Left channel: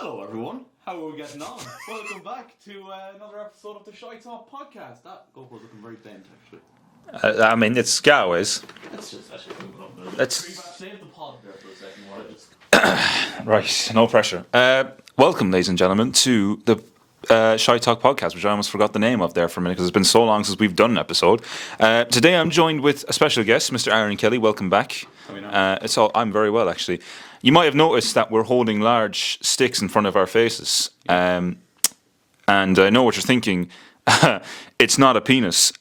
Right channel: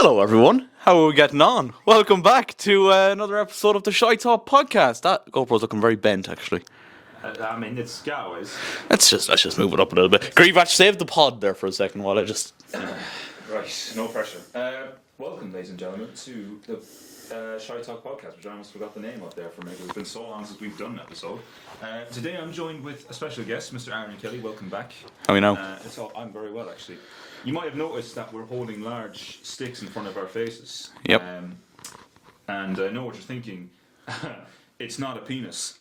Hello, everyone. How are we getting on? Welcome back to another episode of the ShiteTalk podcast. That GoPro's looking very bent, actually. I mean, it's Scowaways. Let's just move it up a little bit. Grievach, save the pod there for a second while I just... Right, no pressure. Welcome, ladies and gentlemen, to the ShiteTalk podcast, which I almost forgot the name of there for a minute because it's been so long since we've done an episode. Today I'm joined with a special guest, Mr. Aaron Kelly. Welcome back. How are you now? I'm very well, actually. You might have noticed that we're holding large sticks in front of our faces. Yep. And I know what you're thinking. It's not a penis.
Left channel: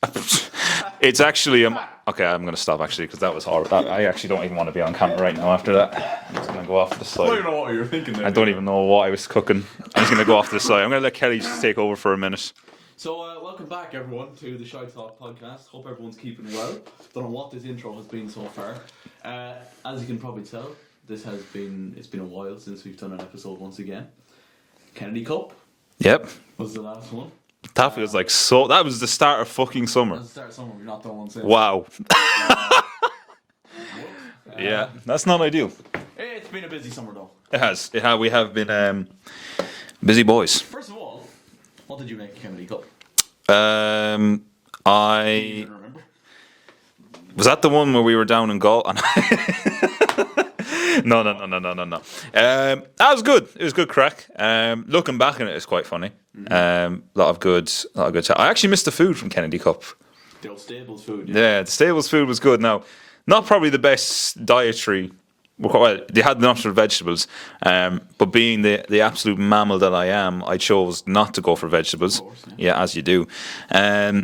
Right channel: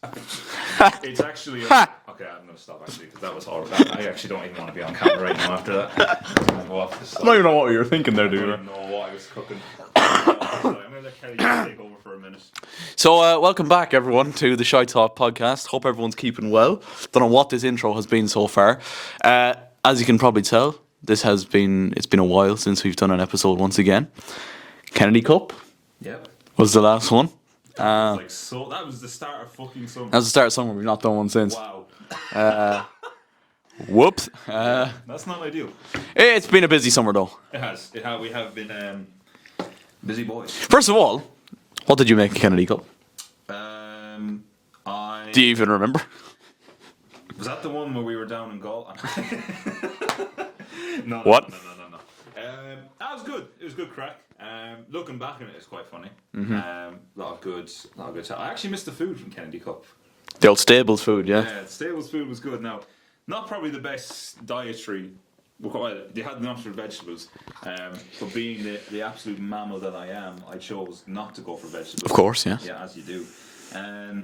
It's actually a... Okay, I'm going to stop, actually, because that was horrible. I actually don't even want to be on camera right now after that. I'm going to go off the side. I don't even know what you were thinking there. I don't even know what I was cooking. I'm just going to go off the side. I'm going to let Kelly just take over for a minute. So, welcome back, everyone, to the ShiteTalk podcast. Hope everyone's keeping well. Don't know what this intro has been so far. As you can probably tell, it's been a while since we've done an episode once again. Kennedy Cup. Yep. Was the last one. That was like so. That was the start of fucking summer. That was the start of summer. We've not done one since. Wow. Whoops. Yeah, that's not ideal. It's been a busy summer, though. It has. We have been busy boys. First of all, what did you make of Kennedy Cup? I Do you even remember? Was that the one where we were down in Gaul? No. That was good. It was good crack. Looking back on it, it's quite funny. A lot of good. I actually missed the food from Kennedy Cup. The old Stables food, yeah. Yeah, the Stables food was good. Now, not probably the best dietary. Well, they had the option of vegetables, but being the absolute mammal that I am, I chose not to go for vegetables. Of course, yeah. Yeah, as you do. So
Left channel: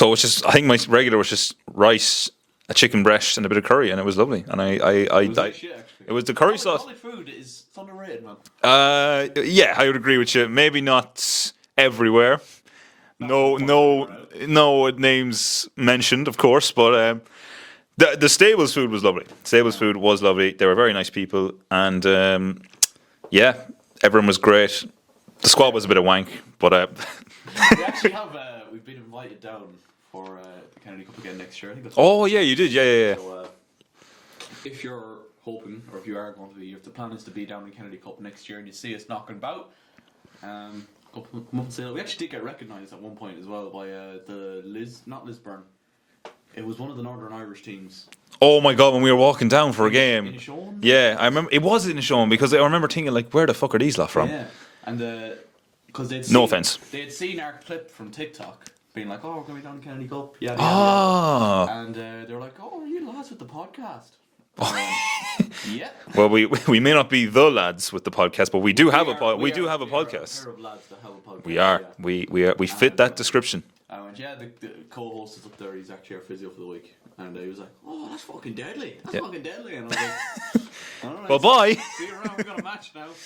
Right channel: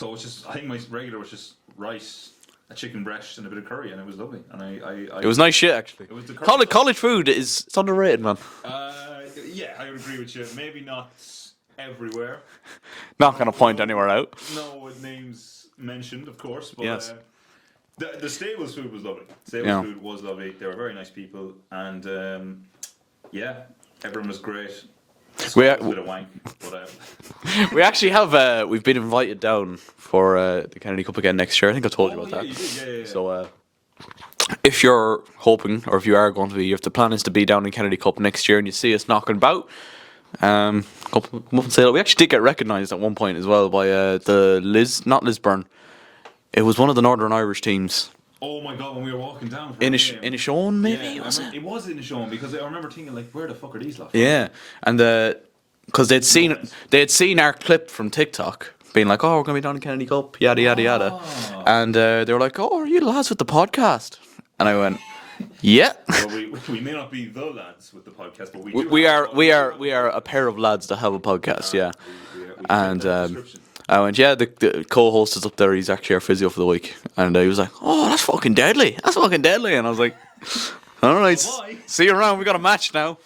it was just, I think my regular was just rice, a chicken breast, and a bit of curry, and it was lovely. And it was nice shit, actually. It was the curry. College food it's underrated, man. Yeah, I would agree with you. Maybe not everywhere. Not going to point anywhere out. No names mentioned, of course, but yes. The Stables food was lovely. Food was lovely. They were very nice people, and everyone was great. The squad was a bit of wank, but we actually have we've been invited down for the Kennedy Cup again next year. I think I told you. Oh yeah, you did. Yeah. So if you're hoping, or if you are going to be, if the plan is to be down in Kennedy Cup next year, and you see us knocking about, come up and say that. We actually did get recognised at one point as well by not Lisburn. It was one of the Northern Irish teams. Oh my god, when we were walking down for a game. In Inishowen, yeah, I remember it was in Inishowen because I remember thinking like, where the fuck are these lot from? Yeah, and because they'd seen our clip from TikTok, being like, "Oh, we're gonna be down in Kennedy Cup, yada yada yada," and they were like, "Oh, are you the lads with the podcast?" And I went, "Yeah." Well, we may not be the lads with the podcast, but we do have a podcast. We are a pair of lads that have a podcast. Yeah, we fit that description. I went, yeah, the co-host is up there. He's actually our physio for the week. And he was like, oh, that's fucking deadly. That's fucking deadly. And I was like, all right. Well, bye. See you around. We got a match now.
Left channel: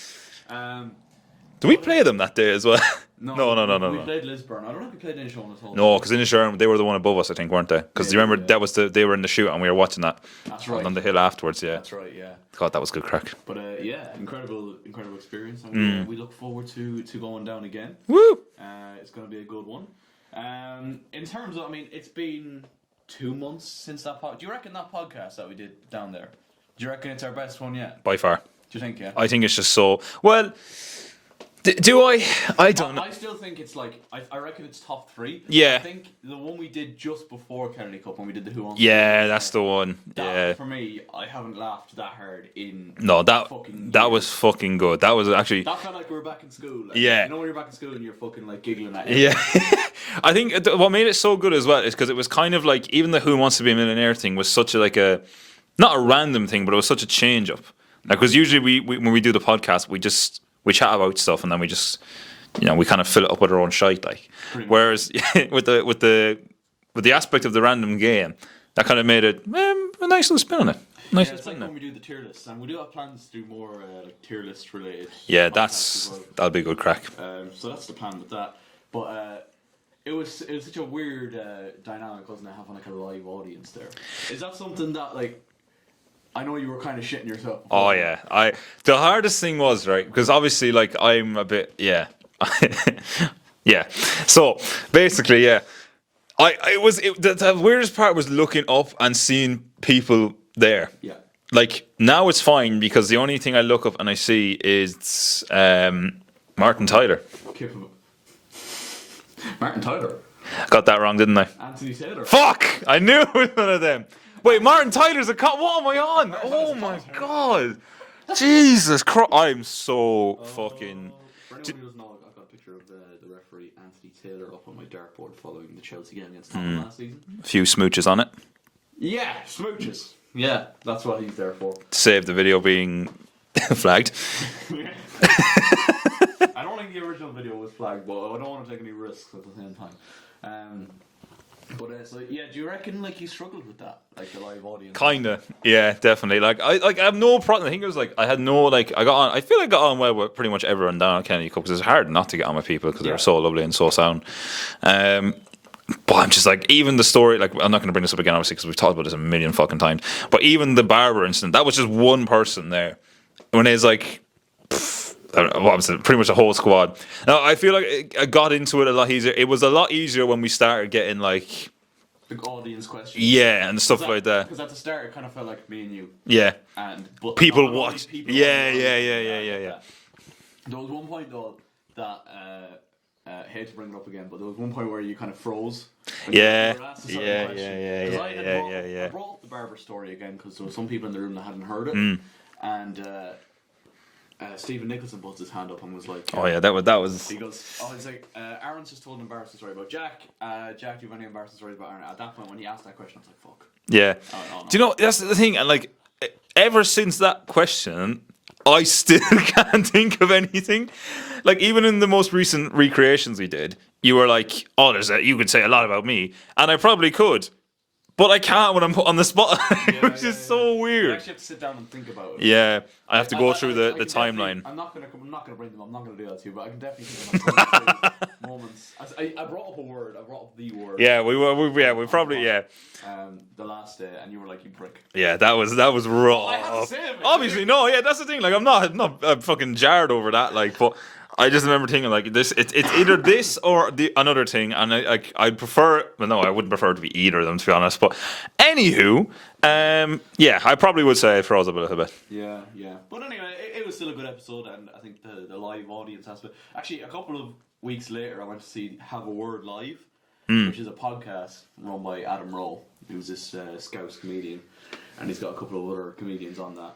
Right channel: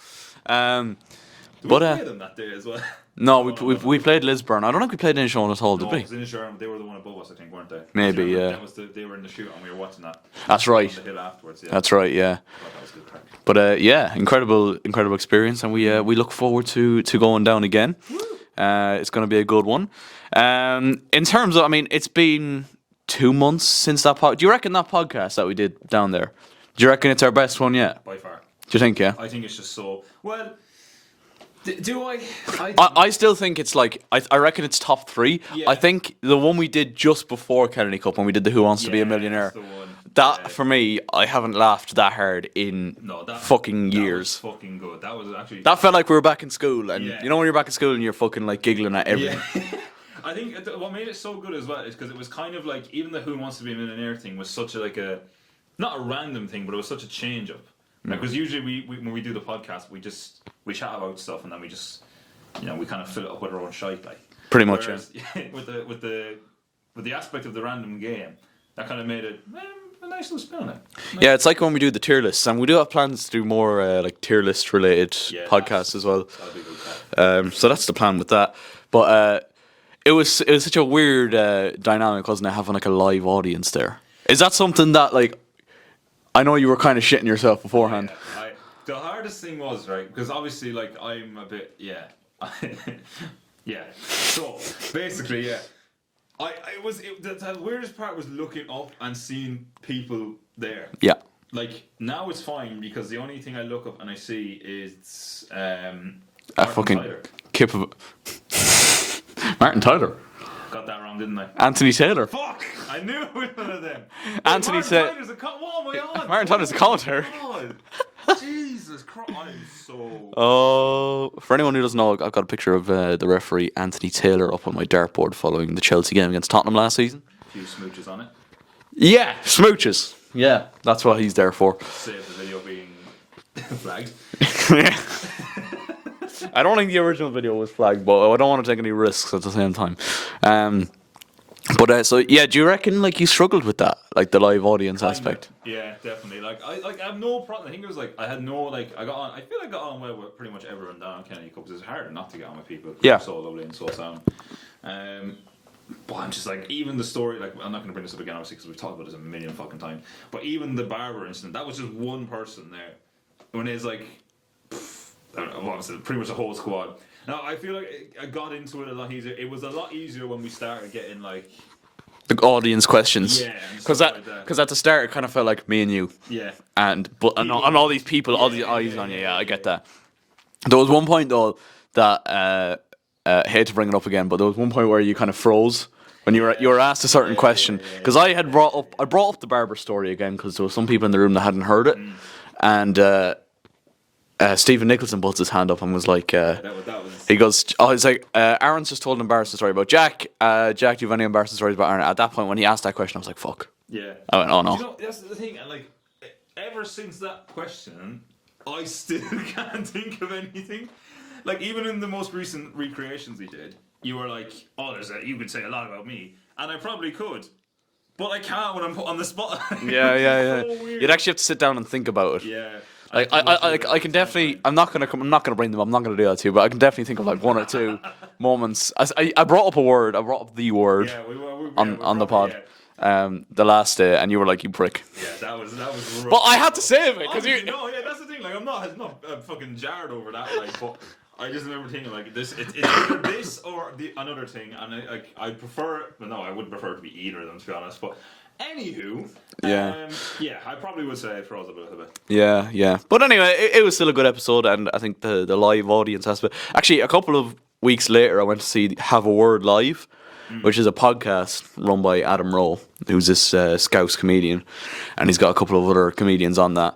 Did we play them that day as well? No, we played Lisburn. I don't think we played Inishowen at all. No, because Inishowen, they were the one above us, I think, weren't they? Because you remember they were in the shoot and we were watching that. That's right. On the hill afterwards, yeah. That's right, yeah. God, that was good crack. But incredible experience, and we look forward to going down again. Woo! It's going to be a good one. In terms of, I mean, it's been 2 months since that do you reckon that podcast that we did down there, do you reckon it's our best one yet? By far. Do you think, yeah? I think it's just so... Well... Do I? I still think it's like I reckon it's top 3. Yeah. I think the one we did just before Kennedy Cup when we did the Who Wants to Be a Millionaire. Yeah, that's the one. That for me, I haven't laughed that hard in fucking years. That was fucking good. That was actually that felt like we were back in school. And yeah, you know when you're back in school and you're fucking like giggling at everyone. Yeah. I think what made it so good as well is because it was kind of like even the Who Wants to Be a Millionaire thing was such a not a random thing, but it was such a change up. Like, because usually we when we do the podcast, we chat about stuff and then we just. We kind of fill it up with our own shite, like pretty much. Whereas with the aspect of the random game, that kind of made it a nice little spin on it. Nice. Yeah, it's like when we do the tier lists, and we do have plans to do more like tier list related podcasts as well. That'll be a good crack. So that's the plan with that. But it was such a weird dynamic, wasn't it, having like a live audience there? Is that something that like? I know you were kind of shitting yourself before. Oh yeah, the hardest thing was right because obviously like I'm a bit yeah. So basically, yeah, the weirdest part was looking up and seeing people there. Yeah. like now it's fine because the only thing I look up and I see is Martin Tyler. Martin Tyler. Got that wrong, didn't I? Anthony Taylor. Fuck! I knew it was one of them. Wait, Anthony Martin Tyler's a what am I on? Martin Tyler's a commentator. God. Jesus Christ. I'm so For anyone who doesn't know, I've got a picture of the referee Anthony Taylor up on my dartboard following the Chelsea game against Tottenham last season. a few smooches on it. Yeah, smooches. Yeah, that's what he's there for. Save the video being flagged. Yeah. I don't think the original video was flagged, but I don't want to take any risks at the same time. So yeah, do you reckon like you struggled with that, like the live audience aspect? Yeah, definitely. Like I have no problem. I think it was like I had no like I got on. I feel like I got on well with pretty much everyone down at Kennedy Cup because it's hard not to get on with people because they're so lovely and so sound. But I'm just like, even the story, like, I'm not going to bring this up again, obviously, because we've talked about this a million fucking times. But even the barber incident, that was just one person there. When it's like, what was it? Pretty much a whole squad. Now, I feel like I got into it a lot easier. It was a lot easier when we started getting, like, the audience questions. Yeah, and stuff like that. Because at the start, it kind of felt like me and you. Yeah. But people and all these people. Yeah, I get that. There was one point, though, that... hate to bring it up again, but there was one point where you kind of froze when you were asked a certain question. Because I had brought up the barber story again because there were some people in the room that hadn't heard it, and Stephen Nicholson puts his hand up and was like, that was. He goes, he's like, Aaron's just told an embarrassing story about Jack. Jack, do you have any embarrassing stories about Aaron? At that point, when he asked that question, I was like, fuck. Yeah. I went, oh no. Do you know that's the thing? And like, ever since that question, I still can't think of anything. Like, even in the most recent recreations we did, you were like, oh, you could say a lot about me. And I probably could. But I can't when I'm put on the spot. It's so weird. You'd actually have to sit down and think about it. Yeah. I have to go through the definitely. timeline. I'm not gonna bring them. I'm not gonna do that to you. But I can definitely think of like one or two moments. I brought up a word. I brought up the word. Yeah, we probably the last day, and you were like, "You prick." Yeah, that was rough. Well, I had to save it. Obviously, no. Yeah, that's the thing. Like, I'm not fucking jarred over that. Like, but I just remember thinking like this. It's either this or another thing, and I'd prefer. Well, no, I wouldn't prefer it to be either of them, to be honest. But anywho, I probably would say it froze up a little bit. Yeah. But anyway, it was still a good episode, and I think the live audience aspect. Actually, a couple of weeks later, I went to see Have a Word Live, which is a podcast run by Adam Rowe, who's this Scouse comedian, and he's got a couple of other comedians on that.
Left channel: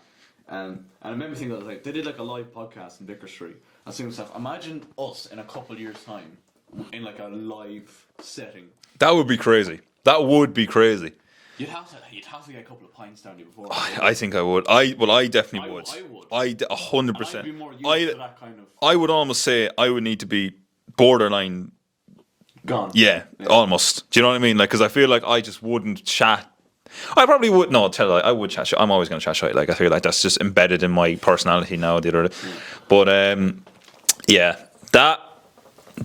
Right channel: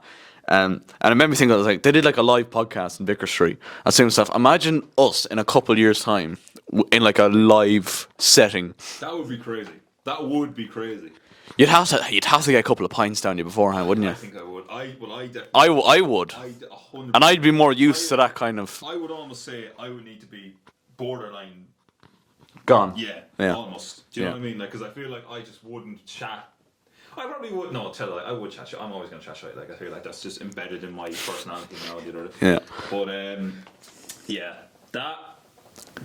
And it made me think, I was like, they did like a live podcast in Vicar Street. I was saying to myself, imagine us in a couple of years' time in like a live setting. That would be crazy. That would be crazy. You'd have to get a couple of pints down you beforehand, wouldn't you? I think I would. I definitely. I would. 100%. And I'd be more used to that kind of. I would almost say I would need to be borderline gone. Yeah. Almost. Do you know what I mean? Like, because I feel like I just wouldn't chat. I probably would. No, tell you, I would chat shit. I'm always going to chat shit. Like, I feel like that's just embedded in my personality now. But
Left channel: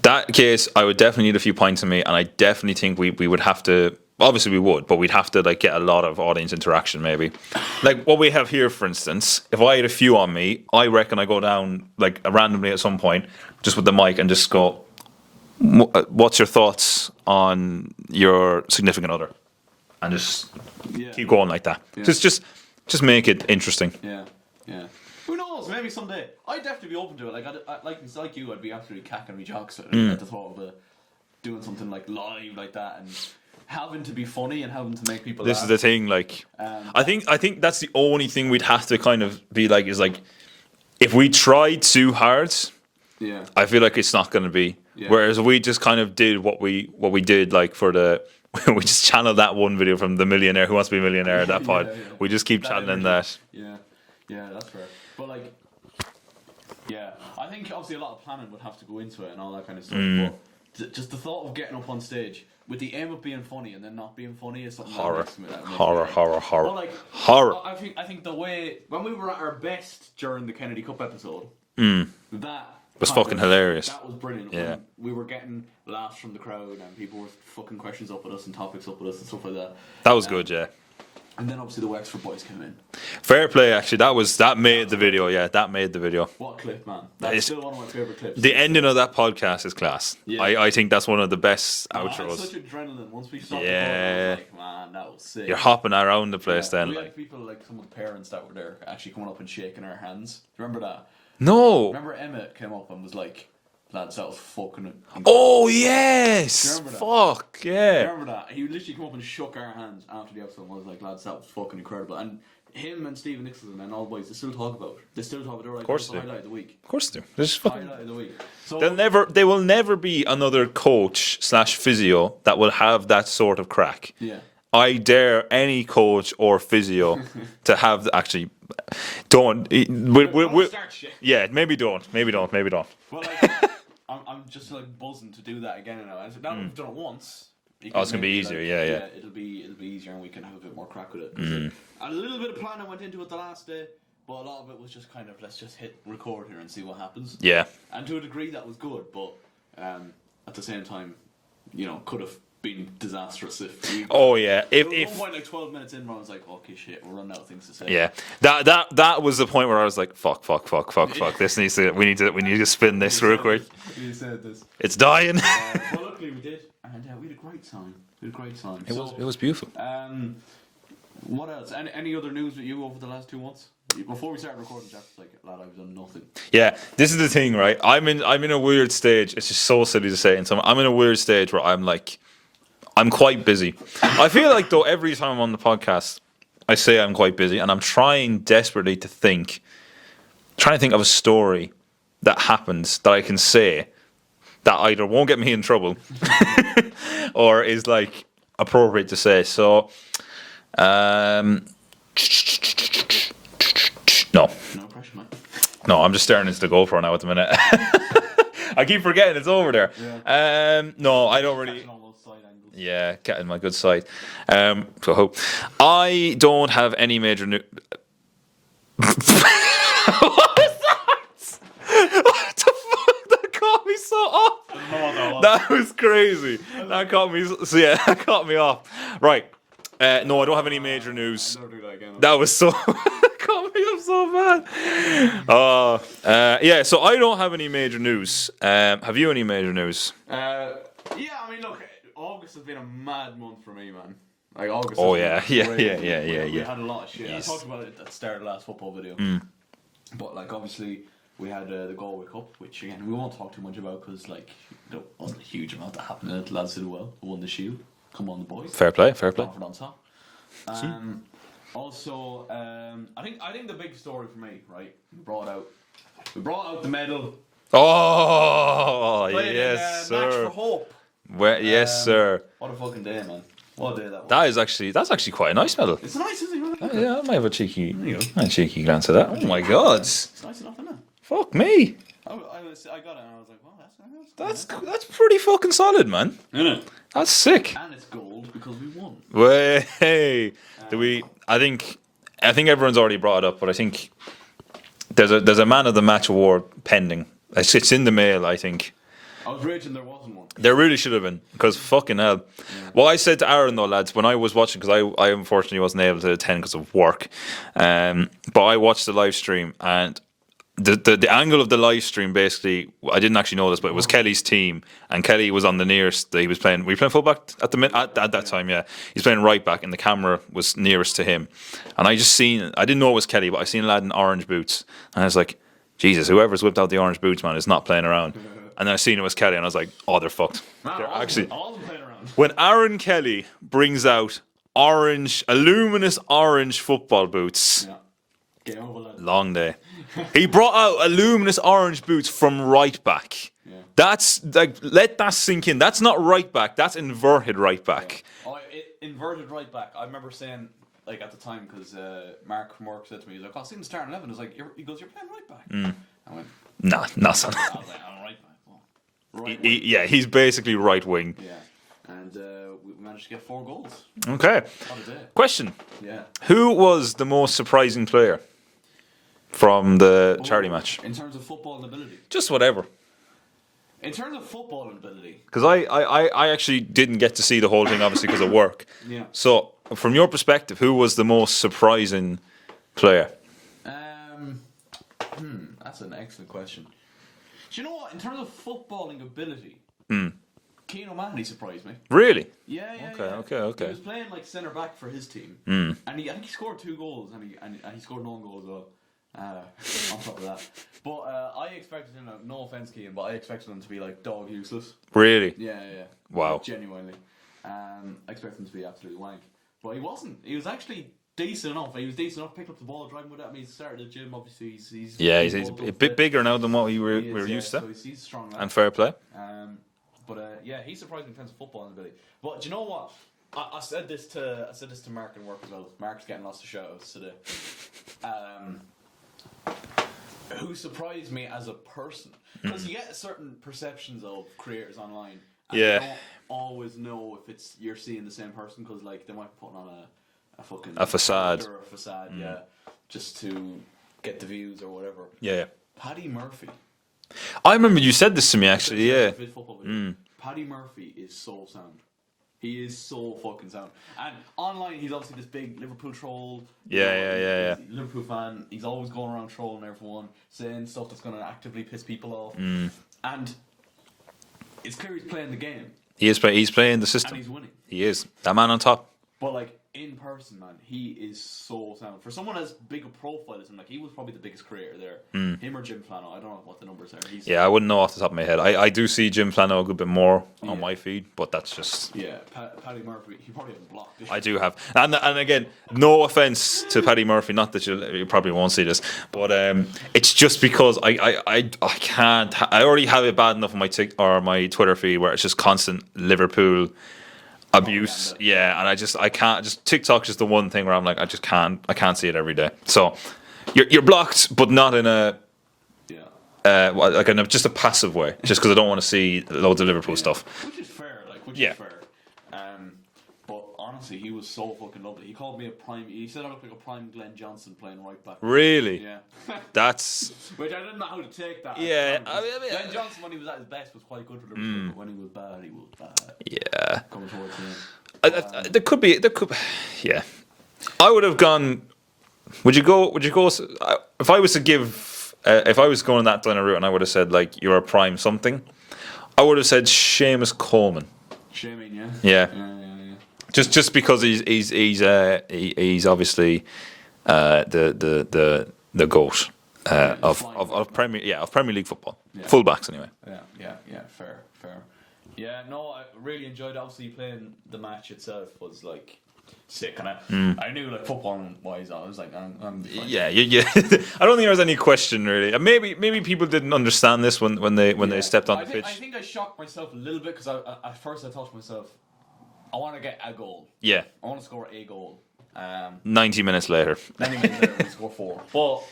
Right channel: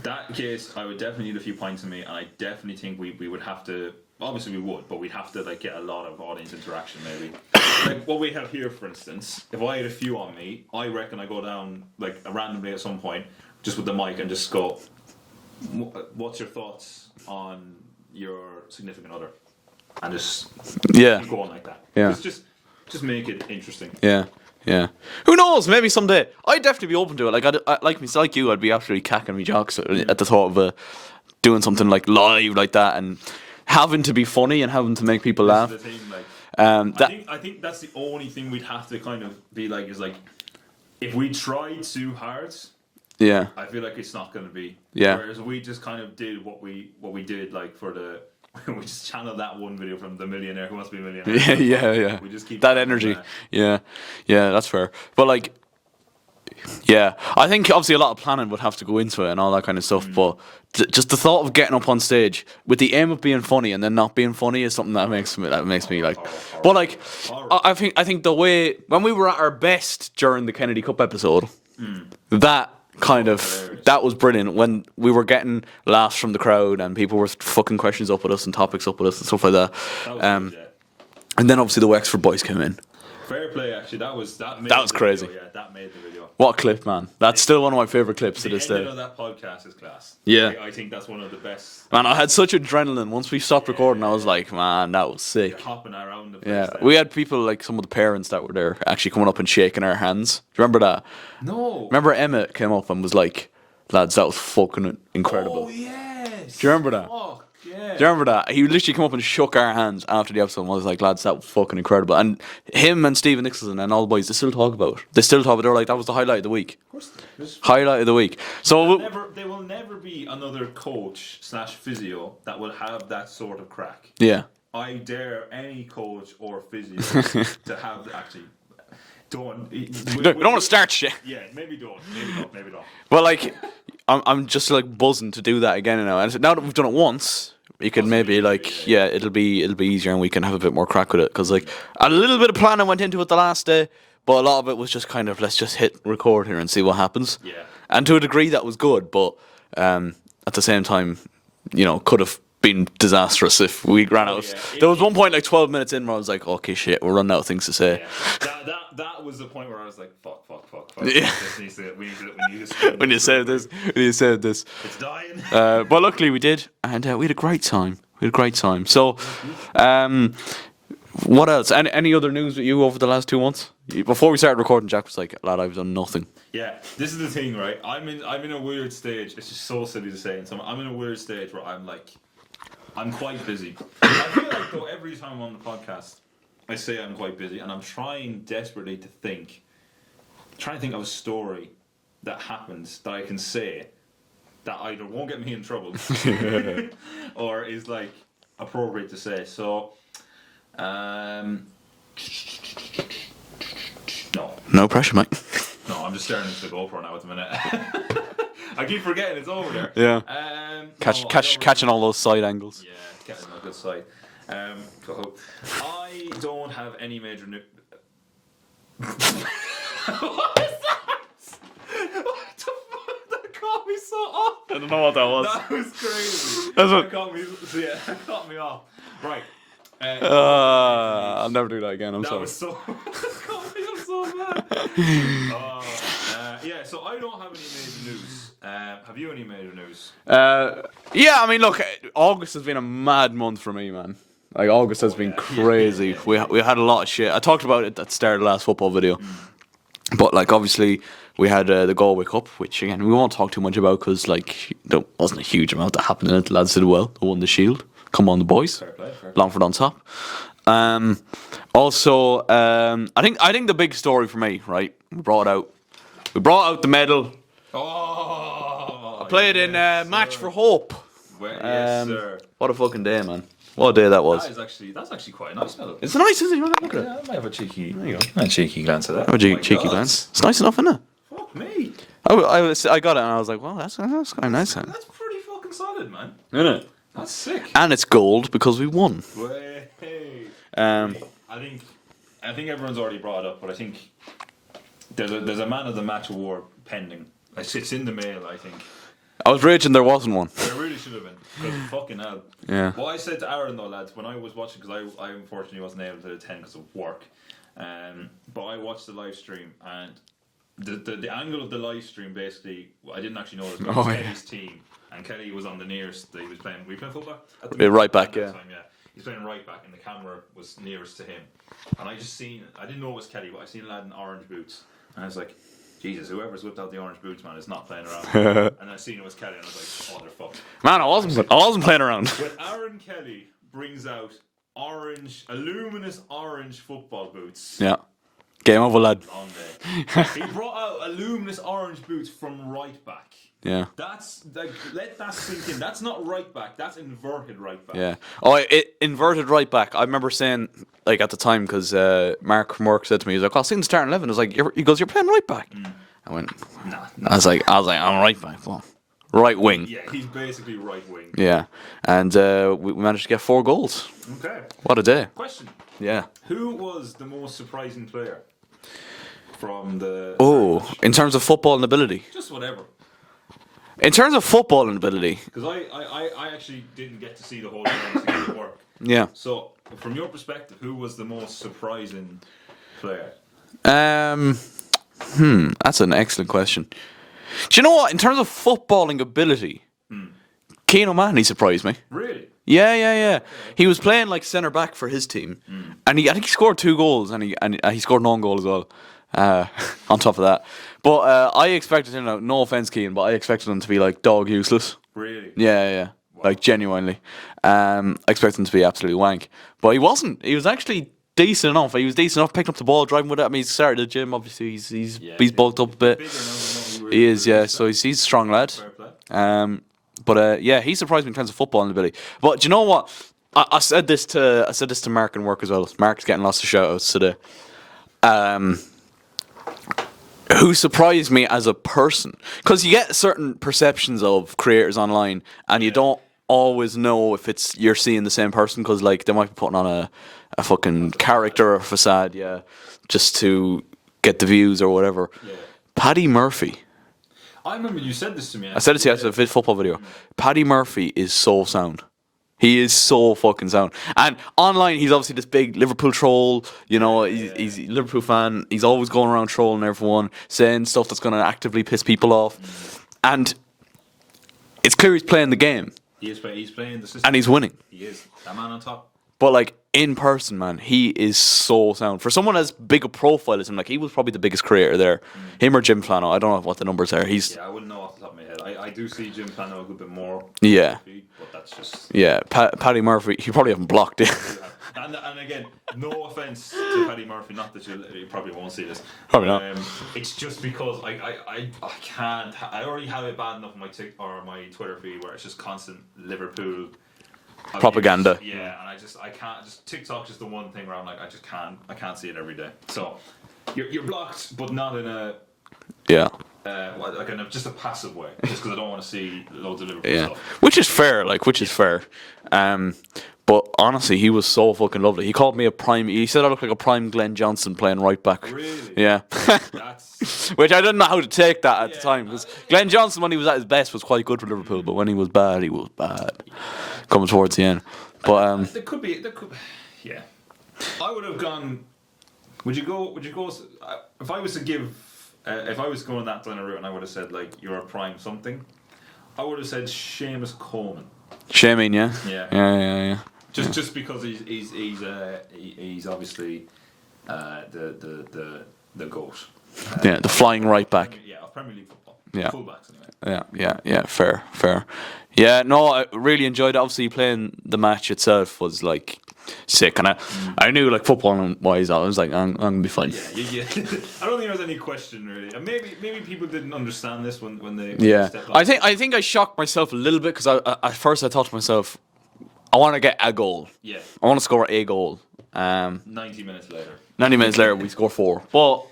that case, I would definitely need a few pints in me, and I definitely think we would have to. Obviously, we would, but we'd have to like get a lot of audience interaction, maybe. Like what we have here, for instance. If I had a few on me, I reckon I go down like randomly at some point, just with the mic, and just go, "What's your thoughts on your significant other?" And just keep going like that. Yeah. Just make it interesting. Yeah. Who knows? Maybe someday. I'd definitely be open to it. Like like you, I'd be absolutely cacking me jocks at the thought of doing something like live like that and having to be funny and having to make people laugh. This is the thing. Like, I think that's the only thing we'd have to kind of be like is like if we try too hard. Yeah. I feel like it's not going to be. Yeah. Whereas we just kind of did what we did like for the. We just channeled that one video from The Millionaire Who Wants to Be a Millionaire. Yeah. We just keep that energy. That. Yeah, that's fair. But like, I think obviously a lot of planning would have to go into it and all that kind of stuff. But just the thought of getting up on stage with the aim of being funny and then not being funny is something that makes me like horror. But like horror. I think the way when we were at our best during the Kennedy Cup episode, that. Kind of hilarious. That was brilliant when we were getting laughs from the crowd and people were fucking questions up with us and topics up with us and stuff like that. That was good, yeah. And then obviously the Wexford boys came in. Fair play, actually. That made was the crazy. video. Yeah, that made the video. What a clip, man. That's still one of my favourite clips. The ending of that podcast is class. Yeah. I think that's one of the best. Man, I had outros. such adrenaline. Once we stopped recording, I was like, man, that was sick. You're hopping around the place then. We had people, like some of the parents that were there, actually coming up and shaking our hands. Do you remember that? No. Remember Emmett came up and was like, lads, that was fucking incredible. Oh, yes. Do you remember that? Fuck, yeah. Do you remember that? He literally came up and shook our hands after the episode and was like, lads, that was fucking incredible. And him and Stephen Nicholson and all the boys, they still talk about it. They were like, that was the highlight of the week. Of course they do. Highlight of the week. So There will never be another coach / physio that will have that sort of crack. yeah. I dare any coach or physio to have actually. Don't. We don't want to start shit. Yeah, maybe don't. Well, like, I'm just like buzzing to do that again now. And now that we've done it once, you can it's gonna maybe be like, easier, yeah, it'll be easier, and we can have a bit more crack with it. Because like a little bit of planning went into it the last day, but a lot of it was just kind of let's just hit record here and see what happens. Yeah. And to a degree that was good, but at the same time, could have been disastrous if we ran out. yeah. There was one point like 12 minutes in where I was like, okay, shit, we're running out of things to say. Yeah, that was the point where I was like, fuck. This needs to. We need to spin this real quick. We said this. It's dying. But luckily we did, and we had a great time. So It was beautiful. what else? Any other news with you over the last 2 months? Before we started recording, Jack was like, lad, I've done nothing. Yeah, this is the thing, right? I'm in a weird stage. It's just so silly to say, and I'm in a weird stage where I'm quite busy. I feel like though every time I'm on the podcast, I say I'm quite busy, and I'm trying desperately to think of a story that happens that I can say that either won't get me in trouble or is like appropriate to say. So, No pressure, mate. no, I'm just staring into the GoPro now at the minute. I keep forgetting it's over there. Yeah. Catching all those side angles. Yeah, getting my good side. So I don't have any major news. What was that? What the fuck? That caught me so off. I don't know what that was. That was crazy. That caught me off. Right. No, I don't have any major news. I'll never do that again. That was so. Caught me up so bad. Yeah, so I don't have any major news. Have you any major news? Yeah, I mean, look, August has been a mad month for me, man. Like, August has been crazy. We had a lot of shit. I talked about it at the start of the last football video. But, like, obviously, we had the Galway Cup, which, again, we won't talk too much about because, like, there wasn't a huge amount that happened in it. The lads did well. They won the Shield. Come on, the boys. Fair play. Longford on top. Also, I think the big story for me, right? We brought out the medal. Oh, Played in Match for Hope. Yes, sir. What a fucking day, man! What a day that was. That's actually quite a nice medal. It's nice, isn't it? Yeah, I might have a cheeky glance at that. Oh my God. It's nice enough, isn't it? Fuck me. I got it and I was like, well, that's quite nice. That's pretty fucking solid, man. Isn't it? That's sick. And it's gold because we won. Way. I think everyone's already brought it up, but I think there's a man of the match award pending. It's in the mail, I think. I was raging there wasn't one. There really should have been, because fucking hell. Yeah. Well, I said to Aaron though, lads, when I was watching, because I unfortunately wasn't able to attend because of work, but I watched the live stream, and the angle of the live stream, basically, I didn't actually know this, but it was Kelly's team, and Kelly was on the nearest. He was playing. Were you playing fullback at the right back at that time? Yeah, he's playing right back, and the camera was nearest to him. And I didn't know it was Kelly, but I seen a lad in orange boots, and I was like, Jesus, whoever's whipped out the orange boots, man, is not playing around. And then I seen it was Kelly, and I was like, oh, they're fucked. Man, I wasn't playing around. When Aaron Kelly brings out luminous orange football boots. Yeah. Game over, lad. Long day. He brought out luminous orange boots from right back. Yeah. That's like, let that sink in. That's not right back. That's inverted right back. Yeah. Oh, inverted right back. I remember saying, like, at the time, because Mark from work said to me, he's like, I'll see the starting 11. I was like, he goes, you're playing right back. I went, No. I was like, I'm right back. Well, right wing. He's basically right wing. Yeah. And we managed to get 4 goals. Okay. What a day. Question. Yeah. Who was the most surprising player from the charity match? In terms of football and ability? Just whatever. In terms of football and ability? Because I actually didn't get to see the whole thing, obviously, because of work. Yeah. So from your perspective, who was the most surprising player? That's an excellent question. Do you know what? In terms of footballing ability, Keane O'Mahony surprised me. Really? Yeah. Okay. He was playing like centre back for his team, and I think he scored 2 goals, and he scored an own goal as well. On top of that, but I expected him. No offense, Keane, but I expected him to be like dog useless. Really? Yeah. Wow. Like genuinely, I expected him to be absolutely wank, but he wasn't. He was actually decent enough. He was decent enough, picking up the ball, driving with it. I mean, he started the gym. Obviously, he's bulked up a bit bigger now than what we were. He is, yeah. So he's a strong lad. Fair play. But he surprised me in terms of footballing ability. But do you know what? I said this to Mark in work as well. Mark's getting lots of shout outs today. Who surprised me as a person? Because you get certain perceptions of creators online, and you don't always know if you're seeing the same person, because like they might be putting on a fucking character or facade, just to get the views or whatever. Yeah. Paddy Murphy. I remember you said this to me. Actually, I said it to you in a football video. Paddy Murphy is so sound. He is so fucking sound. And online, he's obviously this big Liverpool troll. He's a Liverpool fan. He's always going around trolling everyone, saying stuff that's going to actively piss people off. And it's clear he's playing the game. He's playing the system. And he's winning. He is. That man on top. But like in person, man, he is so sound. For someone as big a profile as him, like he was probably the biggest creator there. Him or Jim Flano, I don't know what the numbers are. I wouldn't know off the top of my head. I do see Jim Flano a good bit more on my feed, but that's just Paddy Murphy. You probably haven't blocked it. I do have, and again, no offense to Paddy Murphy. Not that you probably won't see this, but it's just because I can't. I already have it bad enough on my Twitter feed where it's just constant Liverpool propaganda. Abuse. Yeah, and I can't. Just TikTok's just the one thing where I'm like, I can't see it every day. So you're blocked, but not in a like in just a passive way, just because I don't want to see loads of Liverpool stuff. Which is fair, is fair. But honestly, he was so fucking lovely. He called me a prime. He said I looked like a prime Glenn Johnson playing right back. Really? Yeah. That's which I didn't know how to take that at the time. Glenn Johnson, when he was at his best, was quite good for Liverpool, but when he was bad, he was bad. Yeah. Coming towards the end. But there could be. Yeah. I would have gone. Would you go? If I was to give, if I was going that kind of route, and I would have said like you're a prime something, I would have said Seamus Coleman. Shaming, yeah. Yeah. Just because he's obviously the GOAT. The flying right back. Of Premier League football. Yeah. Fullbacks anyway. Yeah. Fair. Yeah, no, I really enjoyed it. Obviously, playing the match itself was like sick, and I knew like football wise, I was like, I'm gonna be fine. Yeah. I don't think there was any question really. And maybe people didn't understand this when they stepped on. I think I shocked myself a little bit because at first I thought to myself, I want to get a goal. Yeah. I want to score a goal. 90 minutes later. 90 minutes later, we score 4. But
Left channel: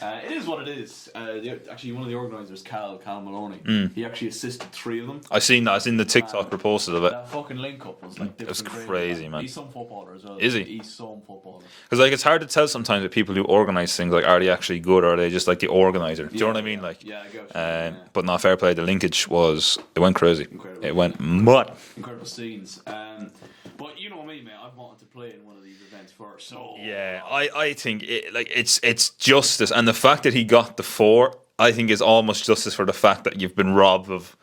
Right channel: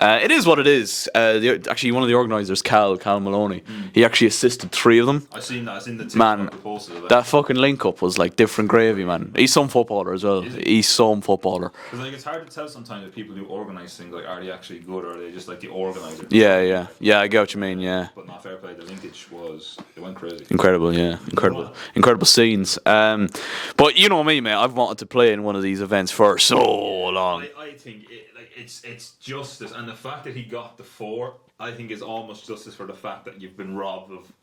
it is what it is. Actually, one of the organisers, Cal Maloney, he actually assisted 3 of them. I seen the TikTok proposal of it. That fucking link up was like different gravy, man. He's some footballer as well. Is he? He's some footballer. Because like it's hard to tell sometimes with people who organise things, like are they actually good or are they just like the organiser? Do you know what I mean? Like, I get what you mean. Yeah, but not fair play. The linkage it went crazy. Incredible. Incredible scenes. But you know me, mate. I've wanted to play in one of these events for so long. I think it's justice. And the fact that he got the 4, I think, is almost justice for the fact that you've been robbed of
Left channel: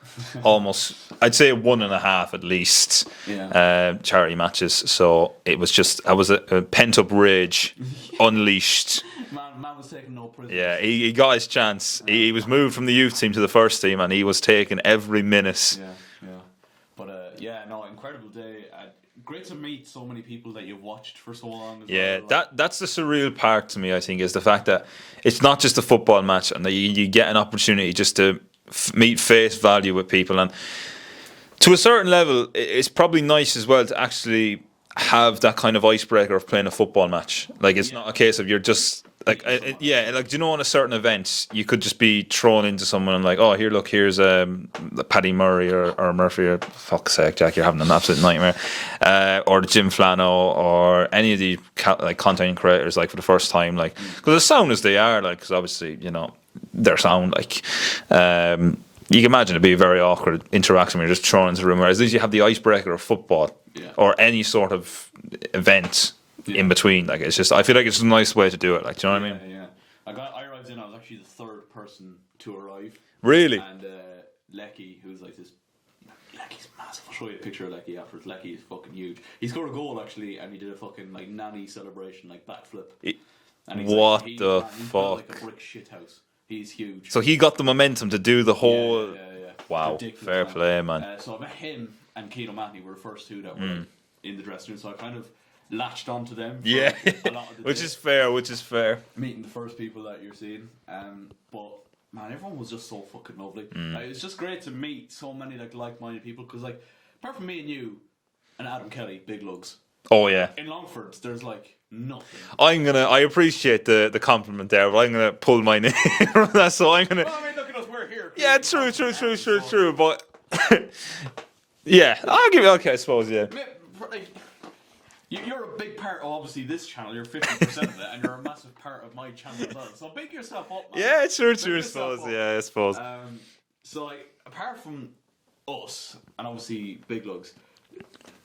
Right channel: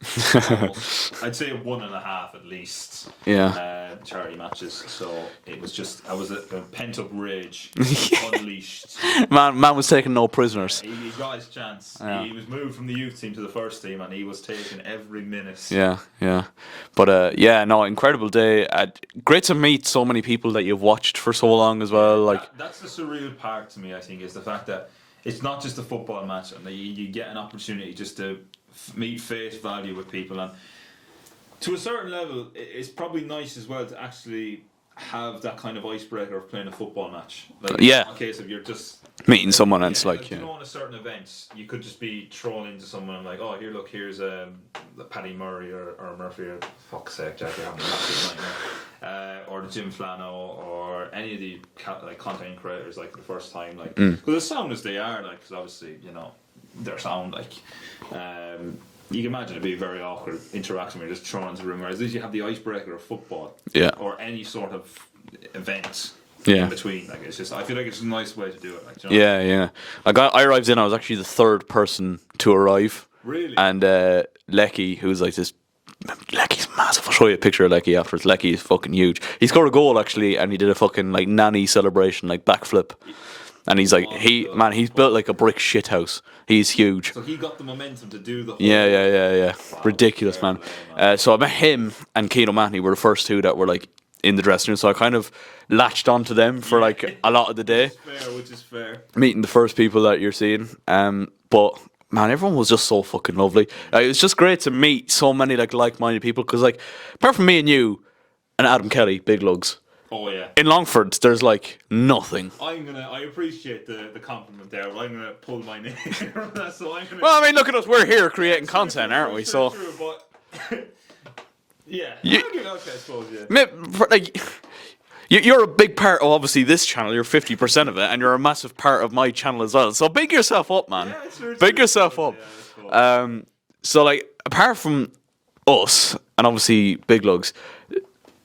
almost, I'd say 1.5 at least, charity matches. So it was a pent up rage unleashed. Man was taking no prisoners. Yeah, he got his chance. He was moved from the youth team to the first team, and he was taking every minute. Yeah. But incredible day. Great to meet so many people that you've watched for so long as well. Like, that's the surreal part to me, I think, is the fact that it's not just a football match and that you get an opportunity just to meet face value with people. And to a certain level, it's probably nice as well to actually have that kind of icebreaker of playing a football match. Like it's not a case of you're just meeting someone else. Yeah, like do you know, on a certain event you could just be thrown into someone and like, oh, here's Paddy Murray or Murphy, or fuck's sake, Jack, you're having an absolute nightmare. Or Jim Flano or any of the like content creators, like for the first time, like because as sound as they are, like because obviously their sound, like you can imagine it'd be a very awkward interaction when you're just thrown into a room. Whereas at least you have the icebreaker of football, or any sort of event Yeah. in between. Like it's just, I feel like it's a nice way to do it. Like, do you know what I mean? Yeah. I arrived in. I was actually the third person to arrive. Really? And Lecky, who's like this. Lecky's massive. I'll show you a picture of Lecky afterwards. Lecky is fucking huge. He scored a goal actually, and he did a fucking like nanny celebration, like backflip. And he's like, he's built like a brick shithouse. He's huge. So he got the momentum to do the whole. Yeah. Wow, Ridiculous, fair man. play, man. So I met him and Keane O'Mahony were the first two that were like in the dressing room. So I kind of latched onto them for like a lot of the day. Which is fair. Meeting the first people that you're seeing. But man, everyone was just so fucking lovely. It was just great to meet so many like-minded people. Because like, apart from me and you and Adam Kelly, big lugs. Oh yeah. In Longford, there's like nothing. I appreciate the compliment there, but I'm gonna pull my name from that. So I'm gonna. Well, I mean, look at us. We're here creating content, aren't we? True. But yeah, I'll give you. Okay, I suppose. Yeah. Like, you're a big part of obviously this channel. You're 50% of it, and you're a massive part of my channel as well. So big yourself up, man. Yeah, true. Big yourself up. Yeah, I suppose. So like, apart from us and obviously Big Lugs,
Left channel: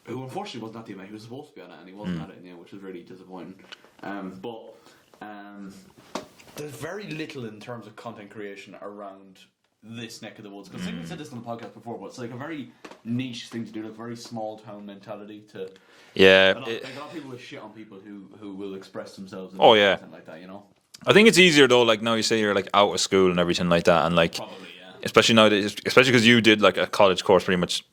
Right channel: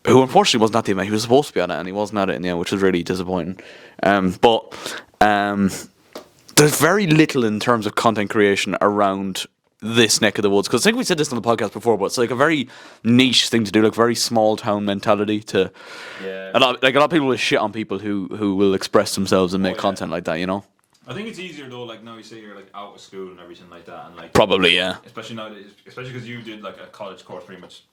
who unfortunately wasn't at the event. He was supposed to be at it, and he wasn't at it in the end, which was really disappointing. But there's very little in terms of content creation around this neck of the woods. Because I think we said this on the podcast before, but it's like a very niche thing to do, like very small town mentality. To a lot of people will shit on people who will express themselves and make content like that. You know. I think it's easier though. Like now you say you're like out of school and everything like that, and like Probably, yeah. especially nowadays, especially because you did like a college course pretty much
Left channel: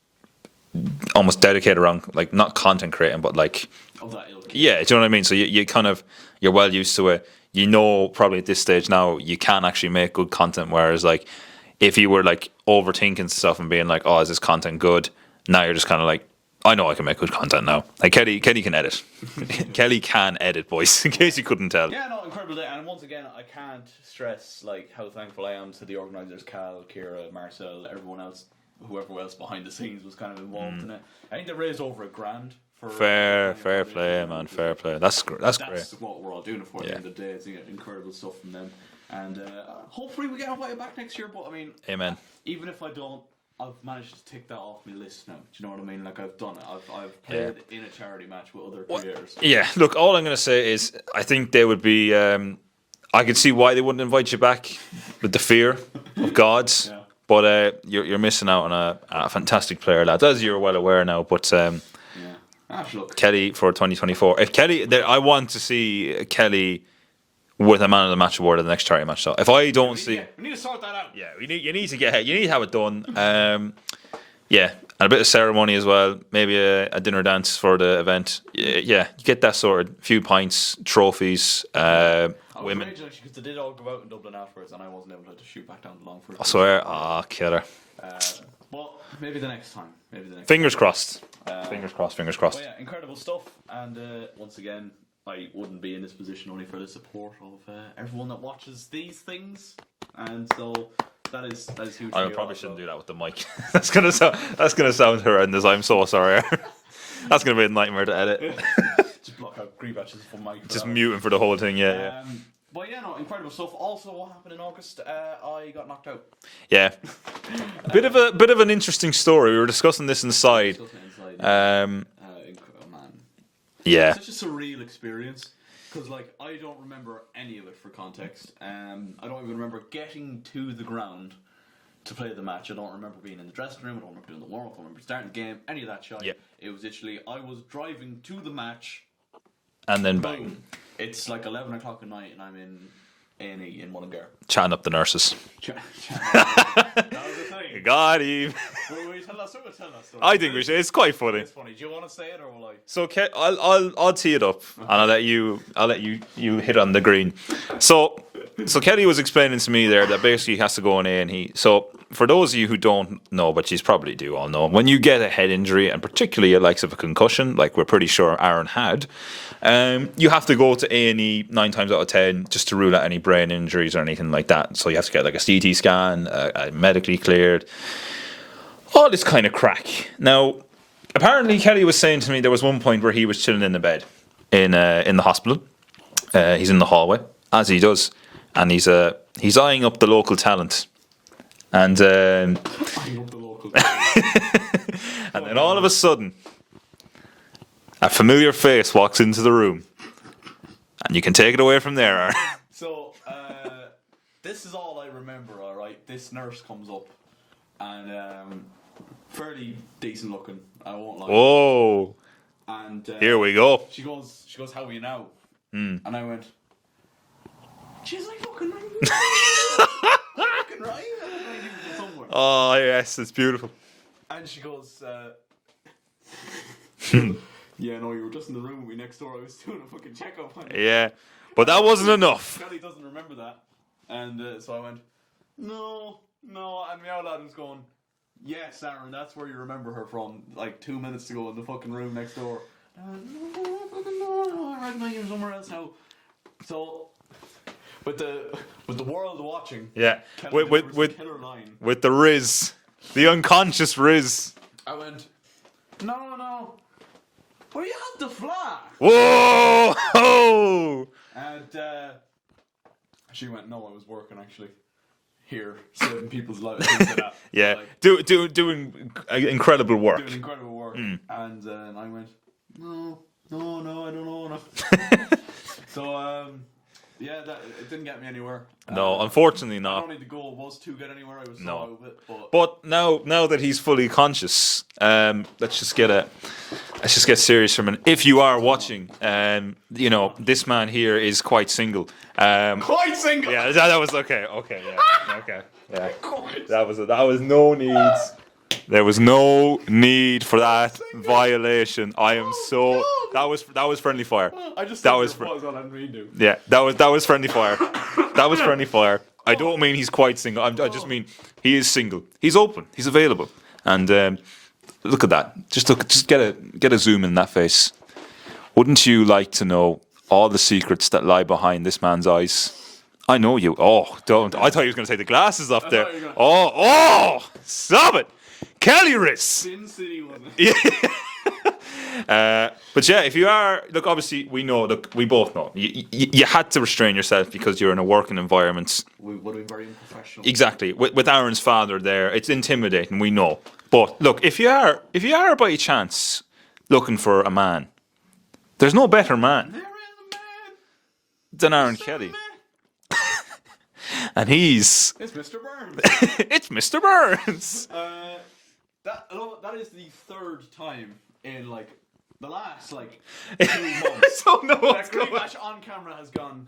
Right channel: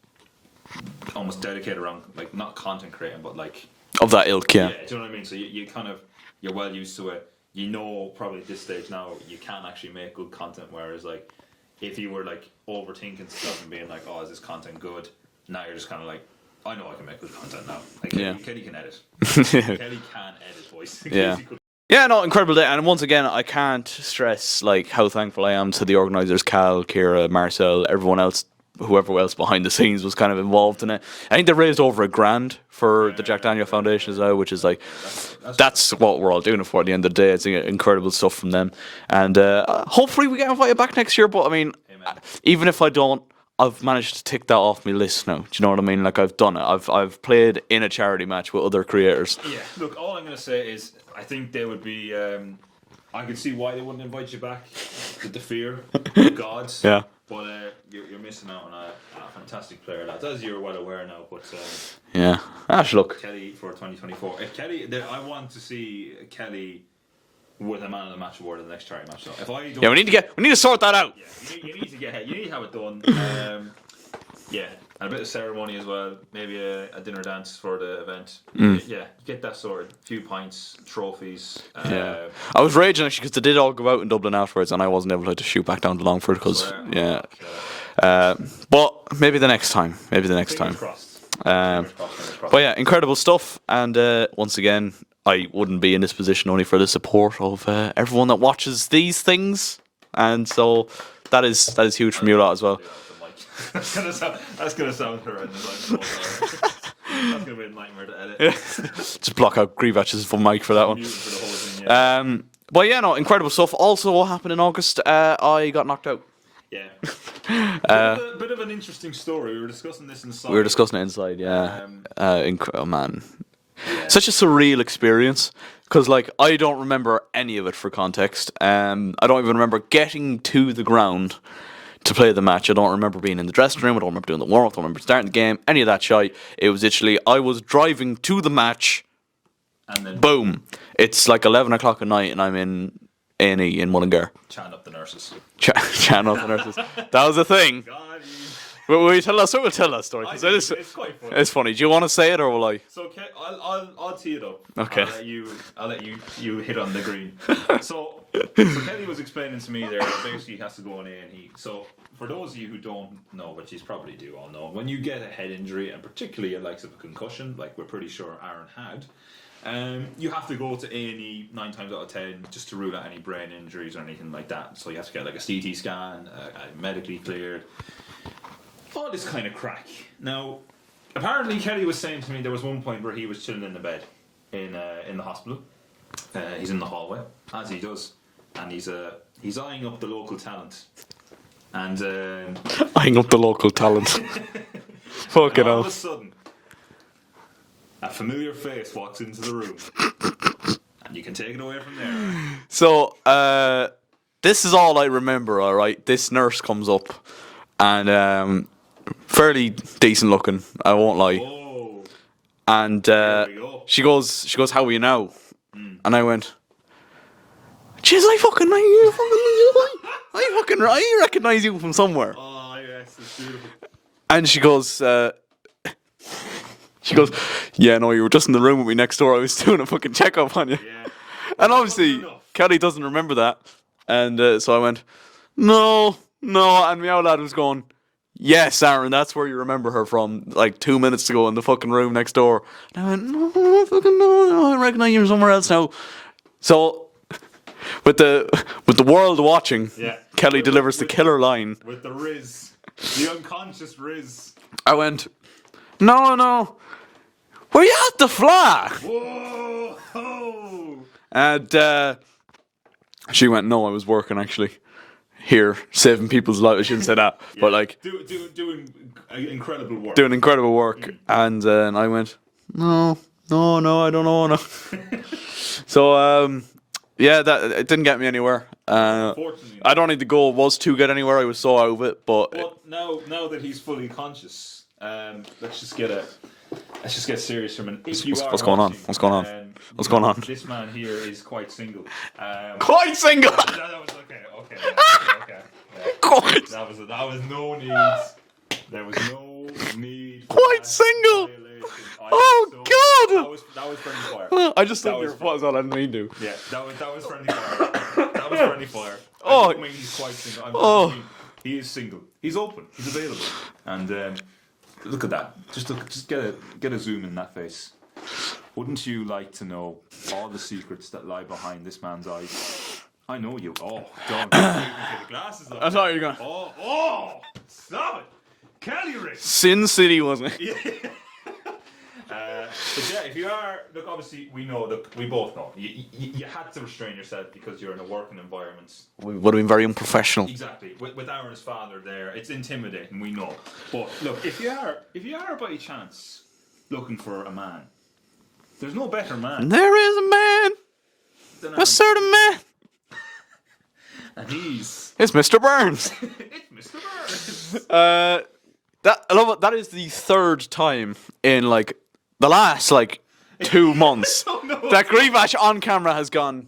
almost dedicated around like not content creating, but like Of that ilk, yeah. do you know what I mean? So you kind of you're well used to it. You know, probably at this stage now you can actually make good content. Whereas like if you were like overthinking stuff and being like, oh, is this content good? Now you're just kind of like, I know I can make good content now. Like Kelly can edit. Kelly can edit, boys. In case you couldn't tell. Yeah, no, incredible day. And once again, I can't stress like how thankful I am to the organisers, Cal, Kira, Marcel, everyone else, whoever else behind the scenes was kind of involved in it. I think they raised over $1,000 for the Jack Daniel Foundation as well, which is like that's what we're all doing it for. At the end of the day, it's incredible stuff from them. And hopefully we get invited back next year. But I mean, Amen. Even if I don't, I've managed to tick that off my list now. Do you know what I mean? Like I've done it. I've played in a charity match with other creators. Yeah. Look, all I'm going to say is I think they would be. I could see why they wouldn't invite you back with the fear, the gods. Yeah. But you're missing out on a fantastic player, lads, as you're well aware now. But Yeah. Look. Kelly for 2024. If Kelly, I want to see Kelly with a man of the match award at the next charity match. So if I don't, we need to sort that out. Yeah, you need to have it done. Yeah, and a bit of ceremony as well. Maybe a dinner dance for the event. Yeah, you get that sorted. A few pints, trophies. I was raging actually because they did all go out in Dublin afterwards, and I wasn't able to shoot back down to Longford. Killer. But maybe the next time. Fingers crossed. Fingers crossed. But yeah, incredible stuff. And once again, I wouldn't be in this position only for the support of everyone that watches these things, and so that is huge from you lot as well. Do that with the mic. That's gonna sound horrendous. I'm so sorry. That's gonna be a nightmare to edit. Just block out Grievatch's mic for that one. Muting for the whole thing. Yeah. But yeah, no, incredible stuff. Also, what happened in August? I got knocked out. Yeah. Bit of an interesting story. We were discussing this inside. Yeah. Oh man. Yeah. Such a surreal experience. Because, like, I don't remember any of it for context. I don't even remember getting to the ground to play the match. I don't remember being in the dressing room. I don't remember doing the warm-up. I don't remember starting the game. Any of that shit. Yeah. It was literally, I was driving to the match, and then boom. It's like 11 o'clock at night, and I'm in A&E in Mullingar. Chatting up the nurses. Chatting up the nurses. That was the thing. Got him. Will you tell us? We'll tell that story. I do. It's quite funny. It's funny. Do you want to say it or will I? So I'll tee it up, and I'll let you hit on the green. So Kelly was explaining to me there that basically he has to go on A&E. So for those of you who don't know, but you probably do all know, when you get a head injury, and particularly the likes of a concussion, like we're pretty sure Aaron had, you have to go to A&E 9 times out of 10 just to rule out any brain injuries or anything like that. So you have to get like a CT scan, medically cleared. All this kind of crack. Now, apparently Kelly was saying to me there was one point where he was chilling in the bed in the hospital. He's in the hallway, as he does, and he's eyeing up the local talent. And eyeing up the local talent. And all of a sudden, a familiar face walks into the room, and you can take it away from there. So, this is all I remember, all right? This nurse comes up, and fairly decent looking, I won't lie. Whoa. And Here we go. She goes, how are you now? And I went, jeez, I recognize you from somewhere. Oh, yes, it's beautiful. And she goes, yeah, no, you were just in the room with me next door. I was doing a fucking checkup on you. Yeah. But And that wasn't obviously, enough. Kelly doesn't remember that. And so I went, no. And Meow Lad was going, yes, Aaron, that's where you remember her from, like 2 minutes ago in the fucking room next door. And I went, no, I recognize you from somewhere else now. So, with the world watching, Yeah. Kelly delivers the killer line. With the Riz. The unconscious Riz. I went, no. Were you at the flag? Whoa! And she went, no, I was working actually. Here, saving people's lives. She didn't say that. Yeah. But like, doing incredible work. doing incredible work. And I went, no, I don't know. No. So, yeah, it didn't get me anywhere. No, unfortunately not. I don't think the goal was to get anywhere. I was so out of it. But now that he's fully conscious, let's just get serious for a minute. If you are what's going on? watching, What's going on? you know, this man here is quite single. quite single. Yeah, that was okay. Yeah. That was no need. There was no need for Quite that single. violation. I am Oh, so. God. That was friendly fire. I just That thought was what was that I didn't mean to. Yeah, that was friendly fire. That was friendly fire. I Oh. don't mean he's quite single. I just mean he is single. He's open. He's available. And look at that. Just get a zoom in that face. Wouldn't you like to know all the secrets that lie behind this man's eyes? I know you. Oh, don't. I thought you were going to say the glasses up there. thought you were gonna- Oh, stop it. Kelly Riz. Sin City, wasn't it? But yeah, if you are, look, obviously we both know. You had to restrain yourself because you're in a working environment. Would have been very unprofessional. Exactly. With Aaron's father there, it's intimidating, we know. But look, if you are by chance looking for a man, there's no better man There is a man, than Aaron a certain Kelly. man. And he's It's Mr. Burns. it's Mr. Burns. I love it. That is the third time in like the last 2 months that Greenbash on camera has gone.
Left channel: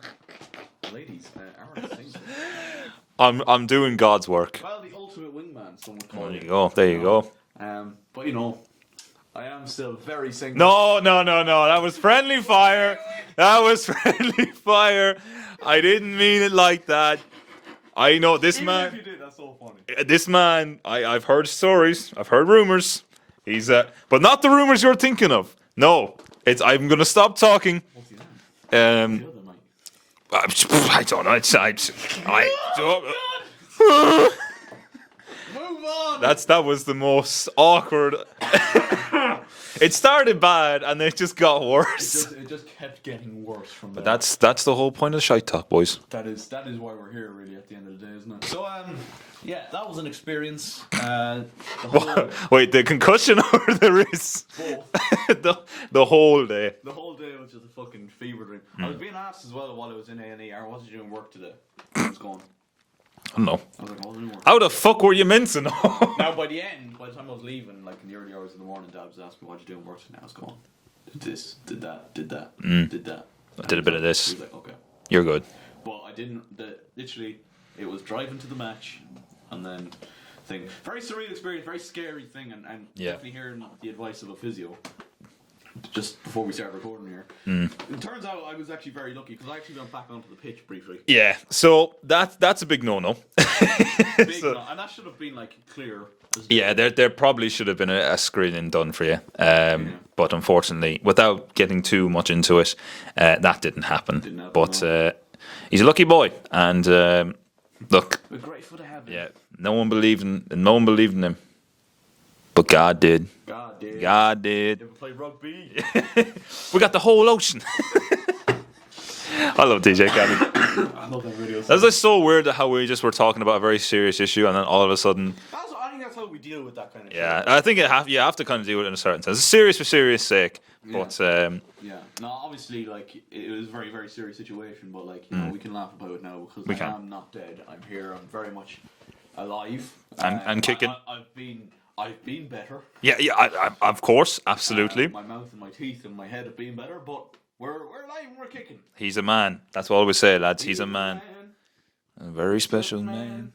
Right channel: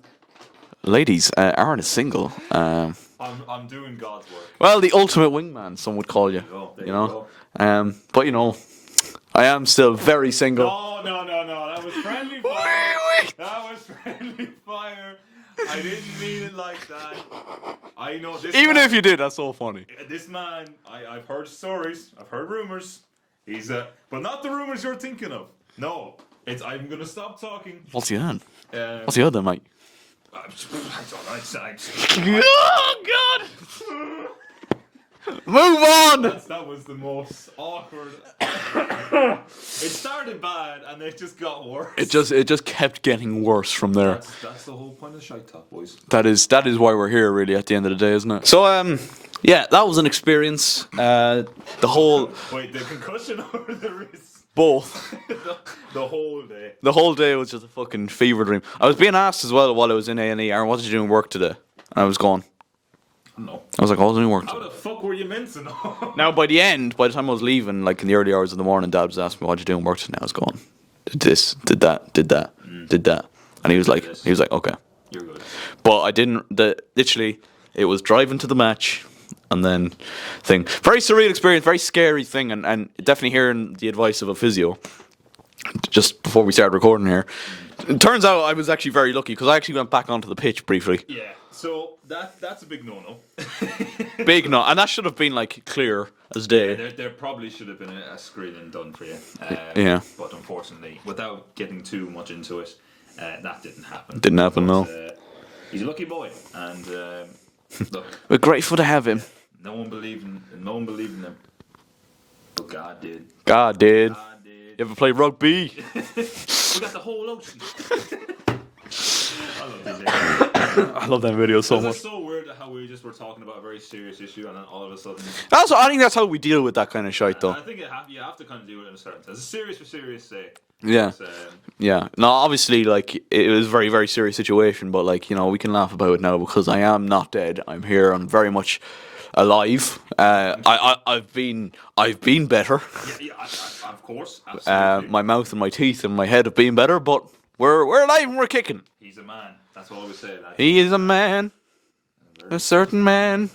Ladies, Aaron is single. I'm doing God's work. Well, the ultimate wingman, some would call you. There you go. But I am still very single. No. That was friendly fire. That was friendly fire. I didn't mean it like that. I know this. Even man, if you did, that's so funny. this man, I've heard stories. I've heard rumors. He's but not the rumors you're thinking of. No, I'm gonna stop talking. What's he on? Um, What's the other, mate? I don't know. God! Move on! That was the most awkward. It started bad and it just got worse. It just kept getting worse from there. That's the whole point of ShiteTalk, boys. That is why we're here, really, at the end of the day, isn't it? So, yeah, that was an experience. The whole Wait, the concussion or the wrist? both. The whole day. The whole day was just a fucking fever dream. I was being asked as well while I was in A&E, Aaron, what did you do in work today? And I was going. I don't know. I was like, oh, I was doing work. How the fuck were you meant to know? Now, by the time I was leaving, like in the early hours of the morning, Dad was asking me, what did you do in work today? I was going, did this, did that, did that, did that. And he was like, okay. You're good. But I didn't. Literally, it was driving to the match, and then thing. Very surreal experience, very scary thing, and definitely hearing the advice of a physio. Just before we started recording here, it turns out I was actually very lucky because I actually went back onto the pitch briefly. Yeah. So that's a big no-no. No, and that should have been like clear as day. Yeah, there probably should have been a screening done for you. Yeah. But unfortunately, without getting too much into it, that didn't happen. Didn't happen, But no. He's a lucky boy, and look, We're grateful to have him. no one believed in him, but God did. God did. God did. You ever play rugby? We got the whole ocean. I love DJ Khaled. I love them videos so It's much. just so weird that how we just were talking about a very serious issue and then all of a sudden. Also, I think that's how we deal with that kind of shit, though. I think you have to kind of do it in a certain sense. It's serious for serious sake. Yeah. But, Yeah. No, obviously, like, it was a very, very serious situation, but, like, you know, we can laugh about it now because I am not dead. I'm here. I'm very much alive. I'm kicking. I've been better. yeah, of course, absolutely. My mouth and my teeth and my head have been better, but we're alive and we're kicking. He's a man. That's what I always say, lads. He is a man. A very A certain man.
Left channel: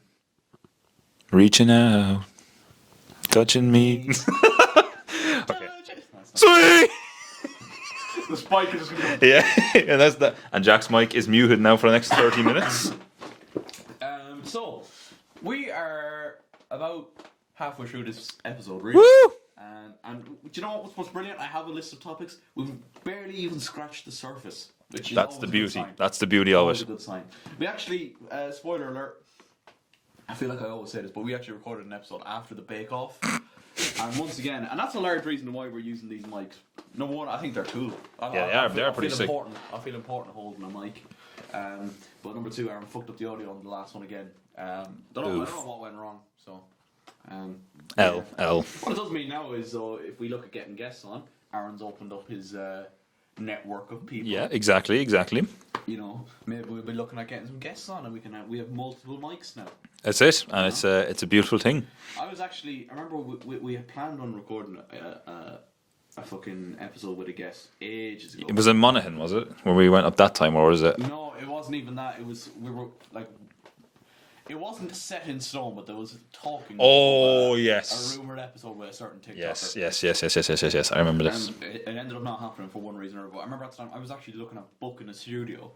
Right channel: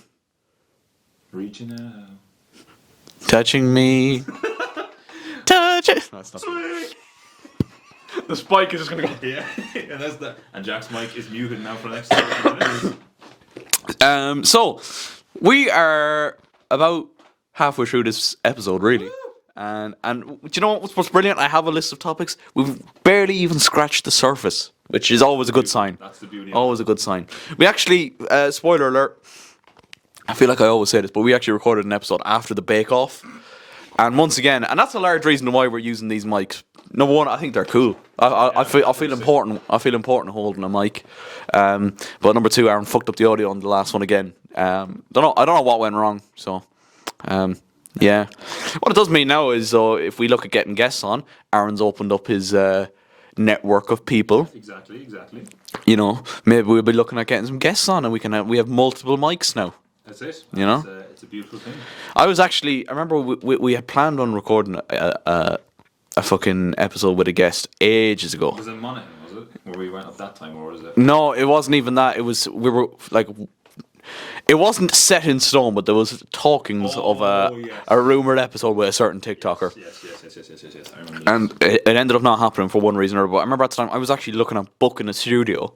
Reaching out. Touching me. Touch it. Sweet. The spike is just going to Yeah, and that's that. And Jack's mic is muted now for the next 30 minutes. So, we are about halfway through this episode, really. Woo! And do you know what's brilliant? I have a list of topics. We've barely even scratched the surface, which is always a good sign. That's the beauty of Always it. a good sign. We actually, spoiler alert, I feel like I always say this, but we actually recorded an episode after the Bake Off. And once again, and that's a large reason why we're using these mics. Number one, I think they're cool. I feel pretty important. I feel important holding a mic. But number two, Aaron fucked up the audio on the last one again. I don't know what went wrong. So, yeah. What it does mean now is, if we look at getting guests on, Aaron's opened up his network of people. Yeah, exactly. You know, maybe we'll be looking at getting some guests on, and we have multiple mics now. That's it. And You know? it's a beautiful thing. I remember we had planned on recording a fucking episode with a guest ages ago. It was in Monaghan, was it? Where we went up that time, or was it? No, it wasn't even that. It wasn't set in stone, but there was talkings of a rumoured episode with a certain TikToker. Yes. I remember this. And it ended up not happening for one reason or another. But I remember at the time I was actually looking at booking a studio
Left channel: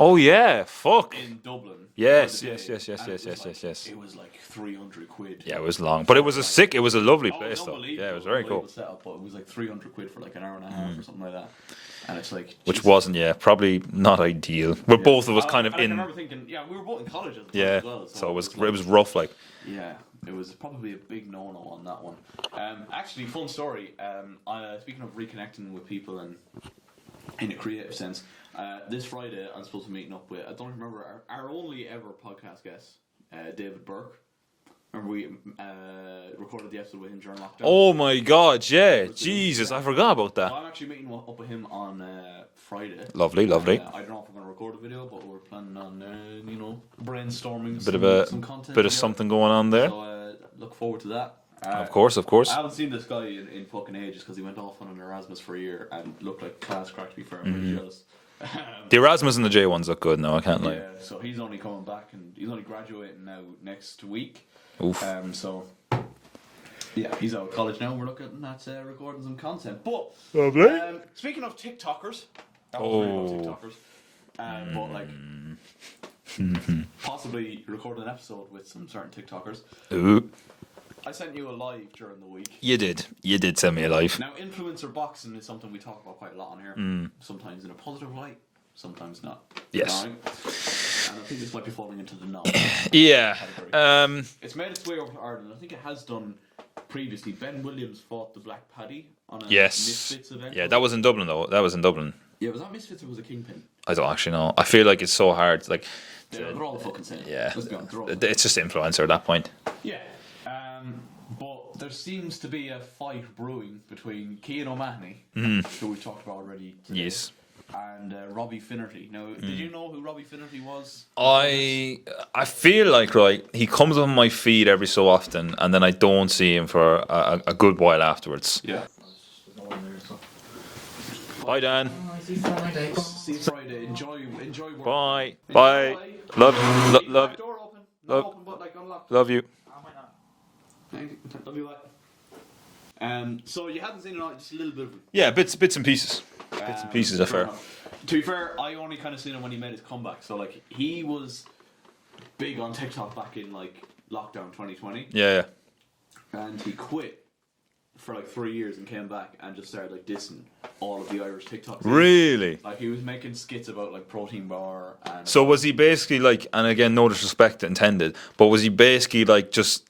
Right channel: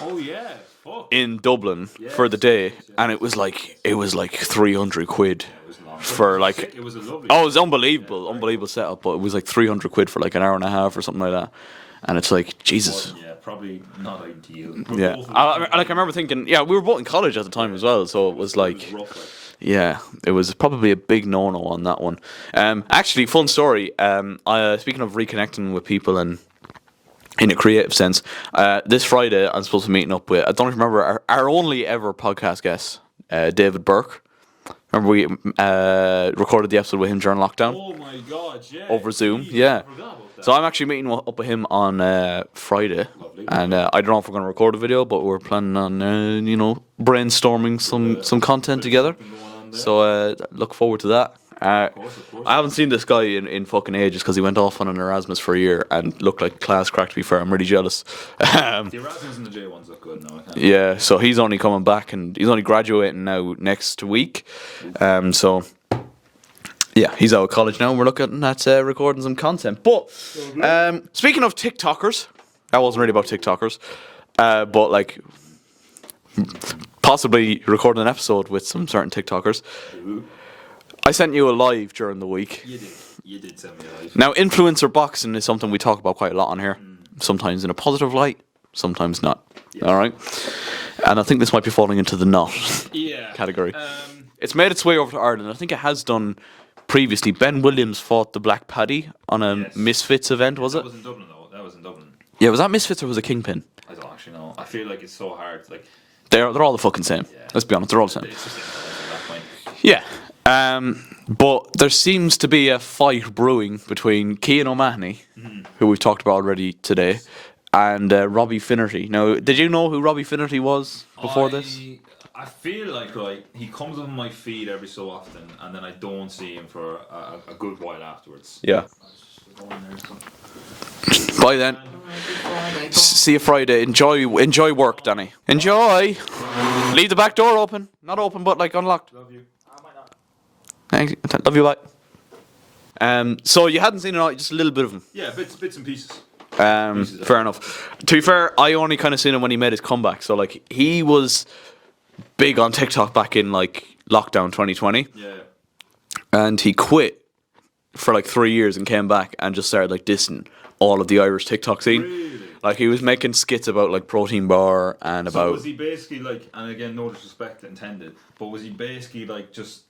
oh yeah, fuck. in Dublin Yes, for the day, yes, and yes, it was yes. it was like 300 quid. Yeah, it was long, but it for, was like- sick. It was a lovely. Oh, it was place. unbelievable, Yeah, it was very unbelievable cool. setup. But it was like 300 quid for like an hour and a half or something like that. And it's like, Which Jesus. wasn't, probably not ideal. But Yeah. both of us kind of. I remember thinking, we were both in college at the time as well, so it was like, it was rough, like. yeah, it was probably a big no-no on that one. Actually, fun story. Speaking of reconnecting with people and in a creative sense, this Friday I'm supposed to be meeting up with, I don't even remember, our only ever podcast guest, David Burke. Remember we recorded the episode with him during lockdown? Oh my God! Yeah, Over Zoom. Jesus, Yeah. I forgot about that. So I'm actually meeting up with him on Friday. Lovely. And I don't know if we're going to record a video, but we're planning on, brainstorming some content bit together. Of something going on there. So look forward to that. of course. I haven't seen this guy in fucking ages because he went off on an Erasmus for a year and looked like class crack, to be fair. I'm really jealous. The Erasmus and the J ones look good now. I can't. lie. Yeah, so he's only coming back and he's only graduating now next week. So, yeah, he's out of college now and we're looking at recording some content. But, speaking of TikTokers, that wasn't really about TikTokers, but like, possibly recording an episode with some certain TikTokers. Ooh. I sent you a live during the week. You did send me a live. Now, influencer boxing is something we talk about quite a lot on here. Sometimes in a positive light, sometimes not. Yes. All right? And I think this might be falling into the not category. It's made its way over to Ireland. I think it has done previously. Ben Williams fought the Black Paddy on a Misfits event, Yeah, was that it? was in Dublin, though. That was in Dublin. Yeah, was that Misfits or was it Kingpin? I don't actually know. I feel like it's so hard. Like, They're all the fucking same. Yeah. Let's be honest, they're all the same. it's just influencer at that point. Yeah. But there seems to be a fight brewing between Cian O'Mahony, who we've talked about already today, Yes. and Robbie Finnerty. Now, did you know who Robbie Finnerty was before this? I feel like, right, he comes on my feed every so often, and then I don't see him for a good while afterwards. Yeah. Bye then. See you Friday. Enjoy work, Bye. Danny. Bye. Enjoy. Love, Leave the back door open. Not open, but like unlocked. Love you. Thanks. Love you. Bye. So you hadn't seen it, just a little bit of him. Yeah, bits and pieces. Pieces, I fair think. enough. To be fair, I only kind of seen him when he made his comeback. So like he was big on TikTok back in like lockdown 2020, Yeah. and he quit for like 3 years and came back and just started like dissing all of the Irish TikTok scene. Really? Like he was making skits about like protein bar and So about, was he basically like, and again, no disrespect intended, but was he basically like just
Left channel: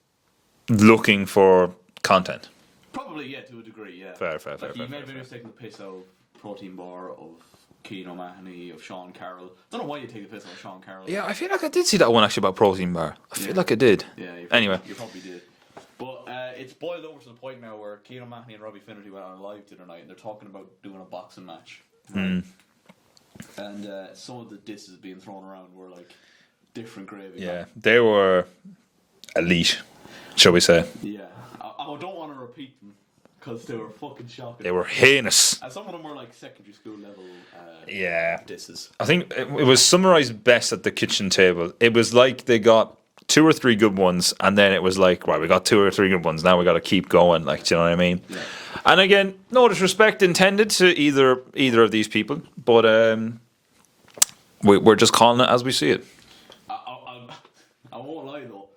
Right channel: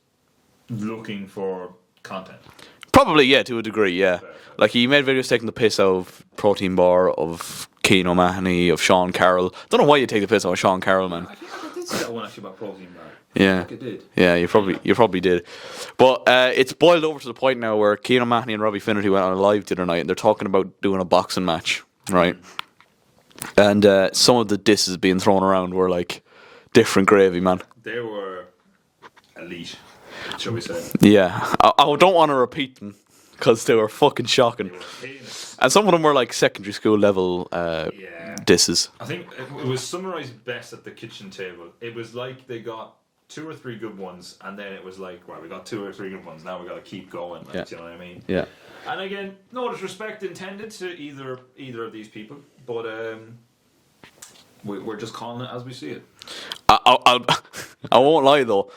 looking for content? Probably, yeah, to a degree, yeah. Fair, Like he made videos taking the piss out of protein bar, of Keane O'Mahony, of Sean Carroll. Don't know why you take the piss out of Sean Carroll, man. Yeah, I feel like I did see that one actually about protein bar. I feel like I did. Yeah, you Anyway. probably did. But it's boiled over to the point now where Keane O'Mahony and Robbie Finnerty went on a live the other night, and they're talking about doing a boxing match, right? And some of the disses being thrown around were like different gravy, man. They were elite, shall we say. Yeah, I don't want to repeat them because they were fucking shocking. They were heinous. And some of them were like secondary school level disses. I think it was summarized best at the kitchen table. It was like they got 2 or 3 good ones, and then it was like, right, we got 2 or 3 good ones. Now we got to keep going. Like, do you know what I mean? Yeah. And again, no disrespect intended to either of these people, but we're just calling it as we see it. I won't lie though.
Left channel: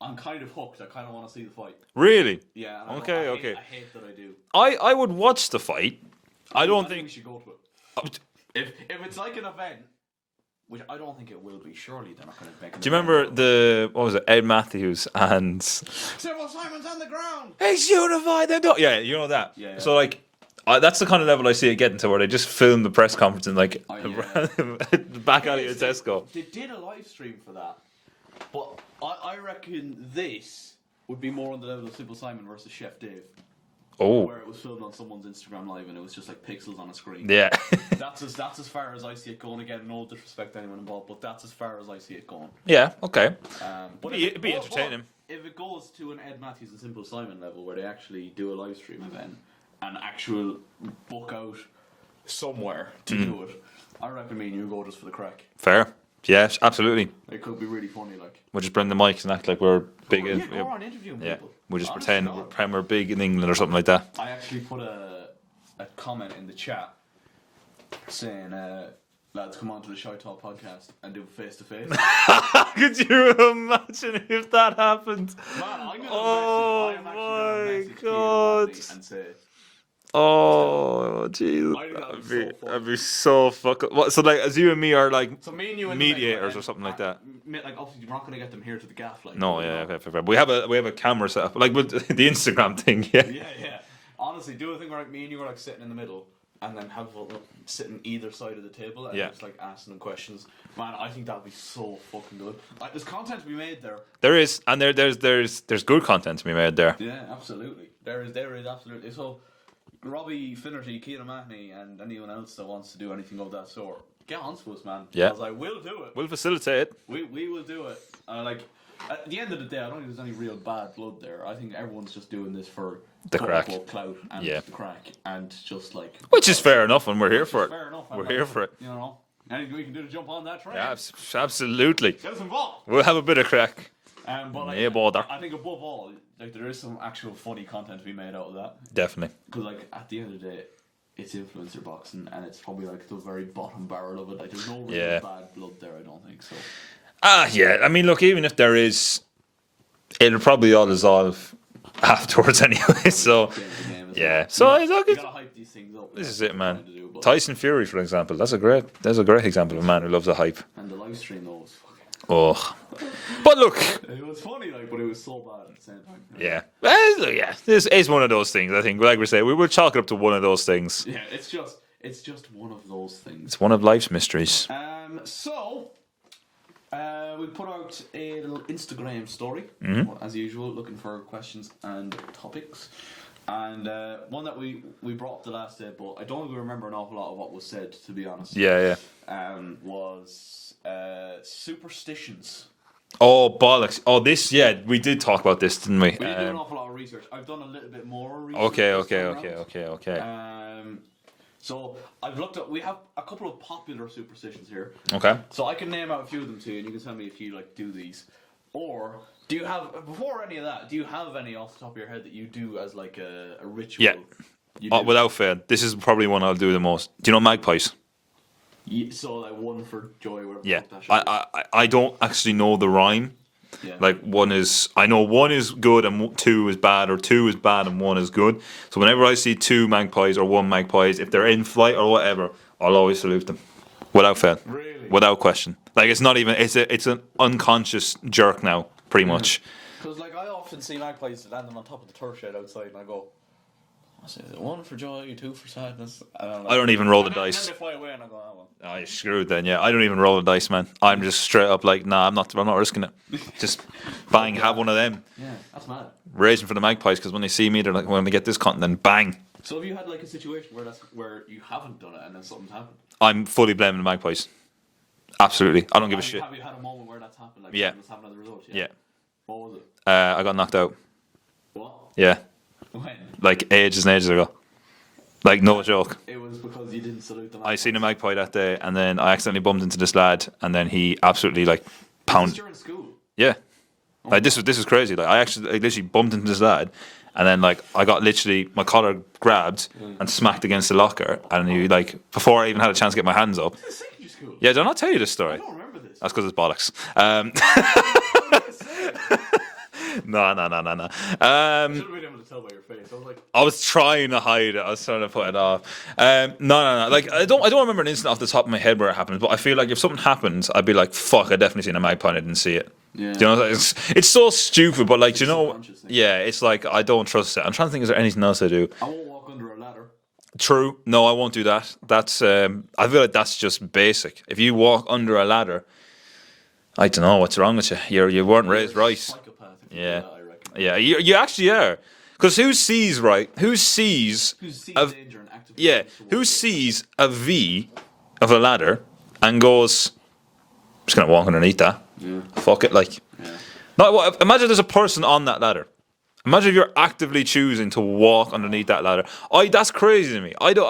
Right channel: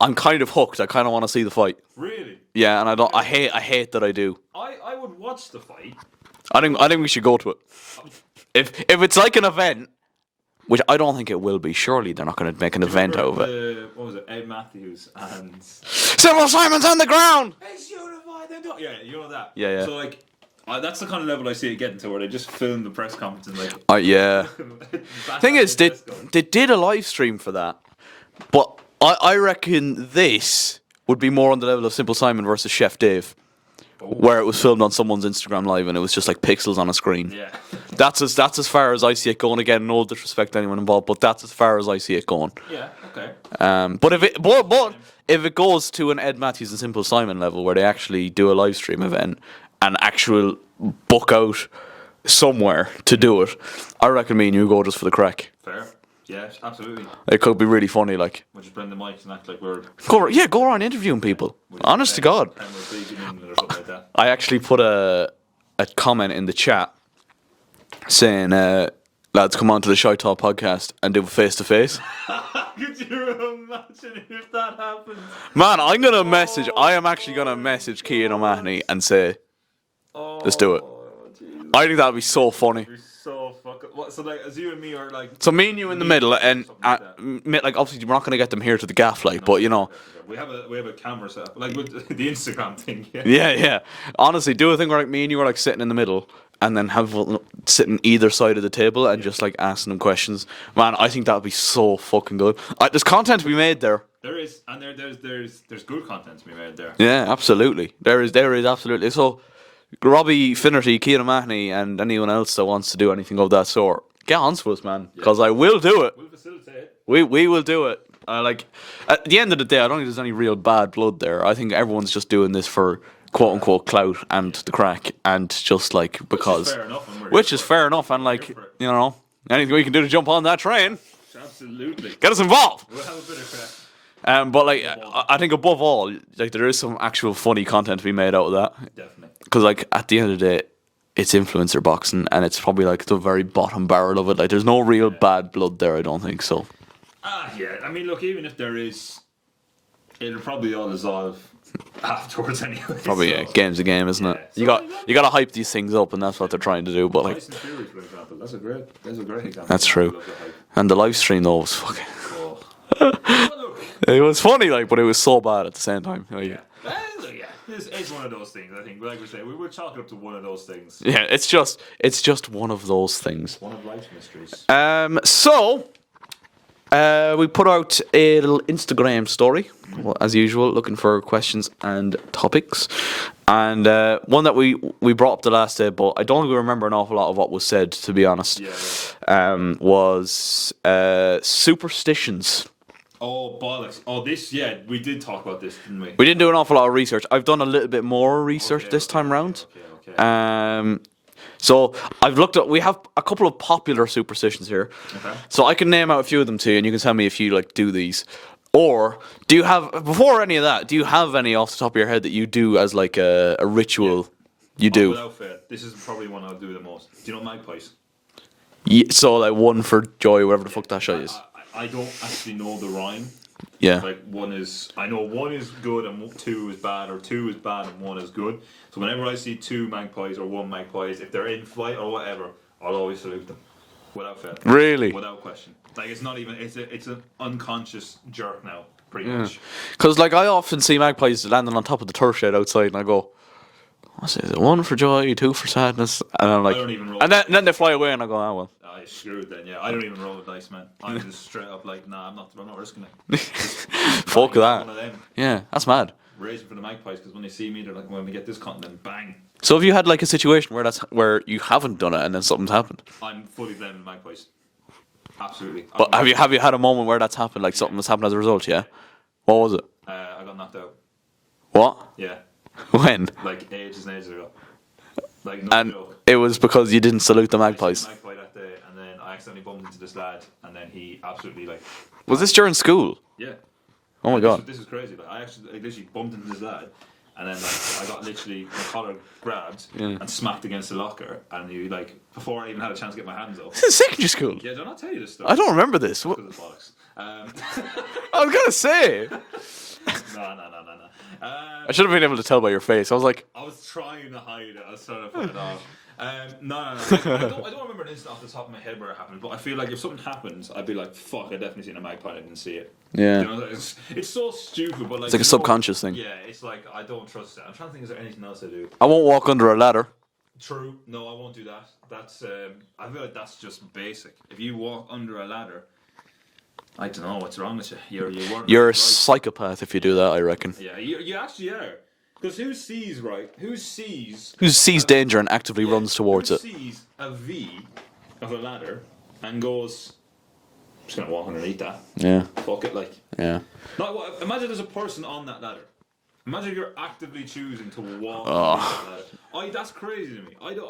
I'm kind of hooked. I kind of want to see the fight. Really? Yeah, and I don't. Okay, I hate that I do. I would watch the fight. I think we should go to it. If it's like an event, which I don't think it will be. Surely they're not going to make an event out of it. What was it? Ed Matthews and Cyril Simon's on the ground. He's unified. Yeah, you know that. Yeah. So like, that's the kind of level I see it getting to, where they just film the press conference and like. Yeah. Thing is, they did a live stream for that, but I reckon this would be more on the level of Simple Simon versus Chef Dave. Oh. Where it was filmed on someone's Instagram live and it was just like pixels on a screen. Yeah. That's as far as I see it going. Again, no disrespect to anyone involved, but that's as far as I see it going. Yeah. Okay. But if it goes to an Ed Matthews and Simple Simon level where they actually do a live stream event and actual book out somewhere to do it, I reckon me and you go just for the crack. Fair. Yes, absolutely. It could be really funny. Like, We'll just bring the mics and act like we're go around interviewing people. We'll just Honest to pretend God. Prem are big in England or something like that. I actually put a comment in the chat saying, lads, come on to the ShiteTalk podcast and do a face-to-face. Could you imagine if that happened? Man, I am actually going to message Keane O'Mahony and say, let's do it. Oh, jeez. I think that'd be so funny. That'd be so fucking. So, like, as you and me are like. So me and you in the middle, mediators or and something like that. like obviously we're not going to get them here to the gaff, like, No, but yeah, you know, okay. We have a camera set up, like with the Instagram thing. Yeah. yeah. Honestly, do a thing where like me and you are like sitting in the middle, and then have sitting either side of the table and just like asking them questions. Man, I think that would be so fucking good. There's content to be made there. There is, and there's good content to be made there. Yeah, absolutely. There is absolutely. So, Robbie Finnerty, Keane O'Mahony, and anyone else that wants to do anything of that sort, get on to us, man. Because I will do it. We'll facilitate it. We will do it. Like, at the end of the day, I don't think there's any real bad blood there. I think everyone's just doing this for quote unquote clout and the crack, and just like because, Which is fair enough, and we're here for it. fair enough, and We're like here for it. you know, anything we can do to jump on that train, Absolutely. get us involved. We'll have a bit of crack. But like, Yeah, bother. I think above all, like there is some actual funny content to be made out of that. Definitely. Because like at the end of the day, it's influencer boxing, and it's probably like the very bottom barrel of it. Like there's no real bad blood there. I don't think so. Yeah. I mean, look, even if there is, it'll probably all dissolve afterwards anyway. Probably so, game's a game, isn't it? So you got to hype these things up, and that's what they're trying to do. But Tyson Fury, for example, that's a great example. That's of a man true. who loves a hype. And the live stream though was fucking. Oh, but look, It was funny, like, but it was so bad at the same time. yeah. This is one of those things. I think, like we say, we will chalk it up to one of those things. Yeah, it's just one of those things. It's one of life's mysteries. So we put out a little Instagram story, as usual, looking for questions and topics. And one that we brought up the last day, but I don't remember an awful lot of what was said, to be honest. Was superstitions. Oh, bollocks. Oh, we did talk about this, didn't we? We didn't do an awful lot of research. I've done a little bit more research this time round. Okay. So I've looked at. We have a couple of popular superstitions here. Okay. So I can name out a few of them to you, and you can tell me if you like do these. Or do you have, before any of that, do you have any off the top of your head that you do as like a ritual? You do. Without fail. This is probably one I'll do the most. Do you know magpies? Yeah, so like one for joy, whatever the fuck that shit is. I don't actually know the rhyme. Yeah. Like I know one is good and 2 is bad, or 2 is bad and 1 is good. So whenever I see 2 magpies or 1 magpies, if they're in flight or whatever, I'll always salute them. Without fail. Really? Without question. Like it's not even, it's an unconscious jerk now, pretty much. Because like I often see magpies landing on top of the turf shed outside, and I go, what's it? One for joy, two for sadness, and I'm like, I don't even roll and the then, dice. then they fly away, and I go, oh well. Oh, you're screwed then. Yeah, I don't even roll the dice, man. I'm just straight up like, nah, I'm not risking it. Just bang, that. have one of them. Yeah, that's mad. Raging for the magpies because when they see me, they're like, when we get this content, then bang. So have you had like a situation where you haven't done it and then something's happened? I'm fully blaming the magpies. Absolutely. I don't But give a shit. have you had a moment where that's happened, like Yeah. something has happened as a result? Yeah. Yeah. What was it? I got knocked out. What? Yeah, When? like ages and ages ago. Like no And joke. it was because you didn't salute the I magpies. seen a magpie that day, and then I accidentally bumped into this lad, and then he absolutely like. Was this during school? Yeah. Oh my Like, God. this was crazy. Like I literally bumped into this lad, and then like I got literally my collar grabbed and smacked against the locker, and he like before I even had a chance to get my hands up. This is secondary school. Yeah, did I not tell you this story? I don't remember this. That's because it's bollocks. I was gonna say. No. I should have been able to tell by your face. I was like, I was trying to hide it. I was trying to put it off. No. Like I don't remember an incident off the top of my head where it happened, but I feel like if something happens, I'd be like, "Fuck, I definitely seen a magpie and I didn't see it." Yeah. Do you know, it's so stupid, but like, It's like do a you know, subconscious thing. Yeah, it's like I don't trust it. I'm trying to think, is there anything else I do? I won't walk under a ladder. True. No, I won't do that. That's I feel like that's just basic. If you walk under a ladder, I don't know what's wrong with you. You weren't You're a raised right. psychopath if you do Yeah. that, I reckon. Yeah, you actually are. Because who sees right? Who sees? Who sees danger and actively Yeah, runs towards who it? sees a V of a ladder and goes, "I'm just gonna walk underneath that. Yeah. Fuck it." Like, Yeah. imagine there's a person on that ladder. Imagine if you're actively choosing to walk underneath that ladder. That's crazy to me. I don't.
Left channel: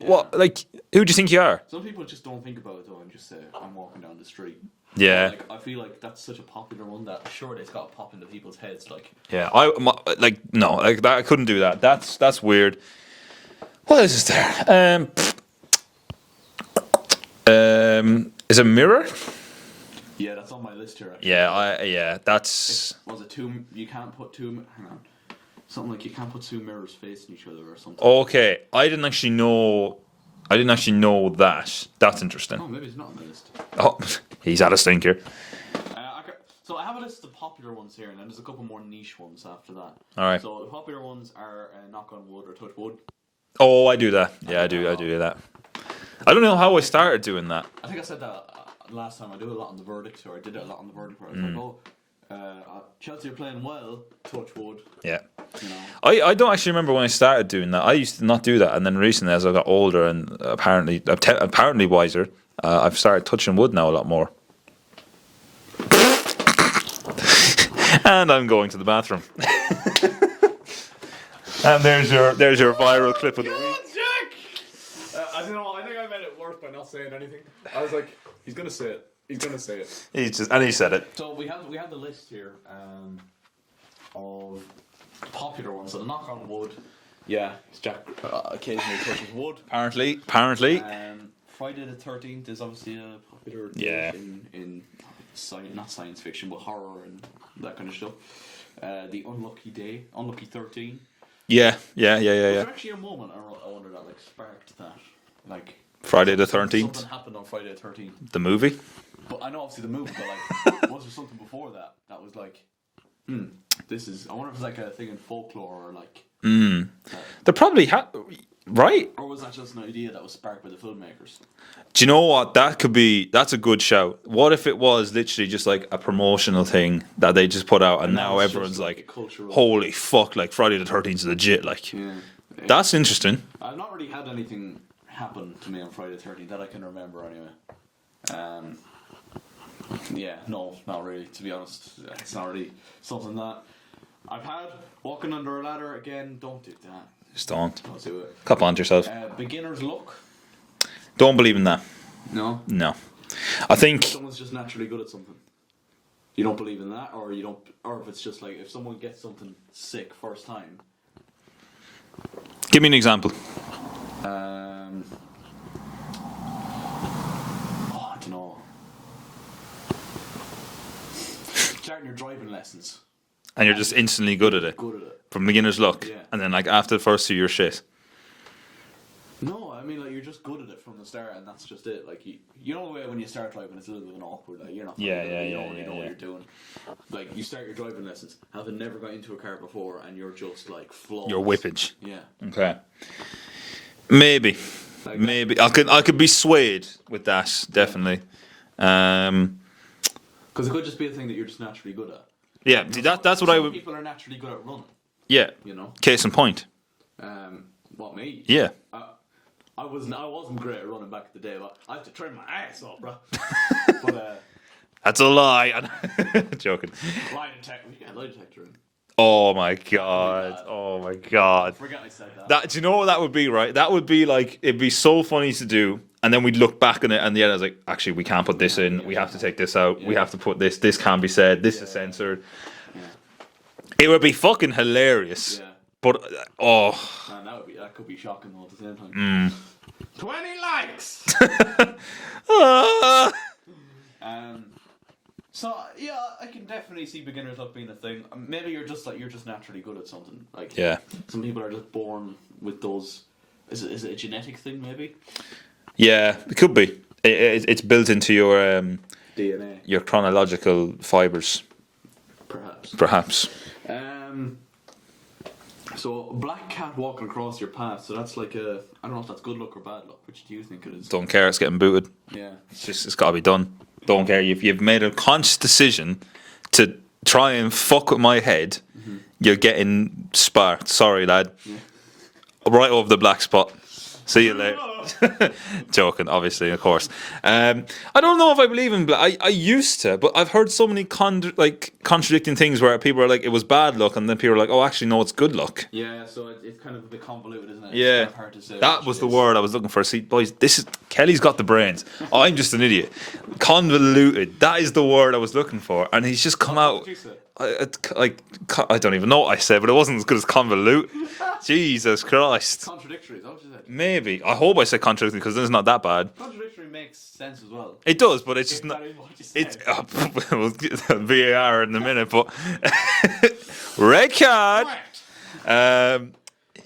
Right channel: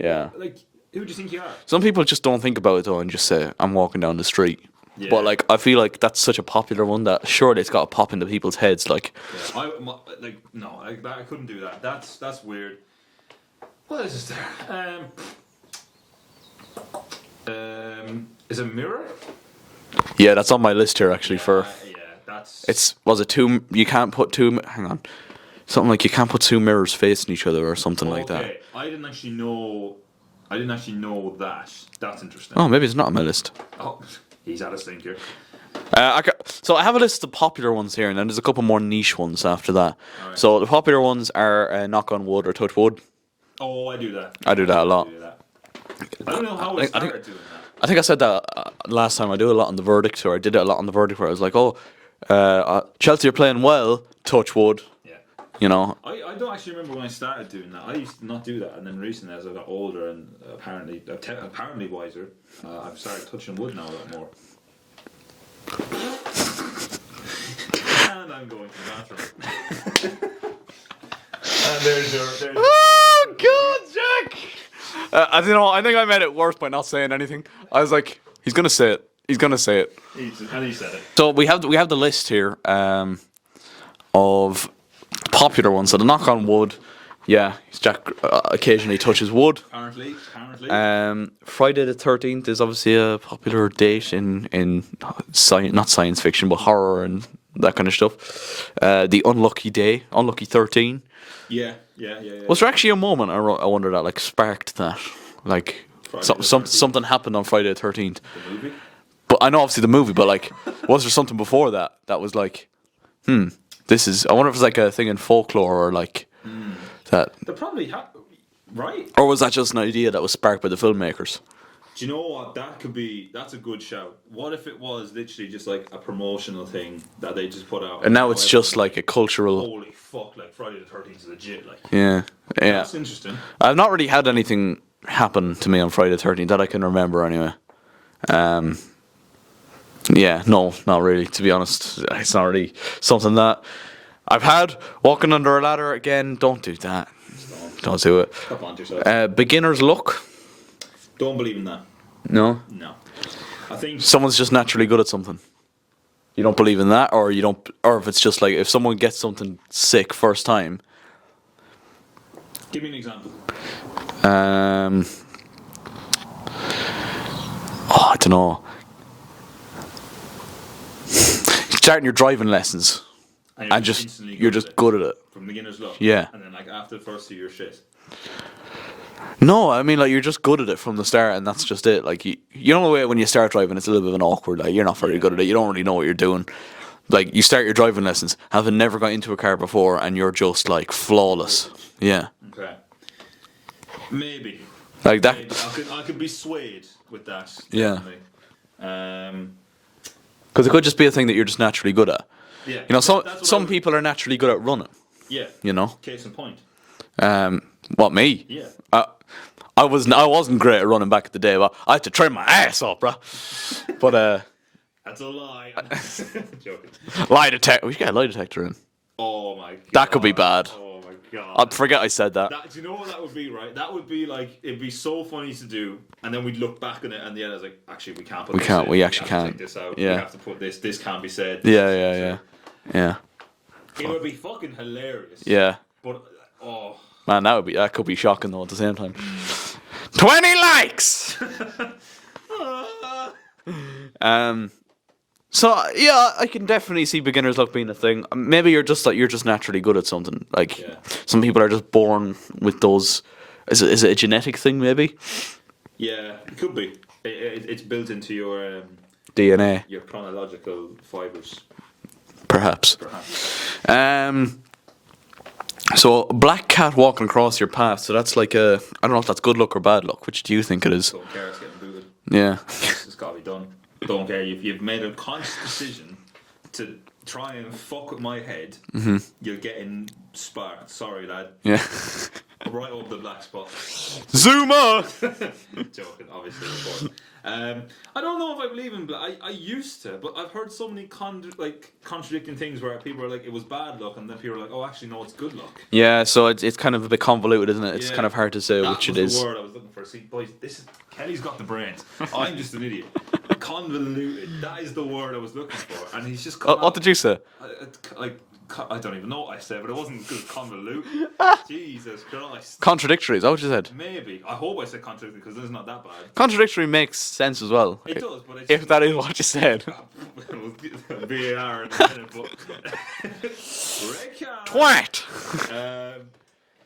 What? Like, who do you think you are? Some people just don't think about it though and just say, I'm walking down the street. Yeah. But like, I feel like that's such a popular one that surely it's got to pop into people's heads. Like, Yeah, no, like that, I couldn't do that. That's weird. What else is there? Is a mirror? yeah, that's on my list here actually. Yeah, that's Was it two? You can't put two. Hang on. Something like you can't put two mirrors facing each other or something like that. okay. I didn't actually know that. That's interesting. Oh, maybe it's not on my list. Oh, he's had a stinker. So I have a list of popular ones here, and then there's a couple more niche ones after that. All right. So the popular ones are knock on wood or touch wood. Oh, I do that. I do that a lot. I do that. I don't know how I started doing that. I think I said that last time. I do a lot on the verdict, or I did it a lot on the verdict, where I was like, Chelsea are playing well, touch wood. Yeah. You know, I don't actually remember when I started doing that. I used to not do that, and then recently, as I got older and apparently wiser, I've started touching wood now a lot more. And I'm going to the bathroom. And there's your viral clip. Of the week. Jack! I think I made it worse by not saying anything. I was like, he's gonna say it. He's gonna say it. He said it. So we have the list here of popular ones. So the knock on wood, yeah, Jack occasionally touches wood. Apparently. Friday the 13th is obviously a popular date in not science fiction, but horror and that kind of stuff. The unlucky day, unlucky 13. Yeah. Was there actually a moment I wonder that like sparked that, like Friday the 13th? Something happened on Friday the 13th. The movie? But I know obviously the movie, but like, was there something before that was like, this is? I wonder if it's like a thing in folklore or like that, They probably right? or was that just an idea that was sparked by the filmmakers? Do you know what? That's a good shout. What if it was literally just like a promotional thing that they just put out, And now it's just everyone's like a cultural. holy fuck, like Friday the 13th is legit. Like, Yeah. that's interesting. I've not really had anything happen to me on Friday the 13th that I can remember anyway. Yeah, no, not really. To be honest, it's not really something that I've had. Walking under a ladder again. Don't do that. Just don't do it. cop on to yourself. Beginner's luck. Don't believe in that. No. I think Someone's just naturally good at something. You don't believe in that, or you don't, or if it's just like if someone gets something sick first time. Give me an example. I don't know. Starting your driving lessons. And you're just instantly good you're at just it. good at it. From beginner's luck. Yeah. And then like after the first two, you're shit. No, I mean like you're just good at it from the start, and that's just it. Like you know the way when you start driving, it's a little bit of an awkward. Like you're not very good at it. You don't really know what you're doing. Like, you start your driving lessons, having never got into a car before, and you're just, like, flawless. Whippage. Yeah. Okay. Maybe. Like that. Maybe. I could be swayed with that, definitely. Because it could just be a thing that you're just naturally good at. Yeah. You know, that's what some people are naturally good at running. Yeah. You know? Case in point. What, me? Yeah. I wasn't great at running back in the day, but I had to train my ass off, bro. But, That's a lie. Joking. lie detector. We should get a lie detector in. Oh my god. That could be bad. Oh my god. I forget I said that. Do you know what that would be, right? That would be like, it'd be so funny to do, and then we'd look back on it, and the end I was like, actually, we can't put this in. We have actually to can't. take this out. Yeah. We have to put this. This can't be said. This is censored. Yeah. It would be fucking hilarious. Yeah. But, Man, that could be shocking though at the same time. 20 likes! So yeah, I can definitely see beginner's luck being a thing. Maybe you're just naturally good at something. Like, Yeah. some people are just born with those. Is it a genetic thing? Maybe Yeah, it could be. It's built into your DNA, your chronological fibers, perhaps. So a black cat walking across your path. So that's like I don't know if that's good luck or bad luck. Which do you think it is? Don't care. It's getting booted. Yeah. It's got to be done. Don't care. You've made a conscious decision to try and fuck with my head. Mm-hmm. You're getting sparked. Sorry, lad. Yeah. Right over the black spot. Zoom out. Joking, obviously, of course. I don't know if I believe in black. I used to, but I've heard so many contradicting things where people are like, it was bad luck, and then people are like, oh, actually, no, it's good luck. Yeah, so it's kind of a bit convoluted, isn't it? It's Yeah. kind of hard to say That which was it the is. word I was looking for. See, boys, Kelly's got the brains. I'm just an idiot. Convoluted. That is the word I was looking for, and he's just come out. What did you say? I don't even know what I said, but it wasn't as good as convolute. Jesus Christ. Contradictory, is that what you said? Maybe. I hope I said contradictory because then it's not that bad. Contradictory makes sense as well. It does, but it's If just that is what you said. We'll get VAR in a minute, but red card. What?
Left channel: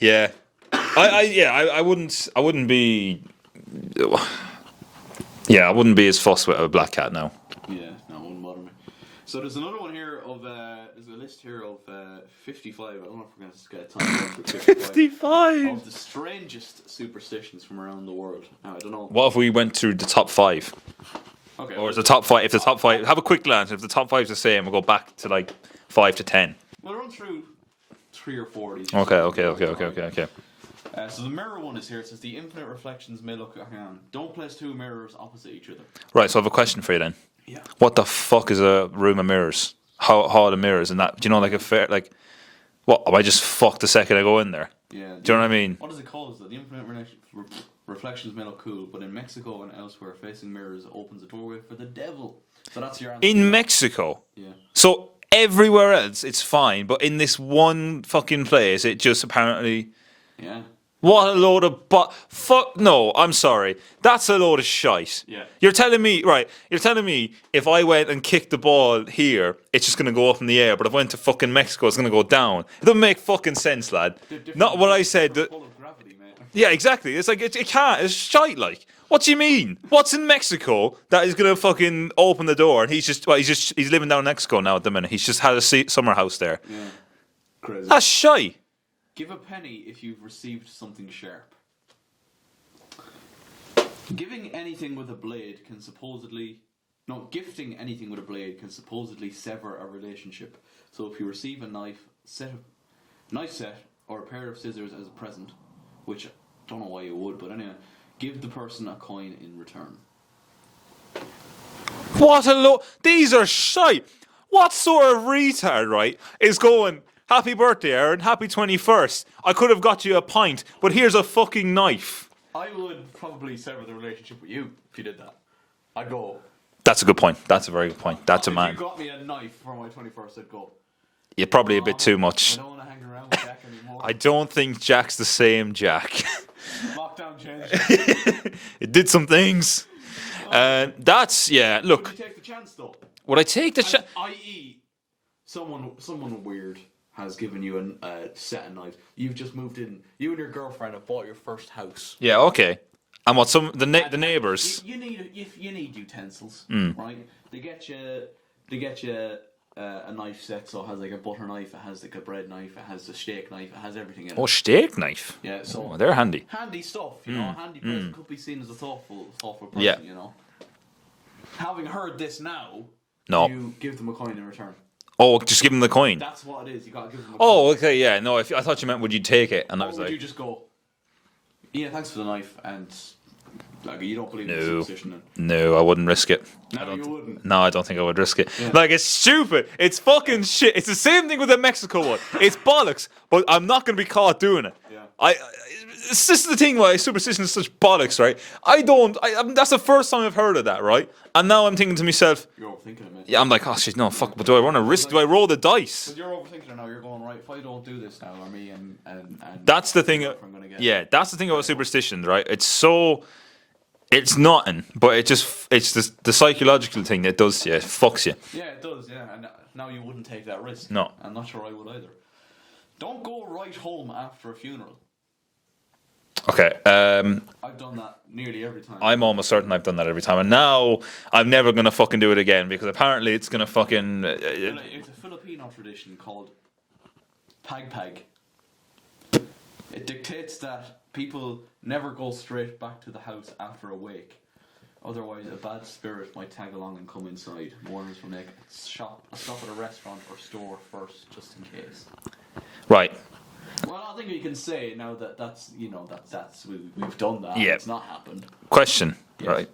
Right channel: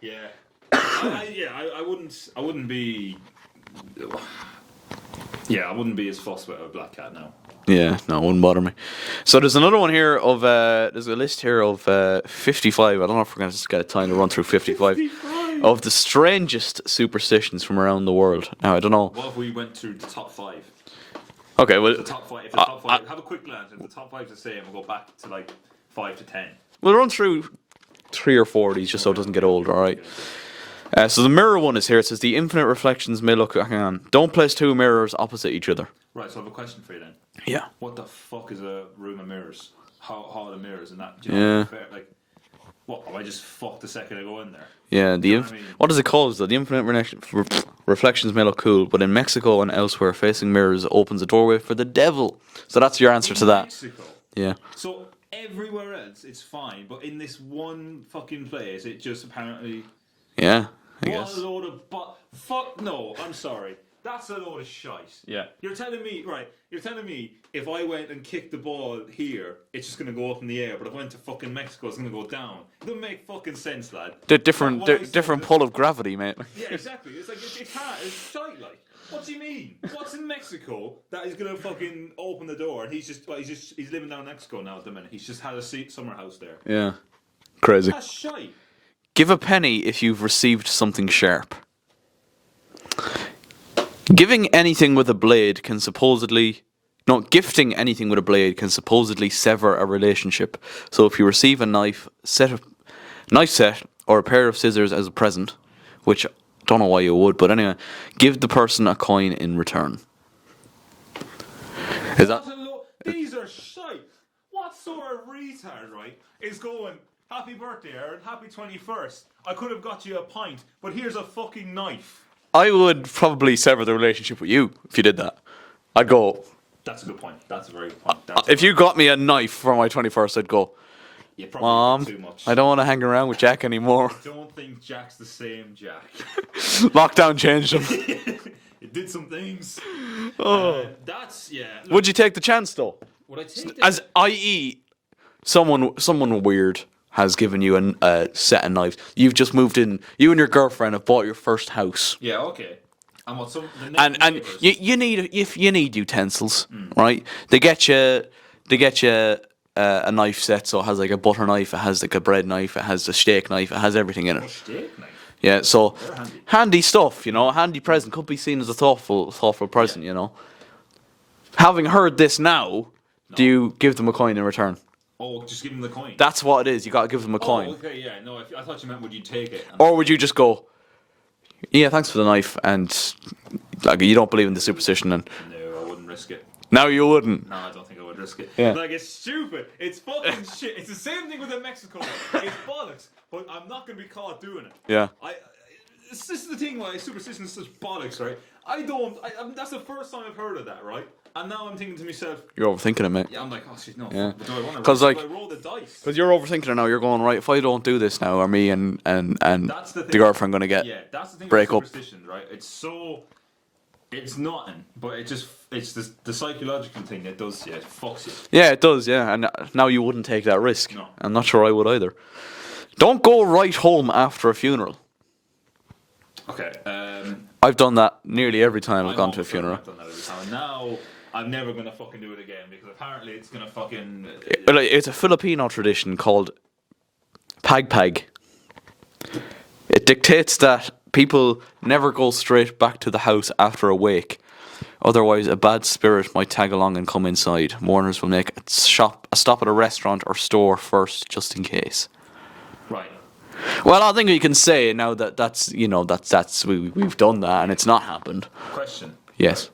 Yeah. I wouldn't be. Yeah, I wouldn't be as fussed with a black cat now. Yeah, no, it wouldn't bother me. So there's another one here of there's a list here of 55. I don't know if we're going to get time to run through 55 of the strangest superstitions from around the world. Now I don't know. What if we went through the top 5? Okay, well, The top 5. If the top 5, have a quick glance. If the top 5's the same, we'll go back to like 5 to 10. we'll run through 3 or 4 of these just so it doesn't get old. All right. Okay. So the mirror one is here. It says the infinite reflections may look. Hang on. Don't place 2 mirrors opposite each other. Right, so I have a question for you then. Yeah. What the fuck is a room of mirrors? How are the mirrors and that? Do you know, like a fair, like, what? Am I just fucked the second I go in there? Yeah. Do you know what I mean? What is it called? Though? The infinite reflections may look cool, but in Mexico and elsewhere, facing mirrors opens a doorway for the devil. So that's your answer to In that. Mexico? Yeah. So everywhere else, it's fine, but in this one fucking place, it just apparently... Yeah. What a load of fuck no, I'm sorry. That's a load of shite. Yeah. You're telling me if I went and kicked the ball here, it's just gonna go up in the air, but if I went to fucking Mexico, it's gonna go down. It doesn't make fucking sense, lad. They're different. Not what I said. Different pull of gravity, mate. Yeah, exactly. It's like it can't. It's shite. Like, what do you mean? What's in Mexico that is gonna fucking open the door? And he's living down in Mexico now at the minute. He's just had a summer house there. Yeah. Crazy. That's shite. Give a penny if you've received something sharp. Gifting anything with a blade can supposedly sever a relationship. So if you receive a knife set, or a pair of scissors as a present, which I don't know why you would, but anyway, give the person a coin in return. These are shite. What sort of retard, right, is going, happy birthday, Aaron, happy 21st. I could have got you a pint, but here's a fucking knife. I would probably sever the relationship with you if you did that. I'd go. That's a good point. That's a very good point. If you got me a knife for my 21st, I'd go. You're probably a bit too much. I don't want to hang around with Jack anymore. I don't think Jack's the same Jack. Lockdown changed him. It did some things. Look, would you take the chance though? Would I take the chance? I.e., someone weird has given you a set of knives. You've just moved in. You and your girlfriend have bought your first house. Yeah, okay. And what the neighbors? You need utensils, right? They get you a knife set, so it has like a butter knife, it has like a bread knife, it has a steak knife, it has everything in it. Oh, steak knife. Yeah, so they're handy. Handy stuff, you know. A handy present could be seen as a thoughtful present, you know. Having heard this now, do you give them a coin in return? Oh, just give them the coin. That's what it is. You got to give them a coin. Oh, okay, yeah. No, I thought you meant would you take it? Or would you just go, yeah, thanks for the knife, and like you don't believe in the superstition, and No, I wouldn't risk it. no, you wouldn't. No, I don't think I would risk it. Yeah. Like, it's stupid. It's fucking shit. It's the same thing with the Mexico one. It's bollocks, but I'm not going to be caught doing it. Yeah. This is the thing why superstition is such bollocks, right? That's the first time I've heard of that, right? And now I'm thinking to myself, You're overthinking it, mate. yeah, I'm like, oh shit, no, fuck. But do I want to risk? like- do I roll the dice? Because you're overthinking it now. You're going, right, if I don't do this now, are me and That's the thing. the girlfriend going to get. Yeah, that's the thing about break up. superstitions, right? It's nothing, but it's the psychological thing that does you. It fucks you. Yeah, it does, yeah. And now you wouldn't take that risk. No. I'm not sure I would either. Don't go right home after a funeral. Okay. I've done that nearly every time. I've I'm gone to a almost certain funeral. I've done that every time, and now I'm never gonna fucking do it again because apparently it's gonna fucking. But it's a Filipino tradition called pagpag. It dictates that people never go straight back to the house after a wake. Otherwise, a bad spirit might tag along and come inside. Mourners will make a stop at a restaurant or store first, just in case. Right. Well, I think we can say now that we've done that and Yeah. it's not happened. Question. Yes.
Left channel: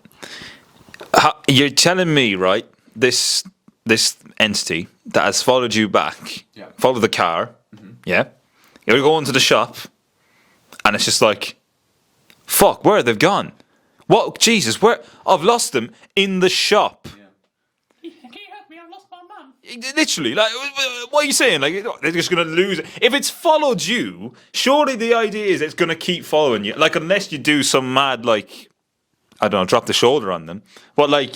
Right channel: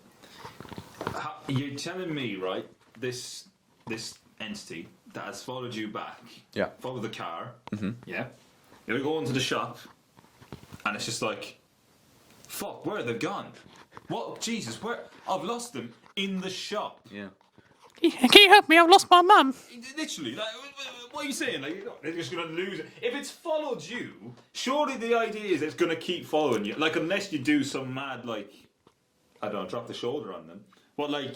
Right. You're telling me, right? This entity that has followed you back. Yeah. Followed the car. Yeah. You're going to the shop, and it's just like, fuck, where they've gone? What? Jesus, where? I've lost them in the shop. Yeah. Can you help me? I've lost my mum. Literally, like, what are you saying? Like, they're just gonna lose it. If it's followed you, surely the idea is it's gonna keep following you. Like, unless you do some mad, like, I don't know, drop the shoulder on them. But like,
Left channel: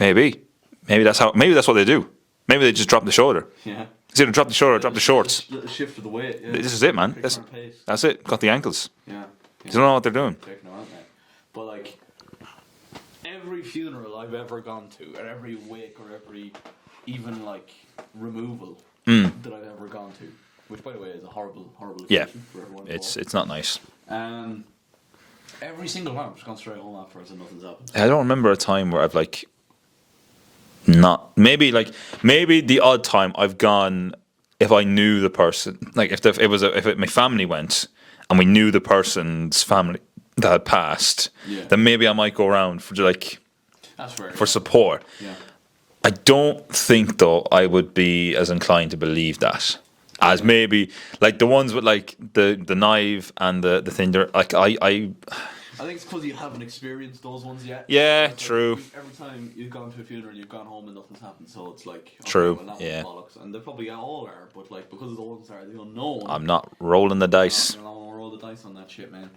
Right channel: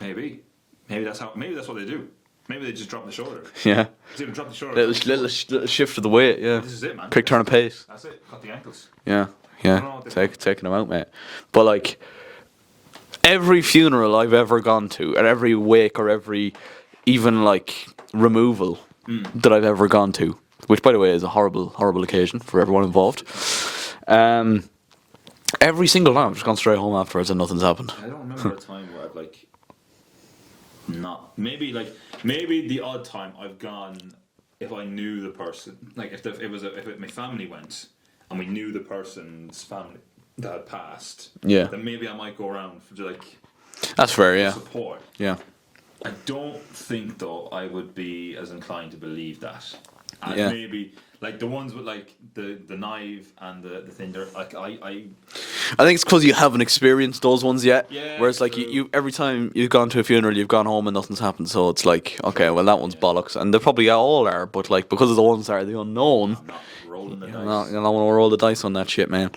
maybe that's what they do. Maybe they just drop the shoulder. Yeah. It's either drop the shoulder or drop the shorts. Little shift of the weight, yeah. This is it, man. Quick turn of pace. That's it. Got the ankles. Yeah. Yeah. I don't know what they're doing. Taking them out, mate. But like, every funeral I've ever gone to, and every wake or every even like removal that I've ever gone to, which by the way is a horrible occasion for everyone involved. It's not nice. Every single time I've just gone straight home afterwards and nothing's happened. I don't remember a time where I've like not maybe the odd time I've gone if I knew the person, like if my family went and we knew the person's family that had passed, then maybe I might go around for like That's fair, for support. Yeah. I don't think though I would be as inclined to believe that as maybe like the ones with like the knife and the thing. Like I think it's because you haven't experienced those ones yet. Yeah, Whereas like true. you every time you've gone to a funeral, you've gone home and nothing's happened. So it's like, okay, True, well that one's yeah. bollocks, and they probably all are. But like because of the ones that are the unknown, I'm not rolling the dice. you don't want to roll the dice on that shit, man.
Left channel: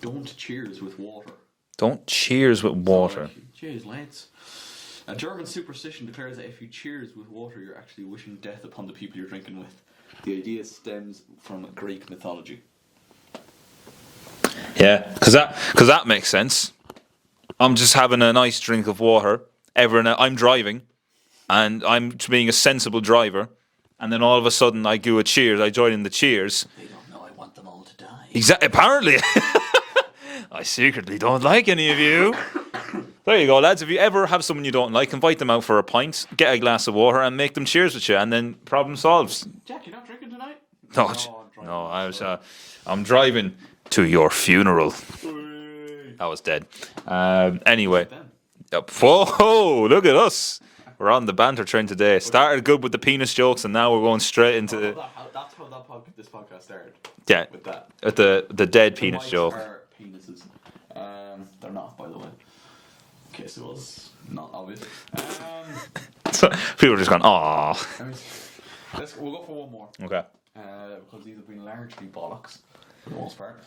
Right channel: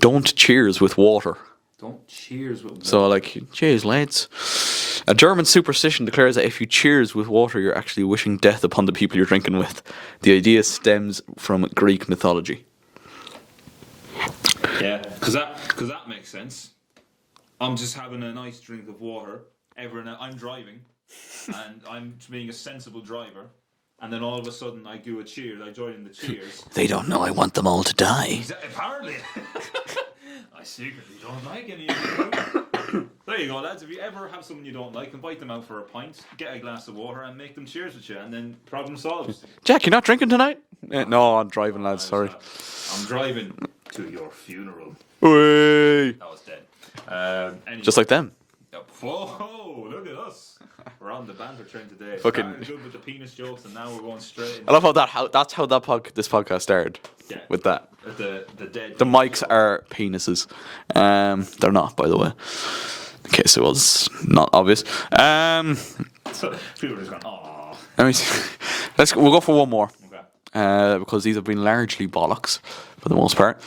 Don't cheers with water. Don't cheers with water. So like, cheers, lads. A German superstition declares that if you cheers with water, you're actually wishing death upon the people you're drinking with. The idea stems from Greek mythology. Yeah, because that makes sense. I'm just having a nice drink of water. I'm driving, and I'm being a sensible driver. And then all of a sudden, I do a cheers. I join in the cheers. They don't know I want them all to die. Apparently, I secretly don't like any of you. There you go, lads. If you ever have someone you don't like, invite them out for a pint, get a glass of water, and make them cheers with you, and then problem solved. Jack, you're not drinking tonight? No, I'm driving, lads. Sorry. I'm driving to your funeral. Hey. I was dead. Anyway, Just like them. Whoa! Look at us. We're on the banter train today. Started good with the penis jokes, and now we're going straight into. I love that's how this podcast started. Yeah, with that. At the dead. The penis mics joke. are penises. They're not, by the way. In case it was not obvious. So people are just going, "Aw." Let me see. We'll go for one more. Okay. Because these have been largely bollocks for the most part.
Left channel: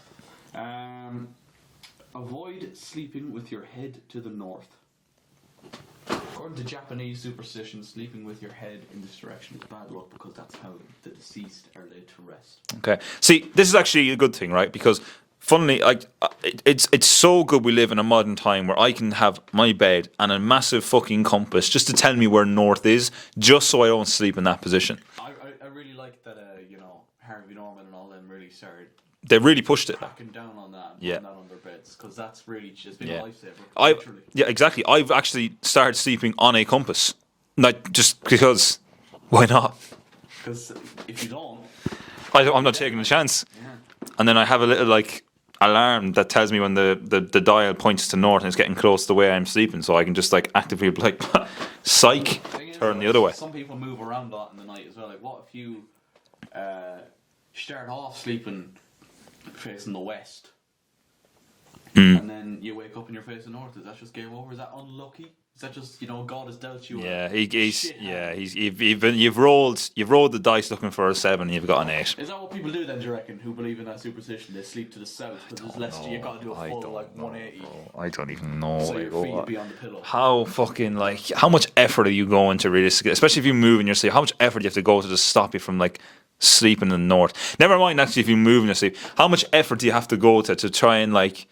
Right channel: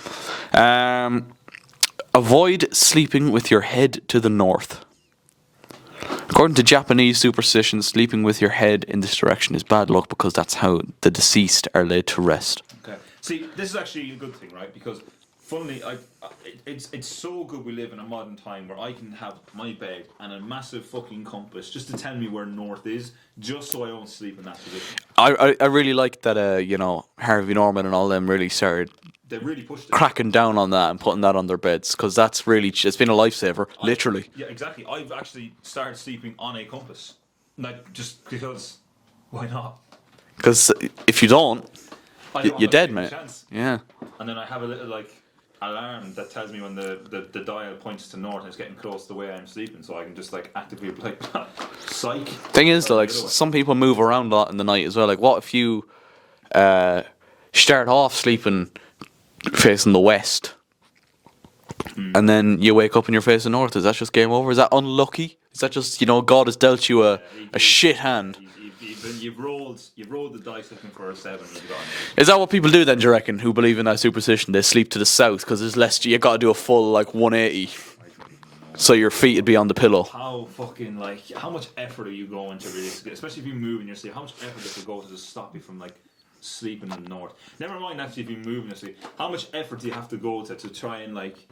Avoid sleeping with your head to the north. According to Japanese superstition, sleeping with your head in this direction is bad luck because that's how the deceased are laid to rest. Okay. See, this is actually a good thing, right? Because funnily, like it's so good we live in a modern time where I can have my bed and a massive fucking compass just to tell me where north is, just so I don't sleep in that position. I really like that. You know, Harvey Norman and all them really started They really pushed it. cracking down on that and putting that on their beds, because that's really, it's been a lifesaver, literally. Yeah, exactly. I've actually started sleeping on a compass, like just because. Why not? Because if you don't, I'm you're not dead, taking a mate. chance. Yeah. And then I have a little like alarm that tells me when the dial points to north and it's getting close to the way I'm sleeping, so I can just like actively be like, psych. Thing is, turn though, the like, other way. some people move around a lot in the night as well. Like, what if you start off sleeping facing the west, and then you wake up and you're facing north? Is that just game over? Is that unlucky? Is that just, you know, God has dealt you a shit hand? Yeah, you've rolled the dice looking for a 7, you've got an 8. Is that what people do then, do you reckon, who believe in that superstition? They sleep to the south because there's less, you got to do a full, like, 180. I don't even know. So your feet would be on the pillow. How fucking, like, how much effort are you going to realistically, especially if you move in your sleep, how much effort do you have to go to just stop you from, like, sleeping in the north? Never mind, actually, if you move in your sleep, how much effort do you have to go to try and, like,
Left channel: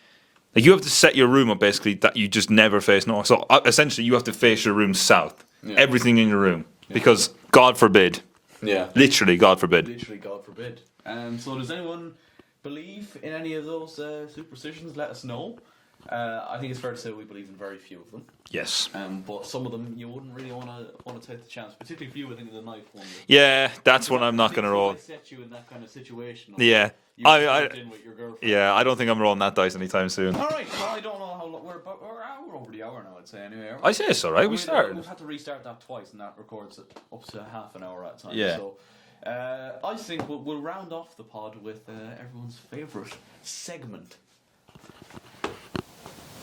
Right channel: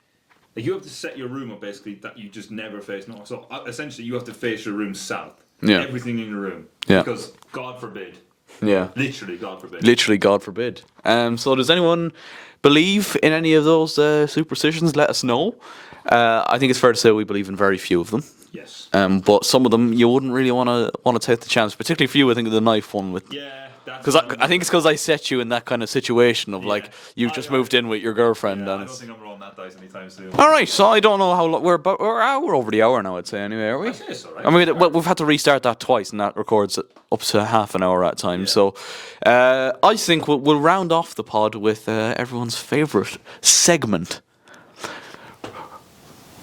you have to set your room up basically that you just never face north. So essentially, you have to face your room south. Yeah. Everything in your room. Yeah. Because God forbid. Yeah. Literally, God forbid. Literally, God forbid. So does anyone believe in any of those superstitions? Let us know. I think it's fair to say we believe in very few of them. Yes. But some of them you wouldn't really want to take the chance, particularly for you. I think the knife one with. Yeah, that's what I'm not I think it's gonna because roll. I set you in that kind of situation of Yeah. like you just moved in with your girlfriend. Yeah, and I don't think I'm rolling that dice anytime soon. All right, so I don't know how long we're over the hour now. I'd say anyway. Are we? I say it's all right. I mean, we've had to restart that twice, and that records up to half an hour at a time. Yeah. So, I think we'll round off the pod with everyone's favourite segment.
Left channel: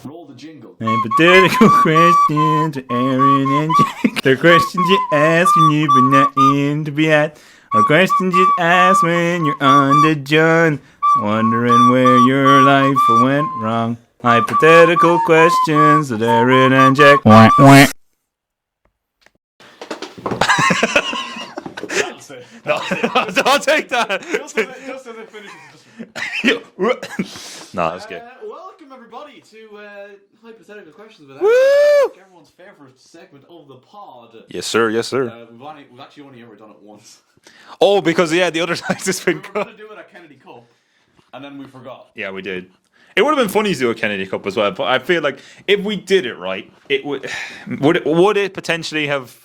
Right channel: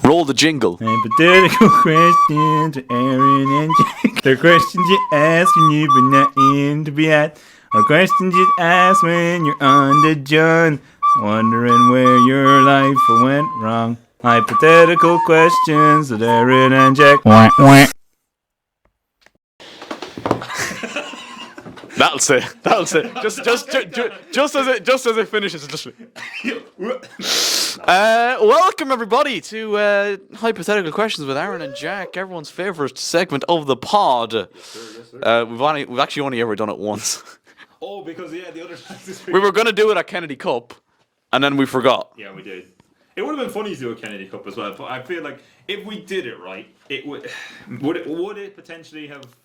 Roll the jingle. Hypothetical questions to Aaron and Jack. They're questions you ask when you've been not in to be at. Or questions you ask when you're on the John. Wondering where your life went wrong. Hypothetical questions to Aaron and Jack. Wah, wah. That'll say. Just as it finishes. Welcome everybody to hypothetical questions with Aaron and Jack, everyone's favourite segment of the pod. Yes, sir. Yes, sir. We've actually only ever done it once. Oh, because the other time this week We were going to do it at Kennedy Cup, and then we forgot. Yeah, we did. It would have been funny to do a Kennedy Cup as well, but I feel like if we did it right, it would it potentially have.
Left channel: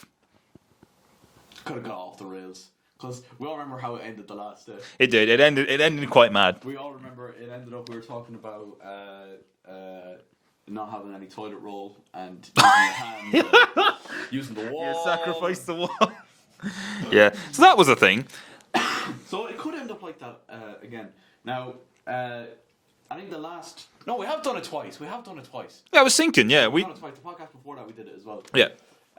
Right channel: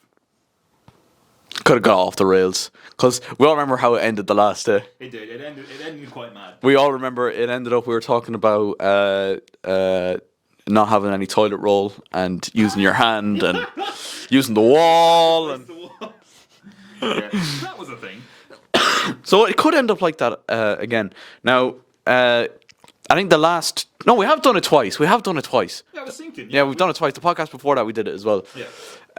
Could have got off the rails, because we all remember how it ended the last day. It did. It ended quite mad. We all remember it ended up. We were talking about not having any toilet roll and using your hand and using the wall. Sacrifice the wall. Yeah, so that was a thing. So it could end up like that again. Now, I think the last. No, we have done it twice. Yeah, I was thinking. Yeah, we've done it twice. The podcast before that, we did it as well. Yeah.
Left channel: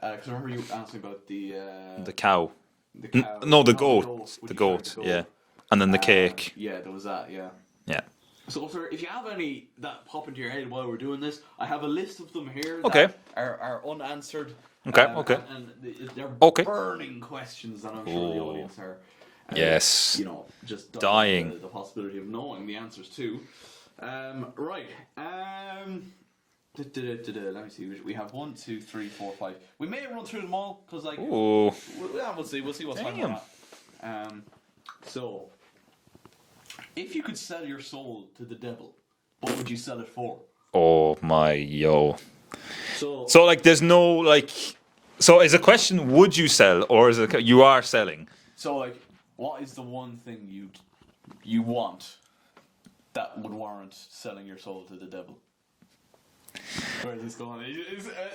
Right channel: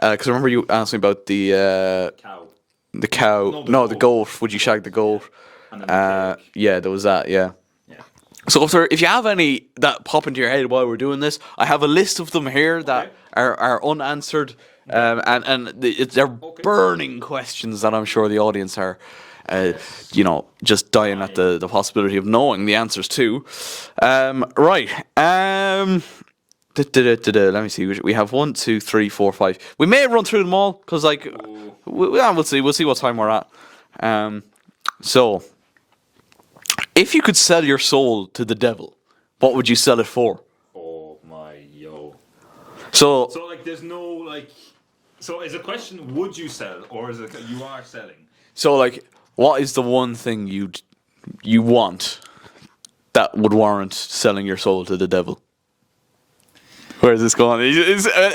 Because I remember you asked me about the Cow. the cow. No, the the goat. goat. Would you shag the goat? Yeah. And then the cake. Yeah, there was that. Yeah. Yeah. So if you have any that pop into your head while we're doing this, I have a list of them here that Okay. are unanswered, Okay. and they're burning questions that I'm sure the audience are, Yes. you know, just dying at the possibility of knowing the answers to. Right. Let me see. We have 1, 2, 3, 4, 5. We may run through them all because, like, we'll see. We'll see what time we're at. So, if you could sell your soul to the devil, what would you sell it for? Oh my yo. So like, there's no like. So is the question, would you sell, or is it you are selling? So, like, what is the one thing you want that would warrant selling your soul to the devil? Where is this going?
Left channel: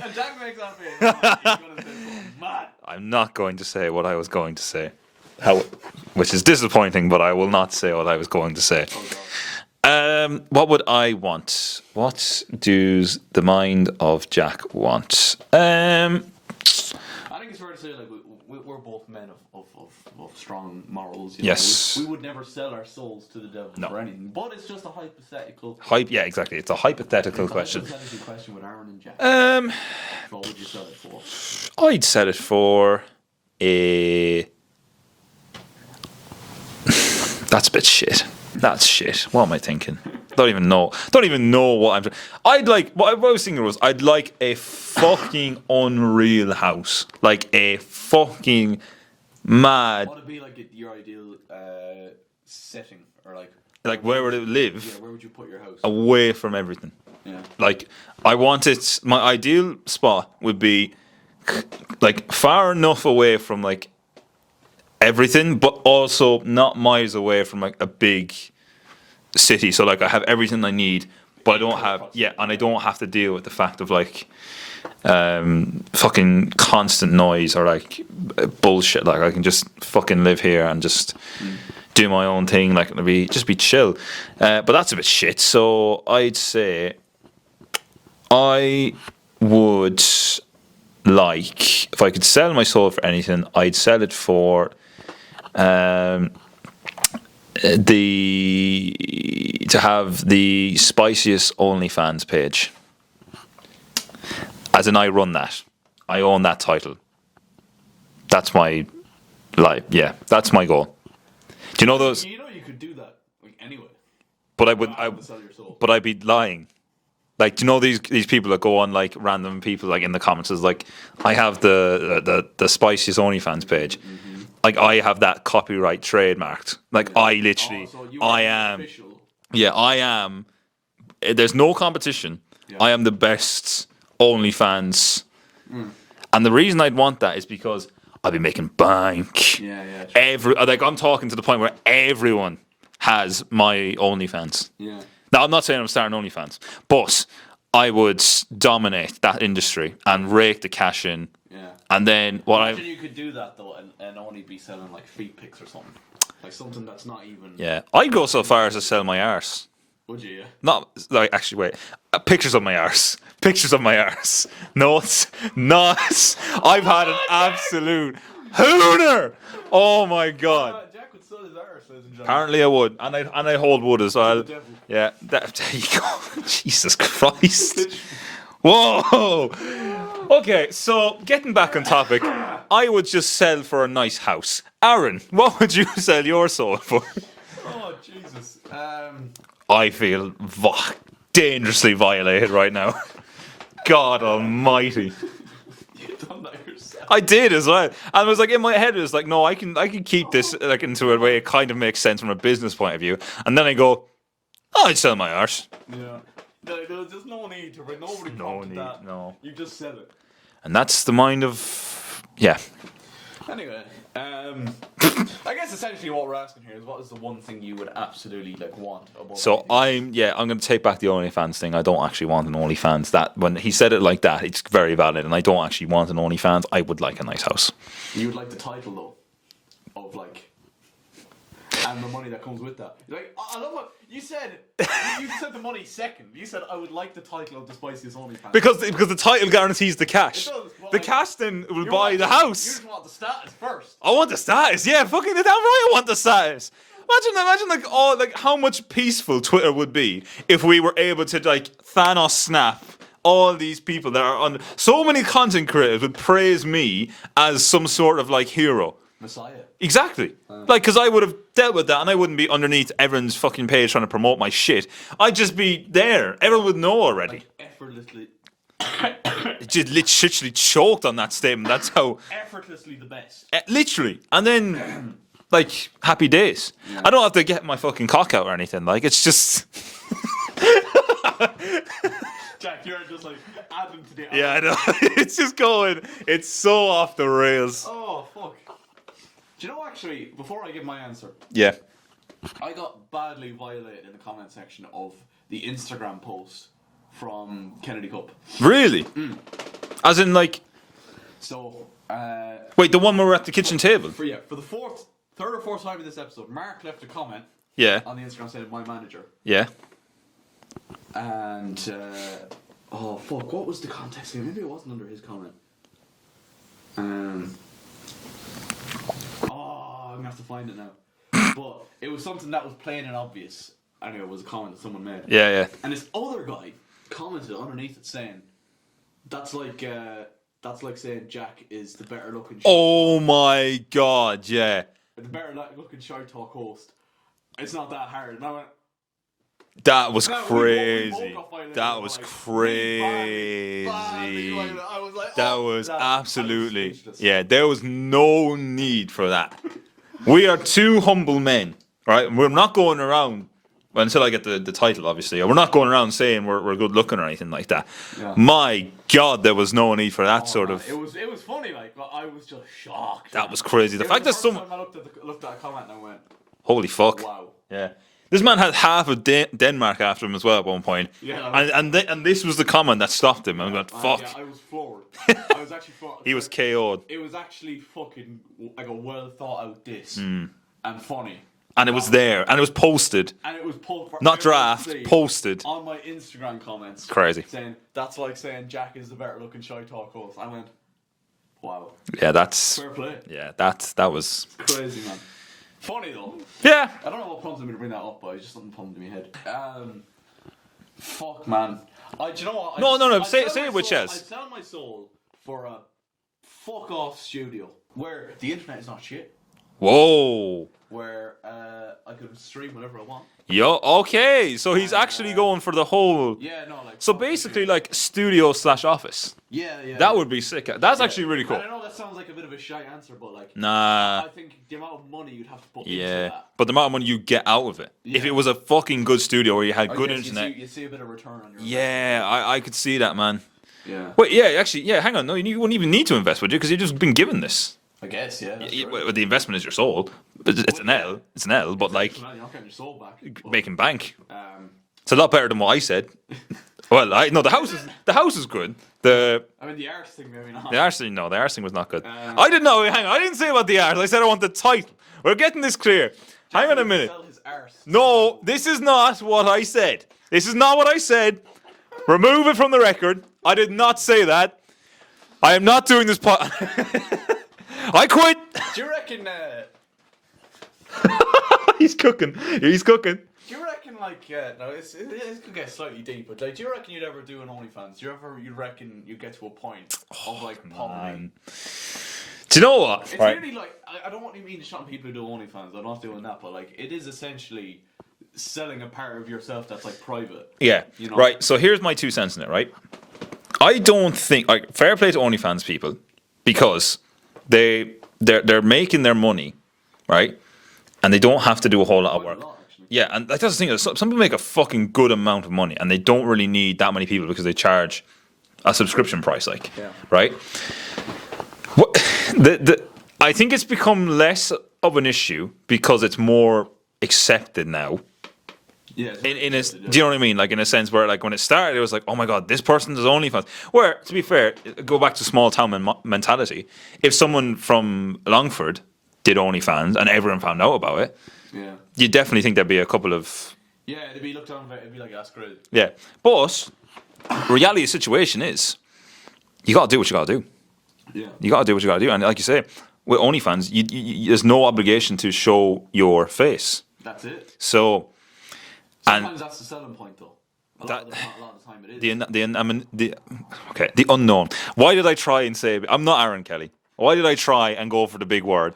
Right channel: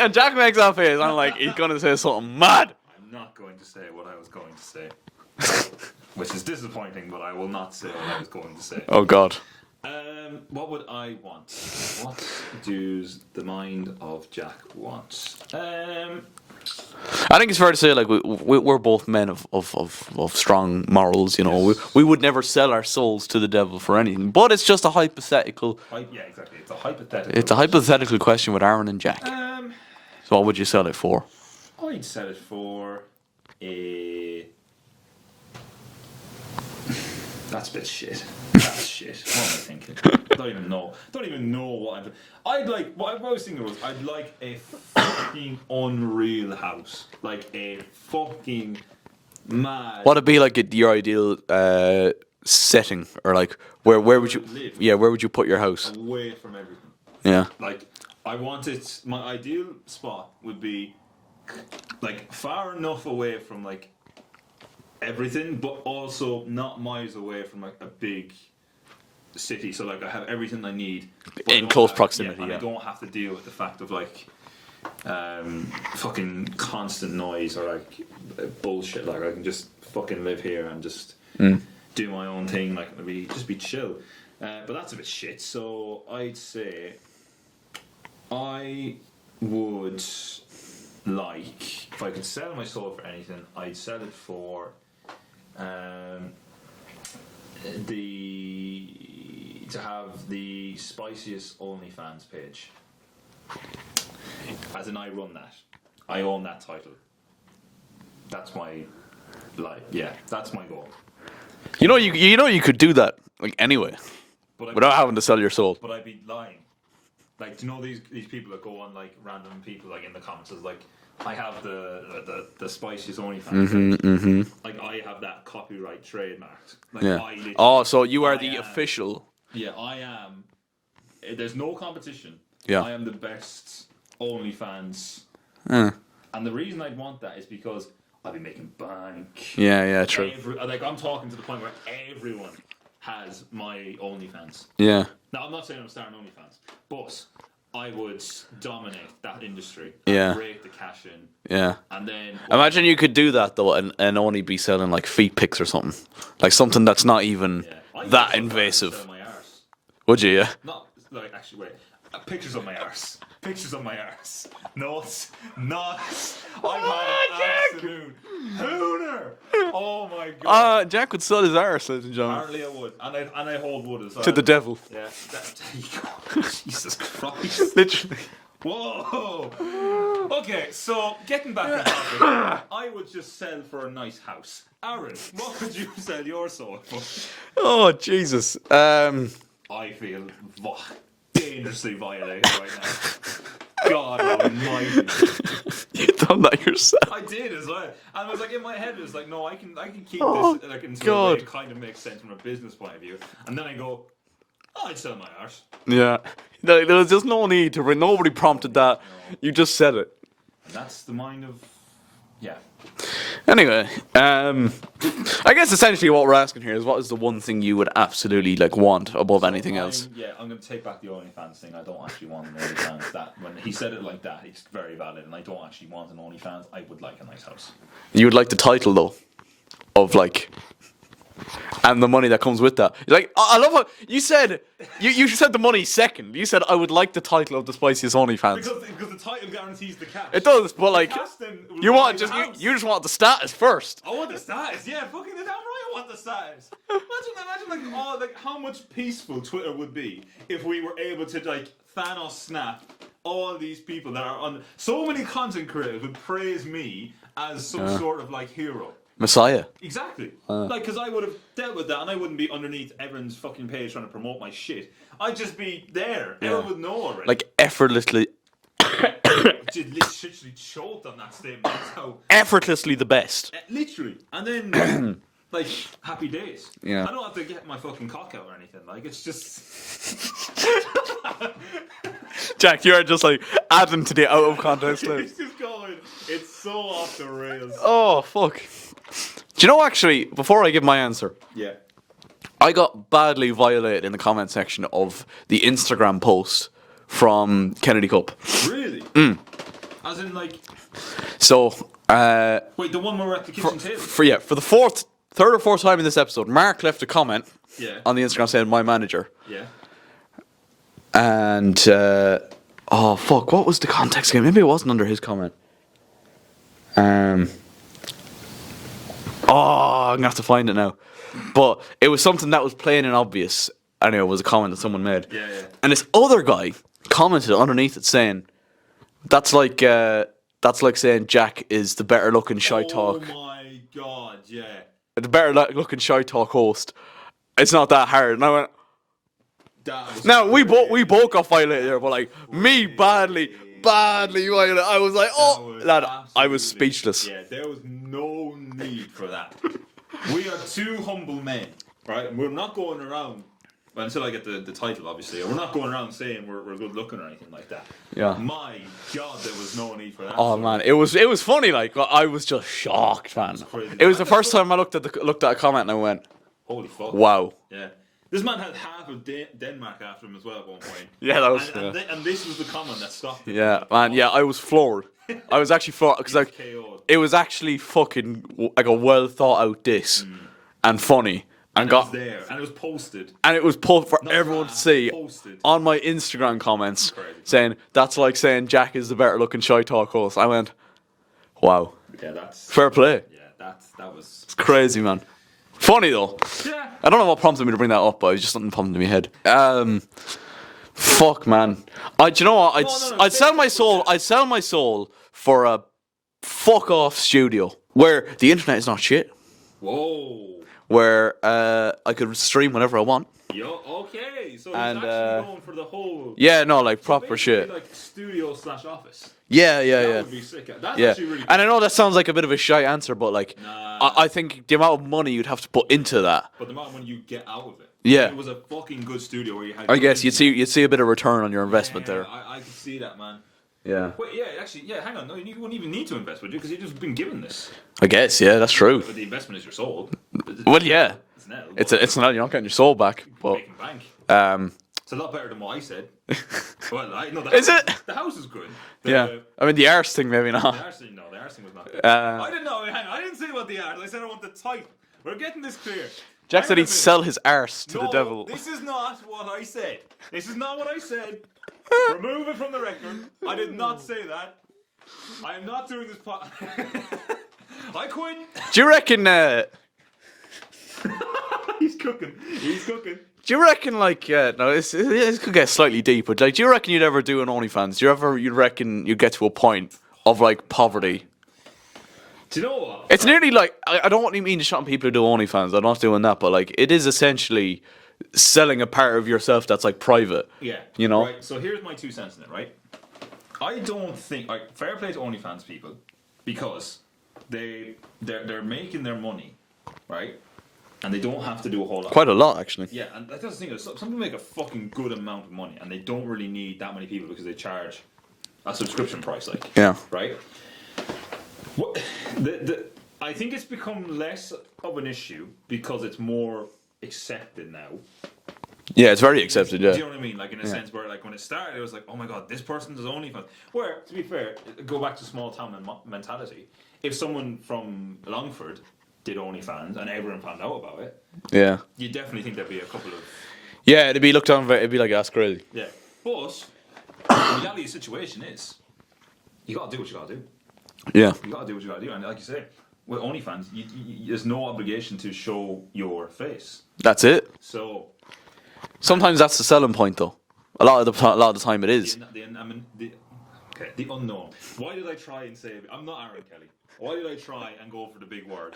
And Jack makes that face. I'm like, he's going to say something mad. I'm not going to say what I was going to say, which is disappointing. But I will not say what I was going to say. Oh God. What would I want? What does the mind of Jack want? I think it's fair to say, like, we're both men of strong morals. You know, Yes. we would never sell our souls to the devil for anything. But it's just a hypothetical. Yeah, exactly. It's a hypothetical. It's a question. hypothetical question with Aaron and Jack. What would you sell it for? I'd sell it for a. That's a bit shit. That's shit. What am I thinking? Don't even know what I'm. I'd like. What I was thinking was, I'd like a fucking unreal house, like a fucking mad. What'd it be like your ideal setting, or like where where would you it live? Yeah, where would you put your house? Away from everything. Yeah, Like, I want it. My ideal spot would be like far enough away from like everything, but also not miles away from like a big city. So like I have everything I need, but I In don't close have, proximity, and I yeah. don't have to deal with the fact of like fucking constant noise or like bullshit. Like I can just fucking live here and just do my own thing. Like it'll be just be chill. But that's a bit shit. So I'd say I would like, if I could sell my soul for anything, I'd sell it for to have the spiciest ONLYFANS page. As in, I run that. I own that title. That's my that's my goal. Do you know those- you could do that like anyway, but I without would having to sell your soul. but I'd be lying. Like, do you know these people that go on like random people like in the comments is like, I have the spiciest ONLYFANS page. Like I have that copyright trademarked. Like Yeah. I literally. Oh, so you are the am, official. Yeah, I am. There's no competition. Yeah. I am the best ONLYFANS. And the reason I'd want that is because I'd be making bank. Yeah, true. Like I'm talking to the point where everyone has my ONLYFANS. Yeah. Now, I'm not saying I'm starting ONLYFANS, but I would dominate that industry and Yeah. rake the cash in. Yeah. And then Imagine you could do that though, and only be selling like feet pics or something, like something that's not even. yeah, I'd go that so far as to invasive. sell my arse. Would you? Yeah. Not like actually, wait. Pictures of my arse. Pictures of my arse. No, it's not. I've had an absolute hooner. Oh my god. Jack would sell his arse, ladies and gentlemen. Apparently I would, and I hold wood as well. To the devil. Yeah, there you go. Jesus Christ. Whoa. Okay, so getting back on topic, I would just sell for a nice house. Aaron, what would you sell your soul for? Oh Jesus. I feel dangerously violated right now. God almighty. You done that yourself. I did as well. And I was like, in my head, it was like, no, I can keep this like into a way God. it kind of makes sense from a business point of view. And then I go, oh, I'd sell my arse. Yeah. There was just no need to. Nobody prompted that. no. You just said it. And that's the mind of, yeah. Anyway, I guess essentially what we're asking here is, what is the one thing you would absolutely like want above So anything else? I'm going to take back the ONLYFANS thing. I don't actually want an ONLYFANS. That when he said it like that, it's very valid. And I don't actually want an ONLYFANS. I would like a nice house. You would like the title though, of like, and the money that comes with that. Like, I love how you said you said the money second. You said I would like the title of the spiciest OnlyFans. Because the title guarantees the cash. It does, but the like casting will you buy want the house. You just want the status first. I want the status. Yeah, fucking the damn right I want the status. Imagine like all like how much peaceful Twitter would be if we were able to like Thanos snap all these people that are on. So many content creators would praise me as some sort of like hero. Messiah. Exactly. Like, because I would have dealt with that and I wouldn't be underneath everyone's fucking page trying to promote my shit. I'd just be there. Everyone would know already. Like effortlessly, just literally choked on that statement. That's how. effortlessly the best. Literally. And then, like, happy days. Yeah. I don't have to get my fucking cock out or anything. Like, it's just. Jack, you are just like adding to the I know. conversation. It's just going. It's so off the rails. Oh fuck. Do you know, actually, before I give my answer, Yeah. I got badly violated in the comment section of the Instagram post from Kennedy Cup. Really? As in, like. So, Wait, the one where we're at the kitchen table? for the third or fourth time in this episode, Mark left a comment Yeah. on the Instagram saying my manager. Yeah. And, oh fuck, what was the context again? Maybe it wasn't under his comment. Oh, I'm gonna have to find it now. But it was something that was plain and obvious. Anyway, it was a comment that someone made. Yeah, yeah. And this other guy commented underneath it saying, that's like saying Jack is the better looking Oh ShiteTalk. my god, yeah. The better looking ShiteTalk host. it's not that hard. And I went, That was now crazy. we both got violated, That but was like crazy. me badly violated. I was like, That oh, was lad, absolutely. I was speechless. Yeah, there was no need for that. We are two humble men, right? We're not going around until I get the title, obviously. We're not going around saying we're good looking or anything like that. Yeah. My God, there was no need for that Oh sort man, of. it was funny. Like I was just shocked. That was crazy. It was fact the that first someone- time I looked at a comment and I went, Holy fuck! wow. Yeah. This man had half of Denmark after him as well at one point. Yeah, that was- and this was the comment that stopped him. Yeah, I went, man. "Fuck." Yeah, I was floored. I was actually floored. 'Cause, He was like, KO'd. it was actually fucking like a well thought out diss and funny. And it was there. And it was posted. And it was pulled for Not everyone draft, to see. posted. On my Instagram comments. Crazy. Saying, that's like saying Jack is the better looking ShiteTalk host. I went, wow. Yeah, that's... Fair play. Yeah, that was... Crazy, man. Funny, though. Yeah. I don't know what prompted me to bring that up, but it was just something pumped in my head. Fuck, man. Do you know what? No, I'd say sell it my with soul. chest. I'd sell my soul for a fuck off studio where the internet is not shit. Whoa. Where I could stream whenever I want. Yo, okay. So he's And, actually going for the whole... Yeah, no, like So proper basically shit. like studio/office. Yeah. That would be sick. That's Yeah. actually really cool. And I know that sounds like a bit of a shy answer, but like, Nah. I think the amount of money you'd have to put into Yeah. that. But the amount of money you get out of it. Yeah. If it was a fucking good studio where you had I good guess you'd internet. see a bit of return on your investment Yeah, there. I could see that, man. Yeah. Wait, yeah, actually, yeah, hang on. No, you wouldn't even need to invest, would you? Because you've just been given this. I guess, yeah, that's true. But the investment is your soul. Well, yeah. It's an L, but It's, like, it's not, you're not getting your soul back. But, making bank. um, It's a lot better than what I said. Well, the house. Is it? The house is good. yeah. I mean, the arse thing, maybe not. The arse thing, no, the arse thing was not good. I didn't know. Hang on, I didn't say about the arse. I said I want the title. We're getting this clear. Jack Hang said on a he'd minute. sell his arse to the No, devil. this is not what I said. This is not what I said. Remove it from the record. I did not say that. I am not doing this pot. I quit. Do you reckon? He's cooking. He's cooking. Do you reckon? Like, no, this could get slightly deep, but like, do you reckon you'd ever do an OnlyFans? Do you reckon you'd get to a point of like poverty? Do you know what? It's Right. nearly like I don't want to mean to shut on people who do OnlyFans. I'm not doing that, but like, it is essentially selling a part of yourself that's like private. Yeah. You know? Right. So here's my 2 cents in it. Right. I don't think like fair play to OnlyFans people because they're making their money, right? And they don't have to do a whole lot. Quite a lot, actually. Yeah, and like, that's the thing. Some people make a fucking good amount of money, and they don't really need that many people because they charge a subscription price. Like, Yeah. right. What I think it's become less of an issue because it's more accepted now. Yeah, it's very In a- accepted. Yeah. Do you know what I mean? Like in a sense where like when it started, it was like, oh my god, this person does OnlyFans. Where to be fair, go back to small town mentality. If someone from Longford did OnlyFans and everyone found out about it, Yeah. you definitely think there'd be a couple of Yeah, it'd be looked on. It'd be like that's crazy. yeah. But reality of the situation is, you gotta do what you gotta do. Yeah. You gotta do what you gotta do, and like you say, with OnlyFans, there's no obligation to show your face. That's it. So Sometimes that's the selling point, though. A lot of the time, it is. the unknown. Why did I try and say? I'm not Aaron Kelly. Why did I try and go for the big word?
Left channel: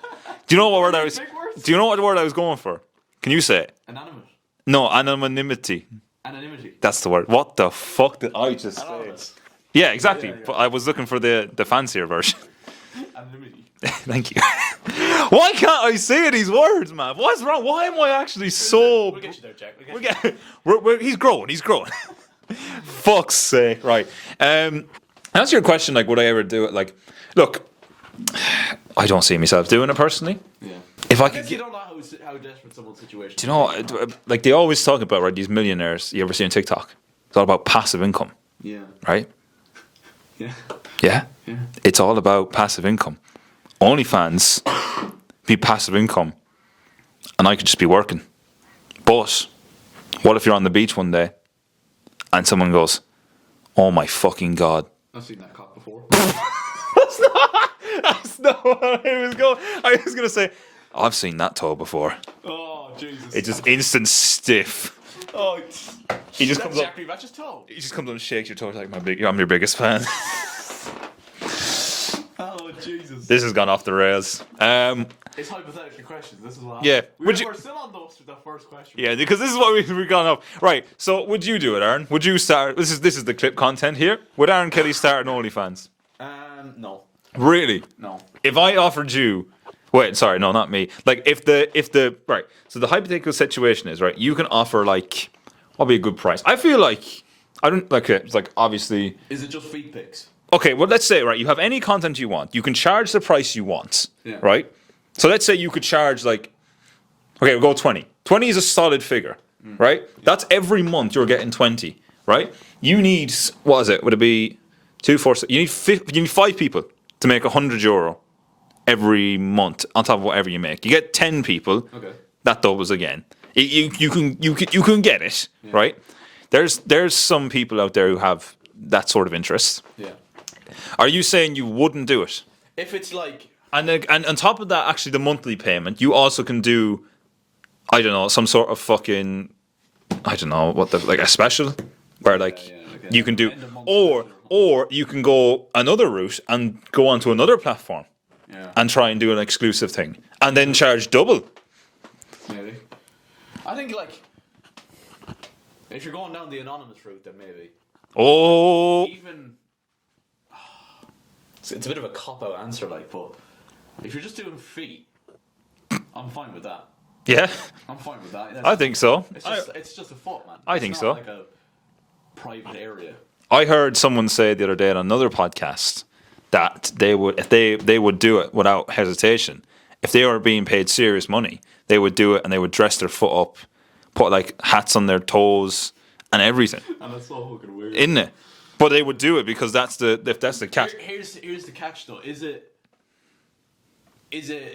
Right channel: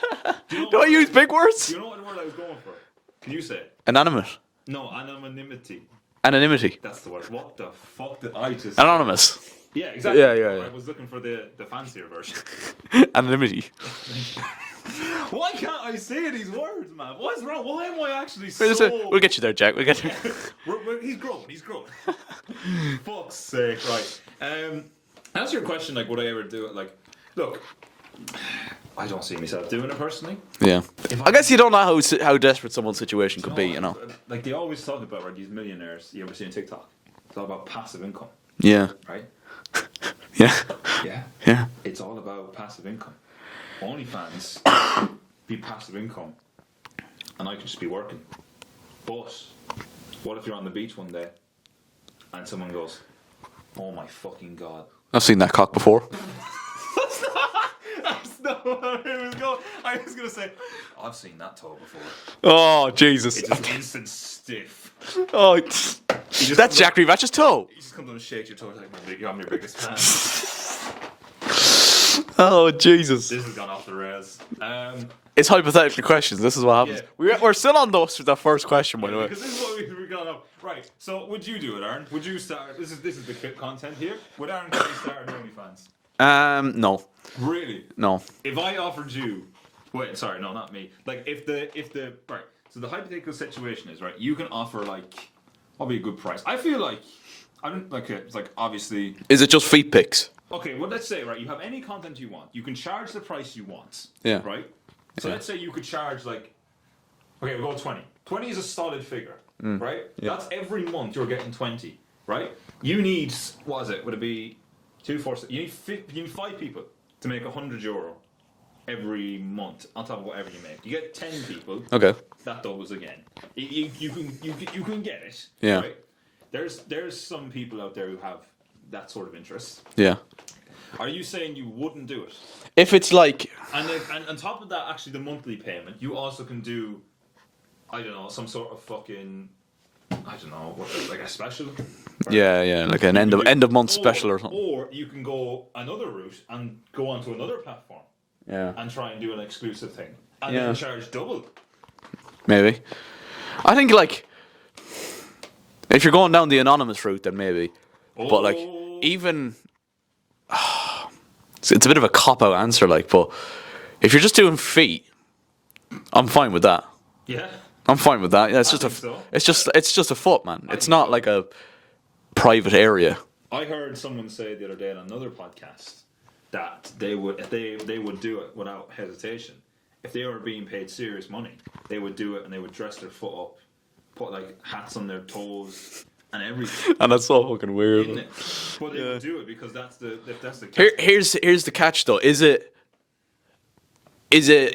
Do you know what Don't word I use was, big words. Do you know what word I was going for? Can you say it? Inanimate. No, anonymity. Anonymity. That's the word. What the fuck did I just? Anonymous. Yeah, exactly. Yeah, yeah, But yeah. I was looking for the fancier version. Anonymity. Thank you. Why can't I say these words, man? What's wrong? Why am I actually so? We'll get you there, Jack. We'll get you. He's growing. He's growing. Fuck's sake! Right. Answer your question. Like, would I ever do it? Like, look, I don't see myself doing it personally. Yeah. If I guess you don't know how desperate someone's situation You could know, be. You know? like they always talk about right these millionaires. You ever see on TikTok? It's all about passive income, Yeah. right? Yeah. Yeah. Yeah. It's all about passive income. OnlyFans be passive income, and I could just be working. But what if you're on the beach one day and someone goes, "Oh my fucking god"? I've seen that cock before. That's not what I was going. I was gonna say, I've seen that toe before. Oh Jesus! It's just instant stiff. Oh, just that's Jack Revatch's toe. He just comes up and shakes your toe like I'm your biggest fan. Oh Jesus! This has gone off the rails. It's hypothetical questions. This is what happens. Yeah. We're still on the first question. by Yeah, the way. because this is what we've gone up. Right. So would you do it, Aaron? Would you start? This is the clip content here. Would Aaron Kelly start an OnlyFans? No, Really? no. If I offered you, wait, sorry, no, not me. Like if the right. So the hypothetical situation is right. You can offer like, what'd be a good price? I feel like I don't like it. It's like obviously. Is it just feet pics? Okay, well, let's say, right, you have any content you want. You can charge the price you want, Yeah. right? So let's say you could charge, like, okay, we'll go 20. 20 is a solid figure, right? That's every month you're getting 20, right? You need, what is it? Would it be 2, 4, 6? You need 5 people to make €100 every month on top of whatever you make. You get 10 people, Okay. that doubles again. You can get it, Yeah. right? There's some people out there who have that sort of interest. Yeah. Are you saying you wouldn't do it? If it's like, And on top of that, actually, the monthly payment, you also can do, I don't know, some sort of fucking, I don't know, like a special? Where, like an you end can of, do- end of month special or something. Or you can go another route and go onto another platform Yeah. and try and do an exclusive thing. And Yeah. then charge double. Maybe. I think like, if you're going down the anonymous route, then maybe. But, Oh. like, even it's a bit of a cop out answer, like, but if you're just doing feet, I'm fine with that. Yeah. I'm fine with that. Yeah, it's I just think so. It's just a foot, man. I It's think not so. like a private area. I heard someone say the other day on another podcast that they would, if they would do it without hesitation. If they were being paid serious money, they would do it and they would dress their foot up, put like hats on their toes and everything, And that's so fucking weird. isn't it? But they would do it because that's the catch. Here's the catch though. Is it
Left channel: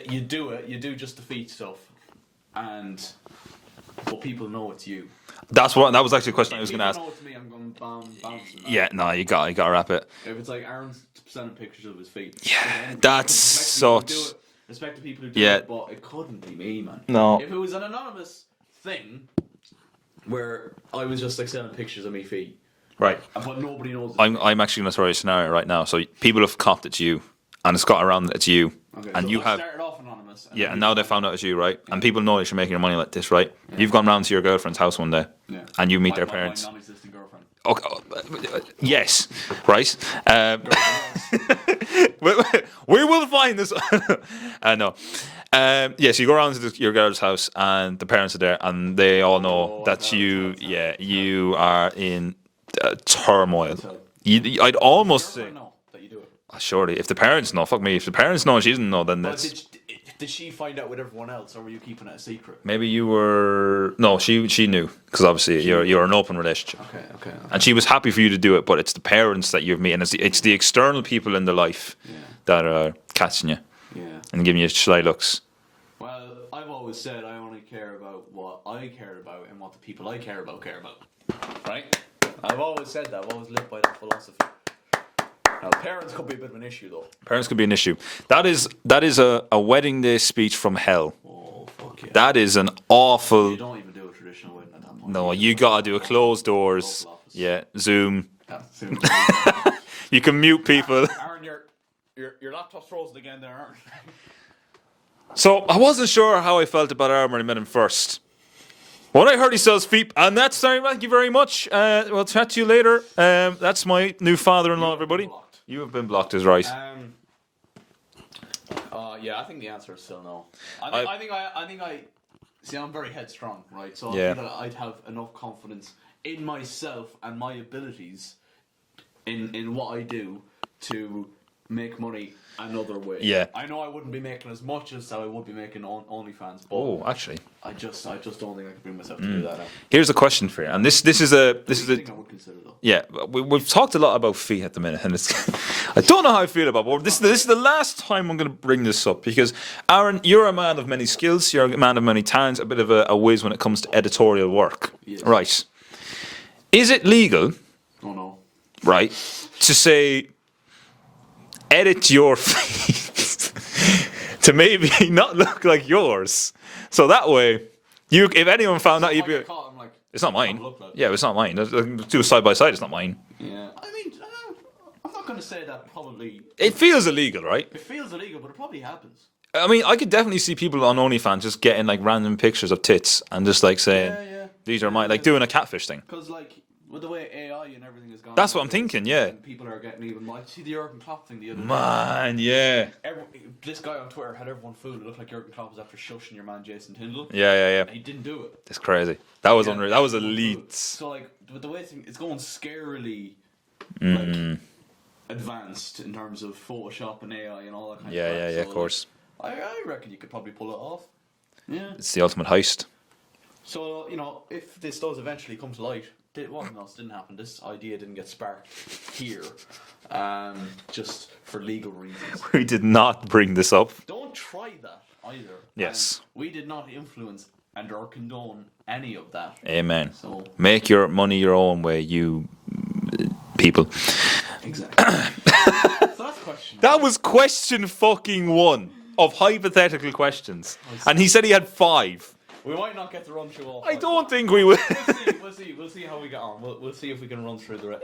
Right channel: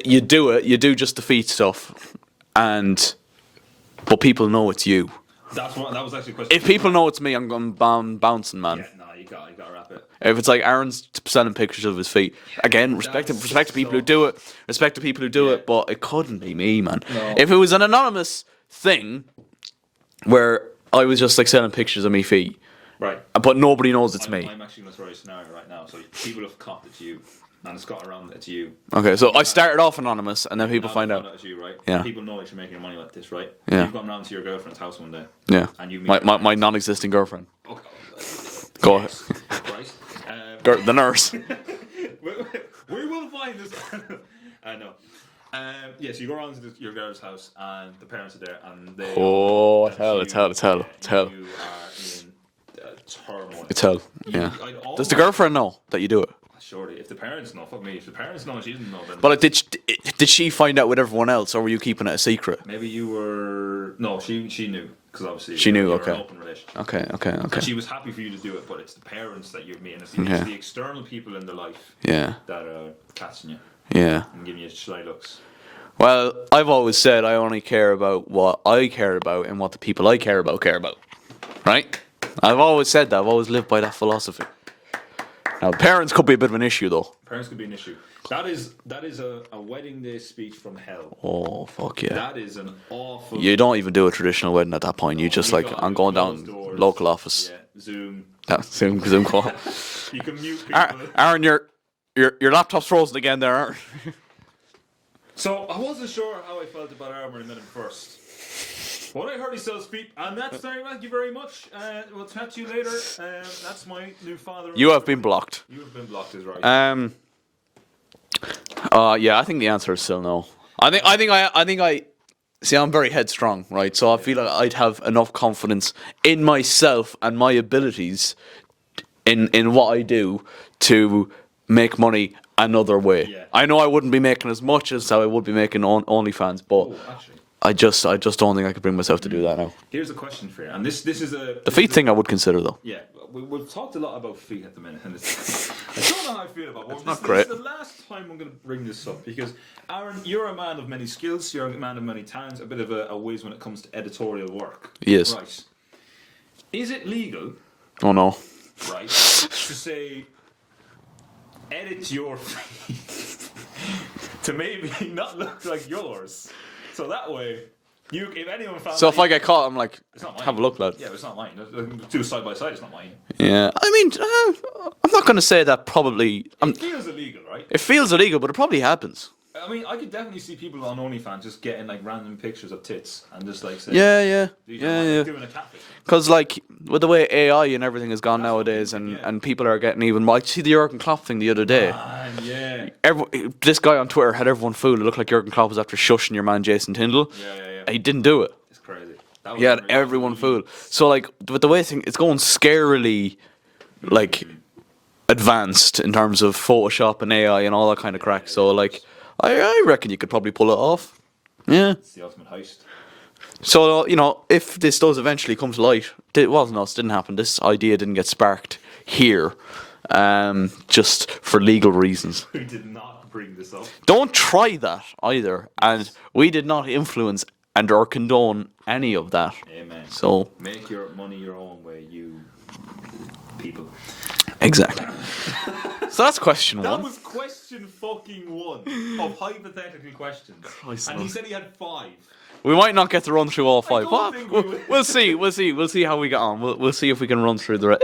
you do just the feet stuff, but people know it's you. That was actually a question. I If was people gonna know it's me, I'm going bouncing, man. ask. Yeah, no, you got to wrap it. If it's like Aaron's sending pictures of his feet, again, respect to people who do it. Respect to people who do Yeah. it, but it couldn't be me, man. No. If it was an anonymous thing where I was just like sending pictures of me feet, Right. but nobody knows it's me. I'm actually going to throw you a scenario right now. So people have copped it's you, and it's got around that it's you. Okay, And so you I have- started off anonymous, and Yeah, then people now they find found out. out it's you, right? Yeah. And people know that you're making your money like this, right? Yeah. You've gone round to your girlfriend's house one day. Yeah, And you meet my, their my parents. non-existing girlfriend, Okay. Go on. Yes. Right. the nurse. We will find this. No. Yes, you go around to your girl's house, and the parents are there, and they all know Oh, that you are in turmoil. Tell. You, Yeah. I'd Does almost the girlfriend know that you do it? surely if the parents know, fuck me. If the parents know, and she doesn't know, then But that's- did she find out with everyone else, or were you keeping it a secret? maybe you were no. She knew because obviously She you're, knew, you're an okay. open relationship. Okay. And she was happy for you to do it, but it's the parents that you've met, and it's Yeah. the external people in the life Yeah. that are catching you Yeah. and giving you sly looks. Well, I've always said I only care about what I care about and what the people I care about. Right? I've always said that. I've always lived by that philosophy. Now, parents could be a bit of an issue, though. Parents could be an issue. That is a wedding day speech from hell. Oh, fuck yeah. That is an awful. You don't even do a traditional wedding at that point. No, you just gotta I'm do going closed down doors, local office. Yeah, Zoom. Zoom call. You can mute people. Aaron, your laptop's frozen again there, Aaron. So I wasn't sure how I felt about Aaron when I met him first. When I heard he sells feet, and that's sorry, thank you very much. We'll chat to you later. That's my new father-in-law. You have everybody. been blocked. You have been blocked, is right. Yeah, I think the answer is still no. I think see. I'm very headstrong, right? So I Yeah. feel like I'd have enough confidence in myself and my abilities in what I do to make money another way. Yeah. I know I wouldn't be making as much as I would be making on OnlyFans, but oh, actually, I just don't think I could bring myself to do that now. here's a question for you, and this is a The feet thing I would consider though. Yeah, we've talked a lot about feet at the minute, and it's, I don't know how I feel about it. But this is the last time I'm going to bring this up because, Aaron, you're a man of many skills, you're a man of many talents, a bit of a whiz when it comes to editorial work. Yes. Right. Is it legal, Oh no. right, to say, edit your feet to maybe not look like yours? So that way, if anyone found So out... if I get caught, I'm like, It's not mine. have a look, lad. Yeah, it's not mine. Do a side by side, it's not mine. Yeah. I mean, I'm not going to say that probably. It feels illegal, right? It feels illegal, but it probably happens. I mean, I could definitely see people on OnlyFans just getting like random pictures of tits and just like saying, Yeah. these are mine, like doing a catfish thing. Because like with the way AI and everything has gone That's what I'm nowadays, thinking, and, yeah. and people are getting even. I see the Jurgen Klopp thing the other day. Man, yeah. This guy on Twitter had everyone fooled. It looked like Jurgen Klopp was after shushing your man Jason Tyndall. Yeah. He didn't do it. It's crazy. That was Yeah, unreal. That was everyone elite. fooled. So like with the way it's going scarily, like advanced in terms of Photoshop and AI and all that kind of Yeah, crack. yeah, so of like, course. I reckon you could probably pull it off. Yeah. It's the ultimate heist. So if this does eventually come to light, it wasn't us. Didn't happen. This idea didn't get sparked here, just for legal reasons. We did not bring this up. Don't try that either. Yes. And we did not influence and or condone any of that. Amen. So Make your money your own way, you people. exactly. So that's question one. That was question fucking 1 of hypothetical questions. And he said he had 5. We might not get to run through all 5. don't think we will. We'll see. We'll see how we get on. We'll see if we can run through the rest.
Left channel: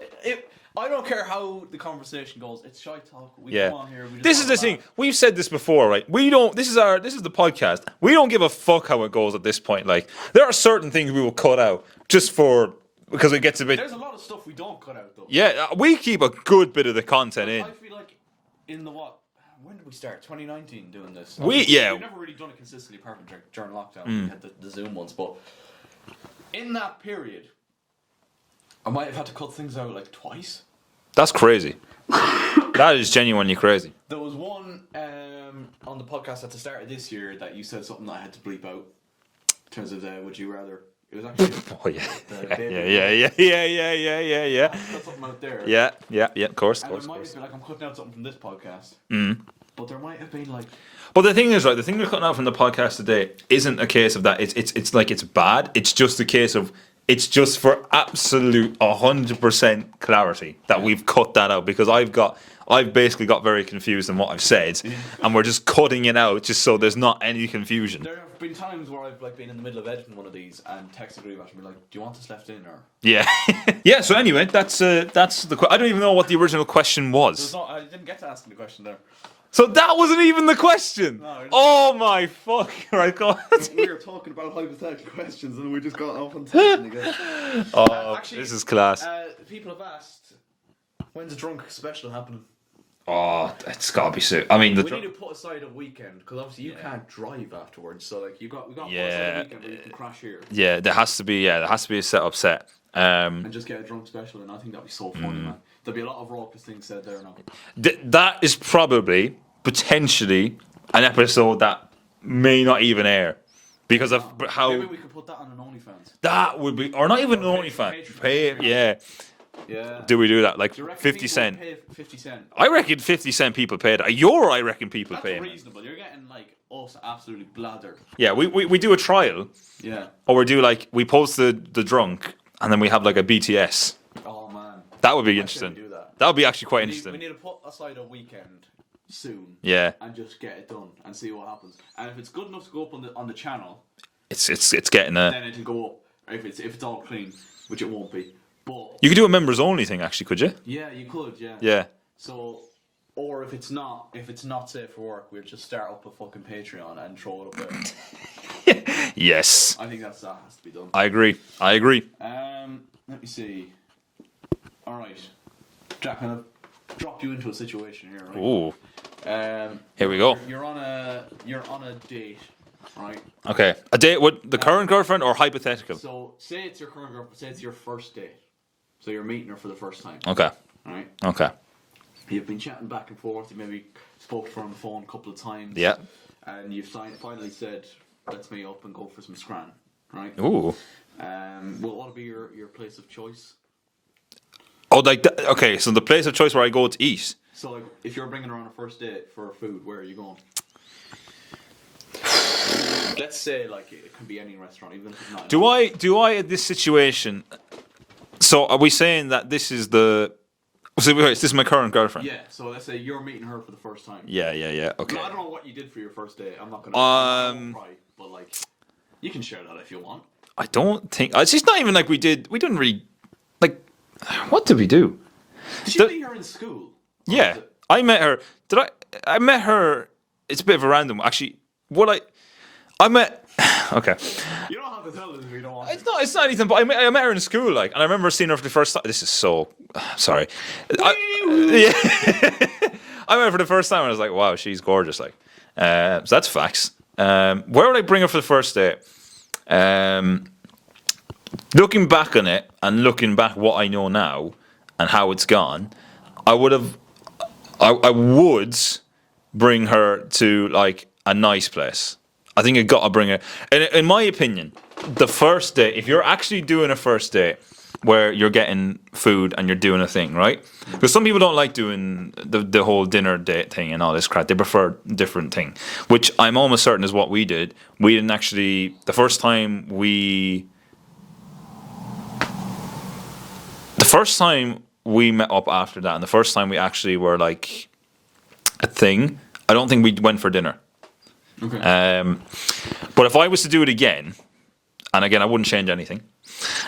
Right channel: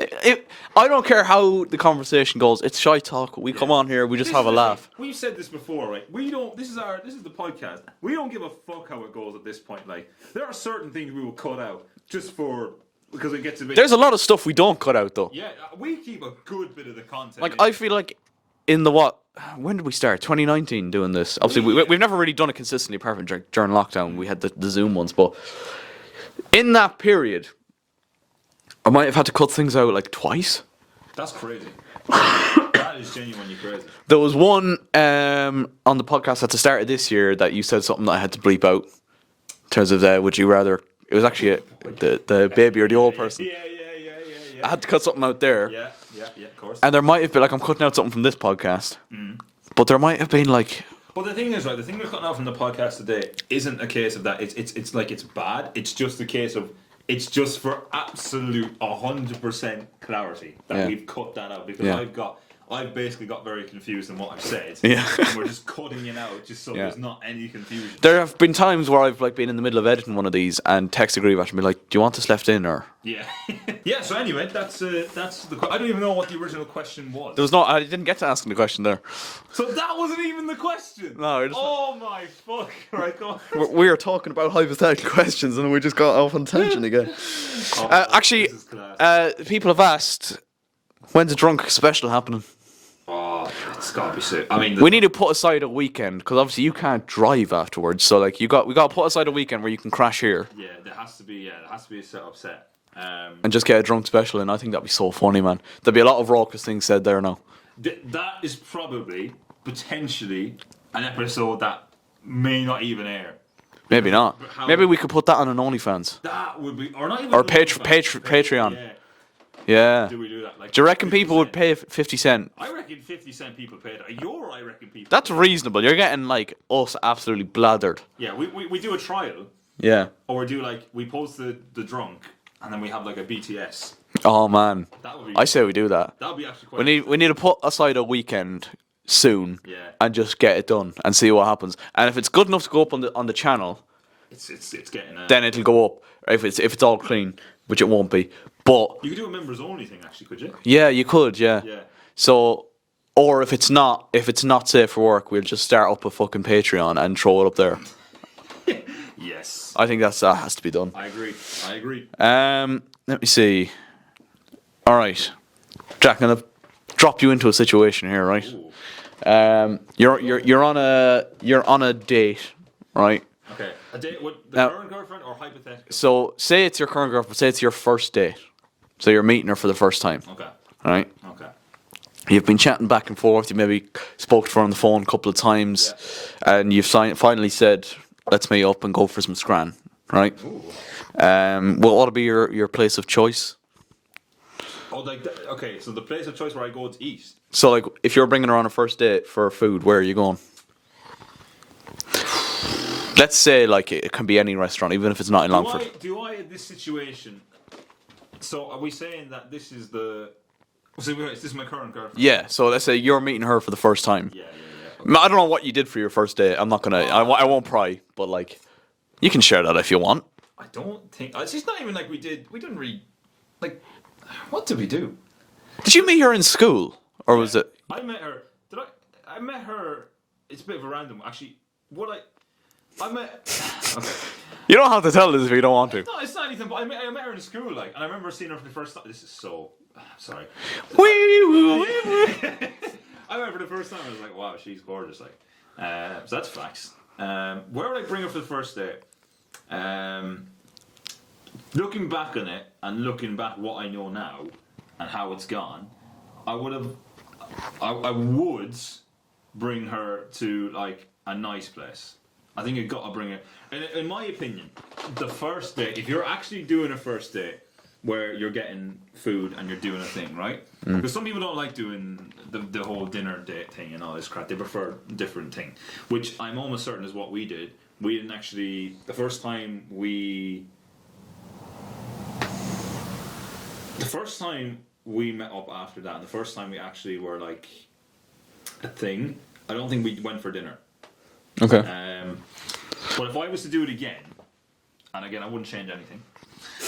I don't care how the conversation goes. It's ShiteTalk. We come on here. We just this have is a the laugh. thing. We've said this before, right? We don't. This is the podcast. We don't give a fuck how it goes at this point. Like there are certain things we will cut out just because it gets a bit. There's a lot of stuff we don't cut out though. Yeah, we keep a good bit of the content. Like in. I feel like in the when did we start? 2019 doing this. Obviously, Yeah. we've never really done it consistently apart from during lockdown. We had the Zoom ones, but in that period, I might have had to cut things out like twice. That's crazy. That is genuinely crazy. There was one on the podcast at the start of this year that you said something that I had to bleep out in terms of would you rather. It was actually the baby or the old person. Yeah. I had to cut something out there. Yeah, of course. And there might have been like I'm cutting out something from this podcast, but there might have been like. But the thing is, right, the thing we're cutting out from the podcast today isn't a case of that. It's like it's bad. It's just a case of it's just for absolute 100% clarity that we've cut that out because I've basically got very confused in what I've said, and we're just cutting it out just so there's not any confusion. There have been times where I've like been in the middle of editing one of these and texted Grieve and be like, "Do you want this left in or?" Yeah, yeah. So anyway, that's the. I don't even know what the original question was. There was no. I didn't get to asking the question there. So that wasn't even the question. No. Oh my fuck! Right, go on. We were talking about hypothetical questions and we just got off on tangent again. Actually, this is class. People have asked, when's a drunk special happening? Oh, it's gotta be soon. I mean, We need to put aside a weekend because obviously you can't drive afterwards. So like we got to put aside a weekend where you can crash here Yeah, there has to be a set-up set. and just get a drunk special. And I think that'd be so funny, man. There'd be a lot of raucous things said there now. That is probably potentially an episode that may not even air. Maybe Because not. of how- Maybe we could put that on an OnlyFans. That would be, or not even Or an Patreon. Yeah. Yeah. Do we do that? Like, Do you reckon 50 people cent? would pay 50 cent? I reckon 50 cent people paid. I reckon people. That's paid. reasonable. You're getting like us absolutely blathered. Yeah, we do a trial, Yeah. or we do like we post the drunk, and then we have like a BTS. Oh man. That would be. I say we interesting. do that. That would be actually quite. We need to put aside a weekend soon. Yeah. And just get it done and see what happens. And if it's good enough to go up on the channel, It's getting a. then it'll go up. If it's all clean, which it won't be. But You could do a members only thing, actually, could you? yeah, you could. Yeah. Yeah. So, or if it's not safe for work, we'll just start up a fucking Patreon and throw it up there. Yes. I think that has to be done. I agree. Let me see. All right, Jack, I'm gonna drop you into a situation here, right? Ooh. Here we go. You're on a date, right? Okay. A date with the current girlfriend or hypothetical? So say it's your current girlfriend. Say it's your first date. So you're meeting her for the first time. Okay. Right? Okay. You've been chatting back and forth. You maybe spoke to her on the phone a couple of times. Yeah. And you've finally said, "Let's meet up and go for some scran." Right? Ooh. What ought to be your place of choice? Oh, like okay. So the place of choice where I go to eat. So like, if you're bringing her on a first date for food, where are you going? Let's say like it can be any restaurant, even if it's not in Longford. Do I at this situation? So are we saying that this is the? So wait, is this my current girlfriend? Yeah. So let's say you're meeting her for the first time. Yeah. Okay. No, I don't know what you did for your first date. I'm not gonna. I won't pry. But like, you can share that if you want. I don't think it's just not even like we didn't really like. What did we do? Did you meet her in school, or was it? I met her. I met her it's a bit of a random. Actually, I met. Okay. You don't have to tell us if you don't want to. It's not anything, but I met her in school, like, and I remember seeing her for the first time. This is so. Sorry. Yeah. I met her for the first time, and I was like, wow, she's gorgeous, like. So that's facts. Where would I bring her for the first date? Looking back on it, and looking back what I know now, and how it's gone, I would bring her to, like, a nice place. I think I got to bring her. In my opinion, the first date, if you're actually doing a first date where you're getting food and you're doing a thing, right? Because some people don't like doing the whole dinner date thing and all this crap. They prefer a different thing, which I'm almost certain is what we did. We didn't actually. The first time we met up after that, and the first time we actually were like a thing, I don't think we went for dinner. Okay. But if I was to do it again, and again, I wouldn't change anything.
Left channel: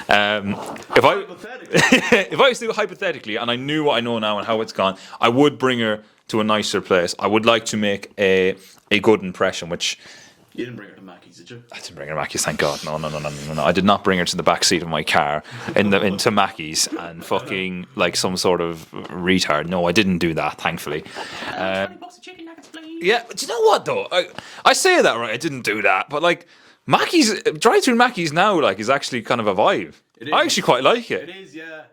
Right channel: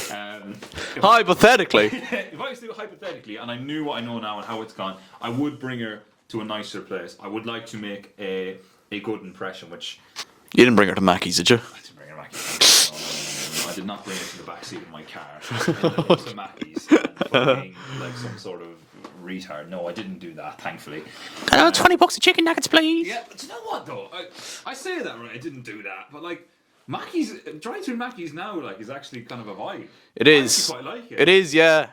Hypothetically. If I was to do it hypothetically, and I knew what I know now and how it's gone, I would bring her to a nicer place. I would like to make a good impression, which... You didn't bring her to Mackey's, did you? I didn't bring her to Mackey's, thank God. No. I did not bring her to the back seat of my car into Mackey's and fucking like some sort of retard. No, I didn't do that, thankfully. $20 a chicken nuggets, please. Yeah, but you know what though? I say that right. I didn't do that, but like Mackey's drive-through Mackey's now like is actually kind of a vibe. It is. I actually quite like it. It is, yeah.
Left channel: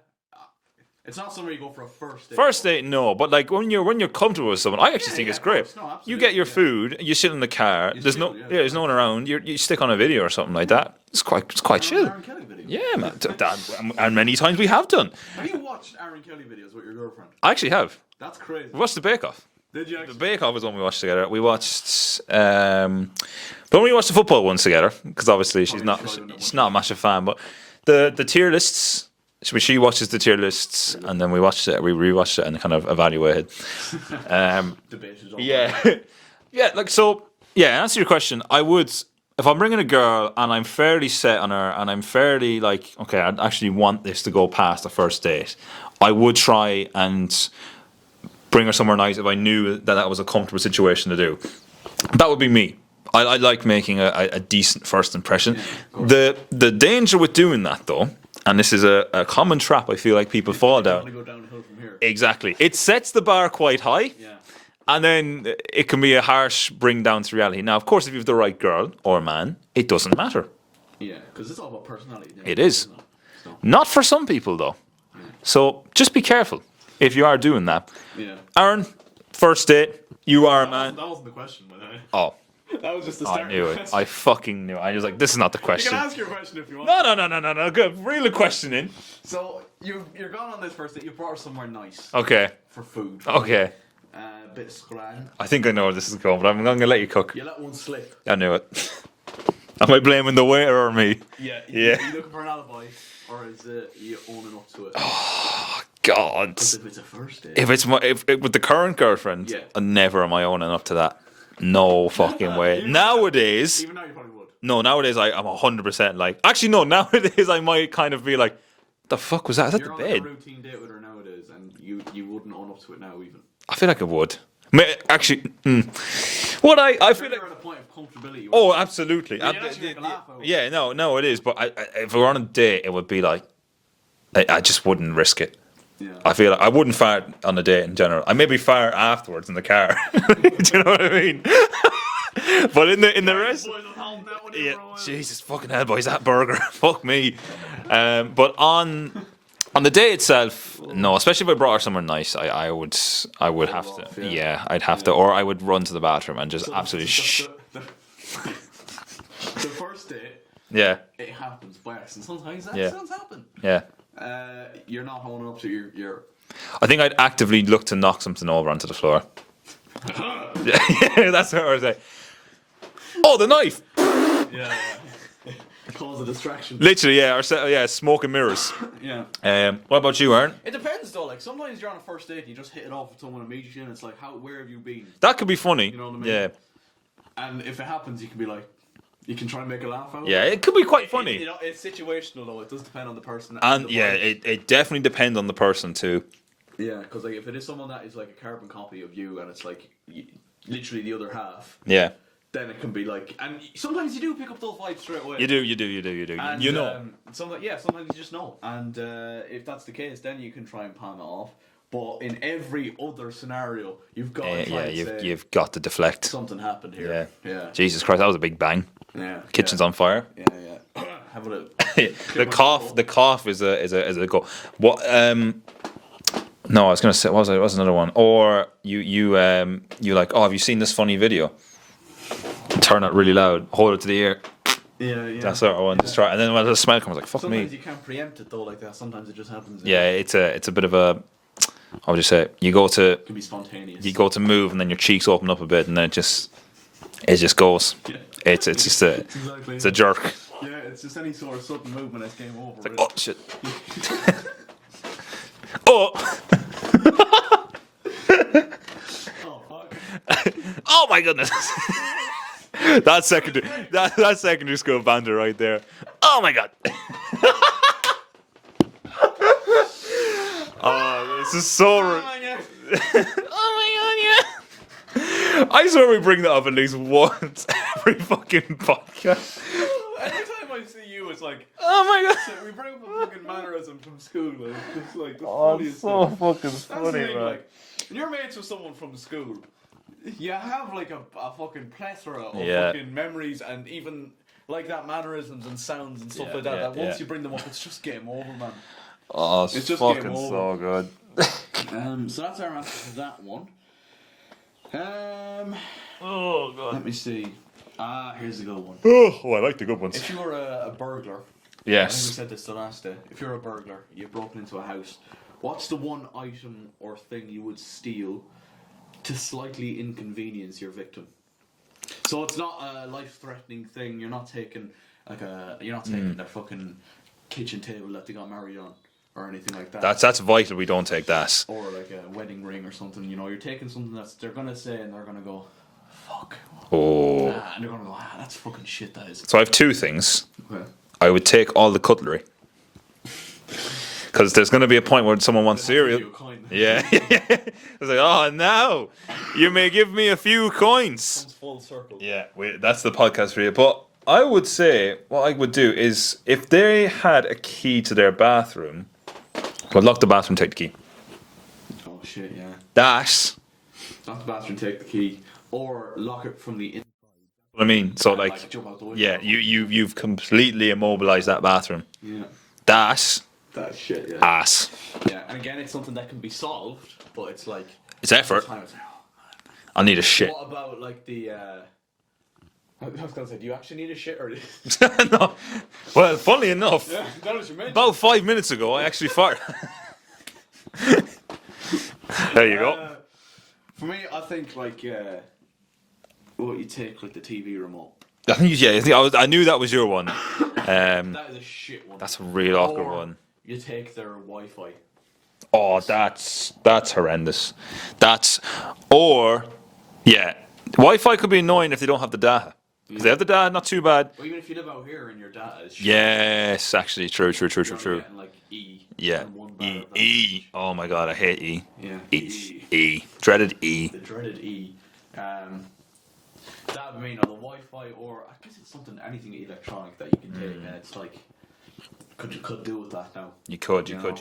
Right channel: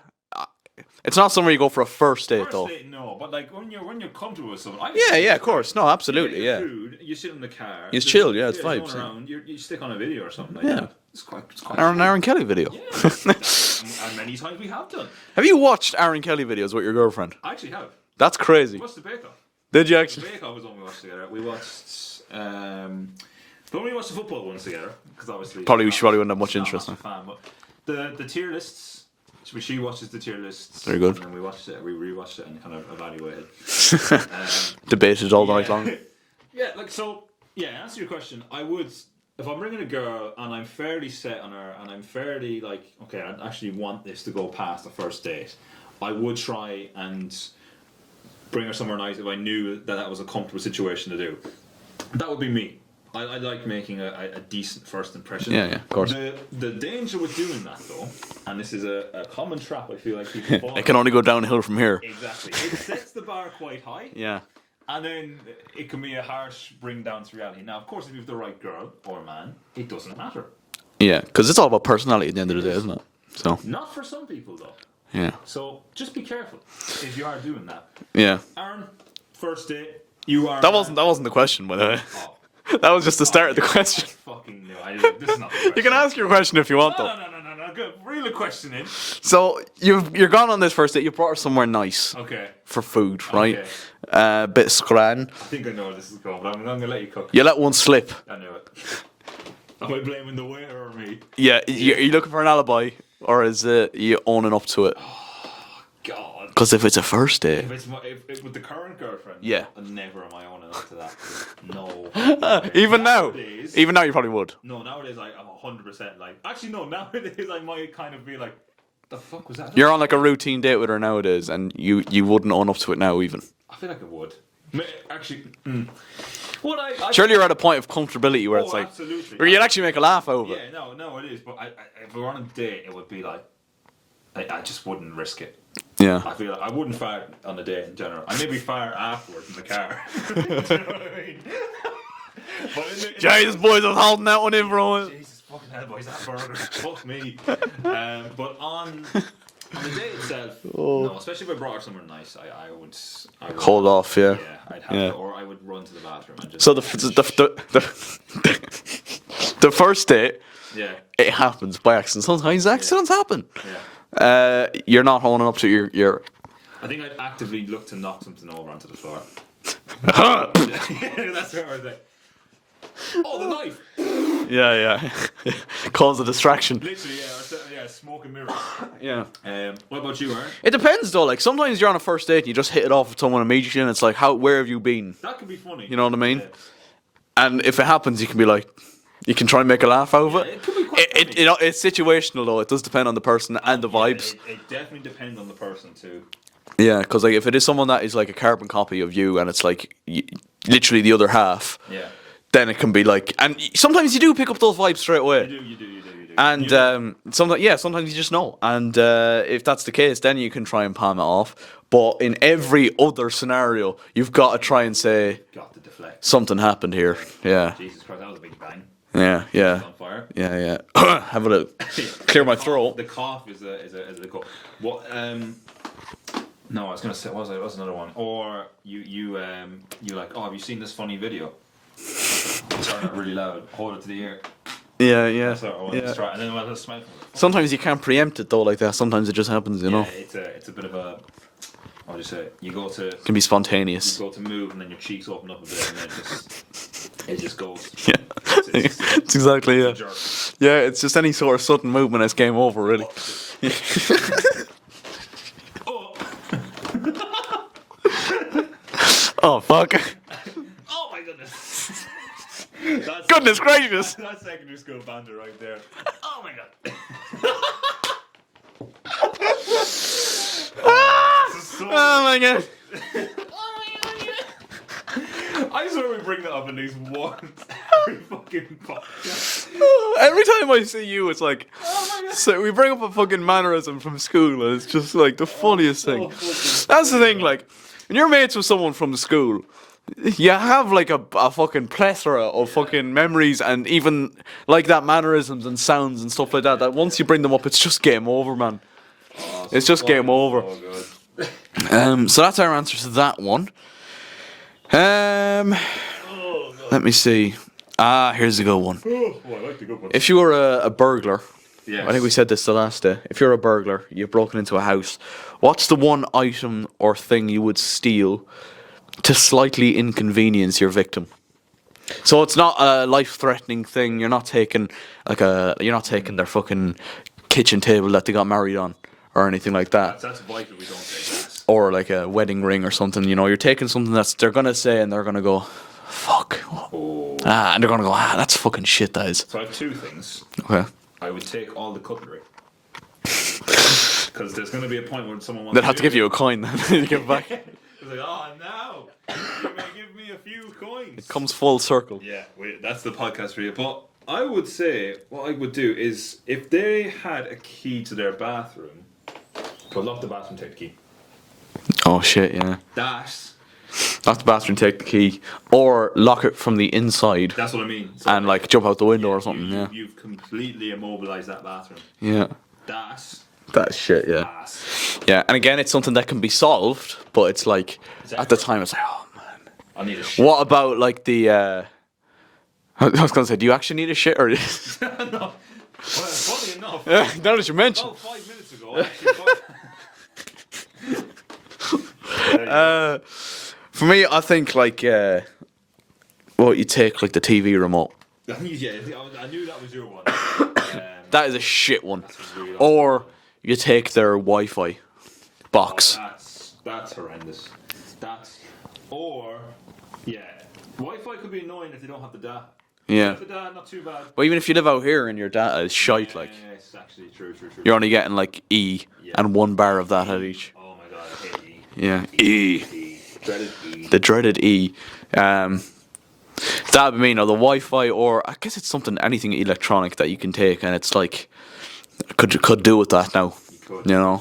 It's not somewhere you go for a first date. First though. date, no, but like when you're comfortable with someone, I actually think yeah, it's of course. great. No, absolutely. You get your food, you sit in the car, You there's chill, yeah, it's there's no one vibes. around. You stick on a video or something like that. It's quite chill. Aaron Kelly video. Yeah, man, that, and many times we have done. Have you watched Aaron Kelly videos with your girlfriend? I actually have. That's crazy. We watched the Bake Off. Did you The actually? Bake Off was one we watched together. We watched, but when we watched the football ones together, because obviously She probably wouldn't have much she's not interest. much a fan, but the tier lists. She watches the tier lists, Very good. and then we watched it. We rewatched it and kind of evaluated. Debated all the way long. Yeah, like so. Yeah, answer your question. I would, if I'm bringing a girl and I'm fairly set on her, and I'm fairly like, okay, I actually want this to go past the first date. I would try and bring her somewhere nice if I knew that was a comfortable situation to do. That would be me. I like making a decent first impression. Yeah, of course. The danger with doing that though, and this is a common trap I feel like people fall It can down. only go downhill from here. Exactly. It sets the bar quite high. Yeah. And then it can be a harsh bring down to reality. Now, of course, if you have the right girl or man, it doesn't matter. Yeah, because it's all about personality at the end of the day, is. isn't it? So, Not for some people, though. yeah. So just be careful if you are doing that. Yeah. Aaron, first date, you are. That wasn't the question, by the way. Oh, That was just the start of the I knew it. question. I fucking knew. I was like, this is not the question. You can ask your question if you want. though. No. Good. Reel a question in. So you're gone on this first date. You brought her somewhere nice Okay. for food, right? Okay. Bit of scran. I think I know where this is going, but I'm going to let you cook. You let one slip. I knew it. Am I blaming the waiter or me? Yeah. Are you looking for an alibi, or is it you owning up to it? God. Because if it's a first date, If it's if with the current girlfriend, Yeah. never am I owning up to that. No fucking way. even nowadays, even now you probably would. no, nowadays I'm 100% like. Actually, no, nowadays I might kind of be like, the fuck was that? Is that You're the on like a head? routine date with her nowadays, and you wouldn't own up to it now even. I feel like I would. Actually, what I Surely you're at a point of comfortability where Oh, it's like, absolutely. where you'd actually make a laugh over. it. Yeah, no, it is. But if we were on a date, it would be like, I just wouldn't risk it. Yeah. I feel like I wouldn't fart on a date in general. I maybe fart afterwards in the car. Do you know what I mean? But in the Jesus, boys, I'm holding that one in, bro. Jesus fucking hell, boys, that burger. Fuck me. But on the day itself, no. Especially if I brought her somewhere nice, I would Hold off, yeah. Yeah, I'd have Yeah. to, or I would run to the bathroom and just So the first date, yeah, it happens by accident. Sometimes accidents happen. yeah. You're not holding up to your I think I'd actively look to knock something over onto the floor. Yeah, that's what I was like. Oh, the knife! yeah. Cause a distraction. Literally, yeah, or smoke and mirrors. Yeah. What about you, Aaron? It depends though. Like sometimes you're on a first date, and you just hit it off with someone immediately, and it's like, where have you been? That could be funny. You know what I mean? Yeah, And if it happens, you can be like, you can try and make a laugh out of yeah, it. it could be quite funny. It's situational though. It does depend on the person and the vibes. Yeah, it definitely depends on the person too. Yeah, because like if it is someone that is like a carbon copy of you, and it's like literally the other half. Yeah. Then it can be like, and sometimes you do pick up those vibes straight away. You do. And You know. sometimes you just know. And if that's the case, then you can try and palm it off. But in every other scenario, you've got to try and say you've got to deflect. something happened here. Yeah. Jesus Christ, that was a big bang. Yeah. Kitchen's on fire. Yeah. Have a clear my cough, throat. The cough is a go. What? No, I was gonna say. What was another one? Or you like? Oh, have you seen this funny video? Turn it really loud. Hold it to the ear. Yeah. That's what I want to try. And then when the smell comes, like fuck Sometimes me. you can't preempt it though, like that. Sometimes it just happens. You know, it's a bit of a. How would you say? You go to it can be spontaneous. you go to move, and then your cheeks open up a bit, and then it just goes. Yeah. It's just a, It's exactly. it's a jerk. Yeah, it's just any sort of sudden movement. It's game over. Really. Oh shit. Oh. Oh fuck. Oh my goodness. That's Goodness gracious. That's secondary school banter right there. Oh my god. Oh, this is so. Oh my god. Oh my god, yeah. I swear we bring that up at least once every fucking podcast. Every time I see you, it's like, oh my god. So we bring up a fucking mannerism from school, and it's just like the funniest thing. That's the thing, like, when you're mates with someone from school, you have like a fucking plethora of Yeah. fucking memories and even like that mannerisms and sounds and stuff like that. That once you bring them up, it's just game over, man. Oh, It's just game fucking over. So good. So that's our answer to that one. Let me see. Here's a good one. Oh, I like the good ones. If you were a burglar, Yes. I think we said this the last day. If you're a burglar, you've broken into a house. What's the one item or thing you would steal to slightly inconvenience your victim? So it's not a life-threatening thing. You're not taking their fucking kitchen table that they got married on or anything like that. That's vital. We don't take that. Or like a wedding ring or something. You know, you're taking something they're gonna say and they're gonna go, fuck. Oh. And they're gonna go, that's fucking shit. That is. So I have two things. Okay. I would take all the cutlery. Because there's going to be a point where someone wants They'll have to give you a coin. Yeah. It's like, oh, now you may give me a few coins. Comes full circle. Yeah, that's the podcast for you. But I would say what I would do is if they had a key to their bathroom, I'd lock the bathroom, take the key. Oh shit, yeah. That. Lock the bathroom, take the key, or lock it from the inside That's what I mean. So and like jump out the window yeah, or something. you've completely immobilized that bathroom. Yeah. That That shit, yeah. ass. Yeah, and again, it's something that can be solved, but it's like It's at the effort. time it's like, oh man. I need a shit. What about like the? I was gonna say, do you actually need a shit or? No. Well, funny enough, Yeah, now that you mentioned. about 5 minutes ago, I actually farted. There you go. For me, I think like, well, you take like the TV remote. I think I knew that was your one. That is a shit one. That's a real awkward Or one. you take their Wi-Fi Oh, box. that's horrendous. Wi-Fi could be annoying if they don't have the data. If Yeah. they have the data, not too bad. Well, even if you live out here and your data is shite, like, Yes, actually, true. you're only getting like E and 1 bar of that at each. Oh my god, I hate E. Yeah, E. Dreaded E. the dreaded E. That would mean, or the Wi-Fi, or I guess it's something, anything electronic that you can take, and it's like could do with that now. You could. You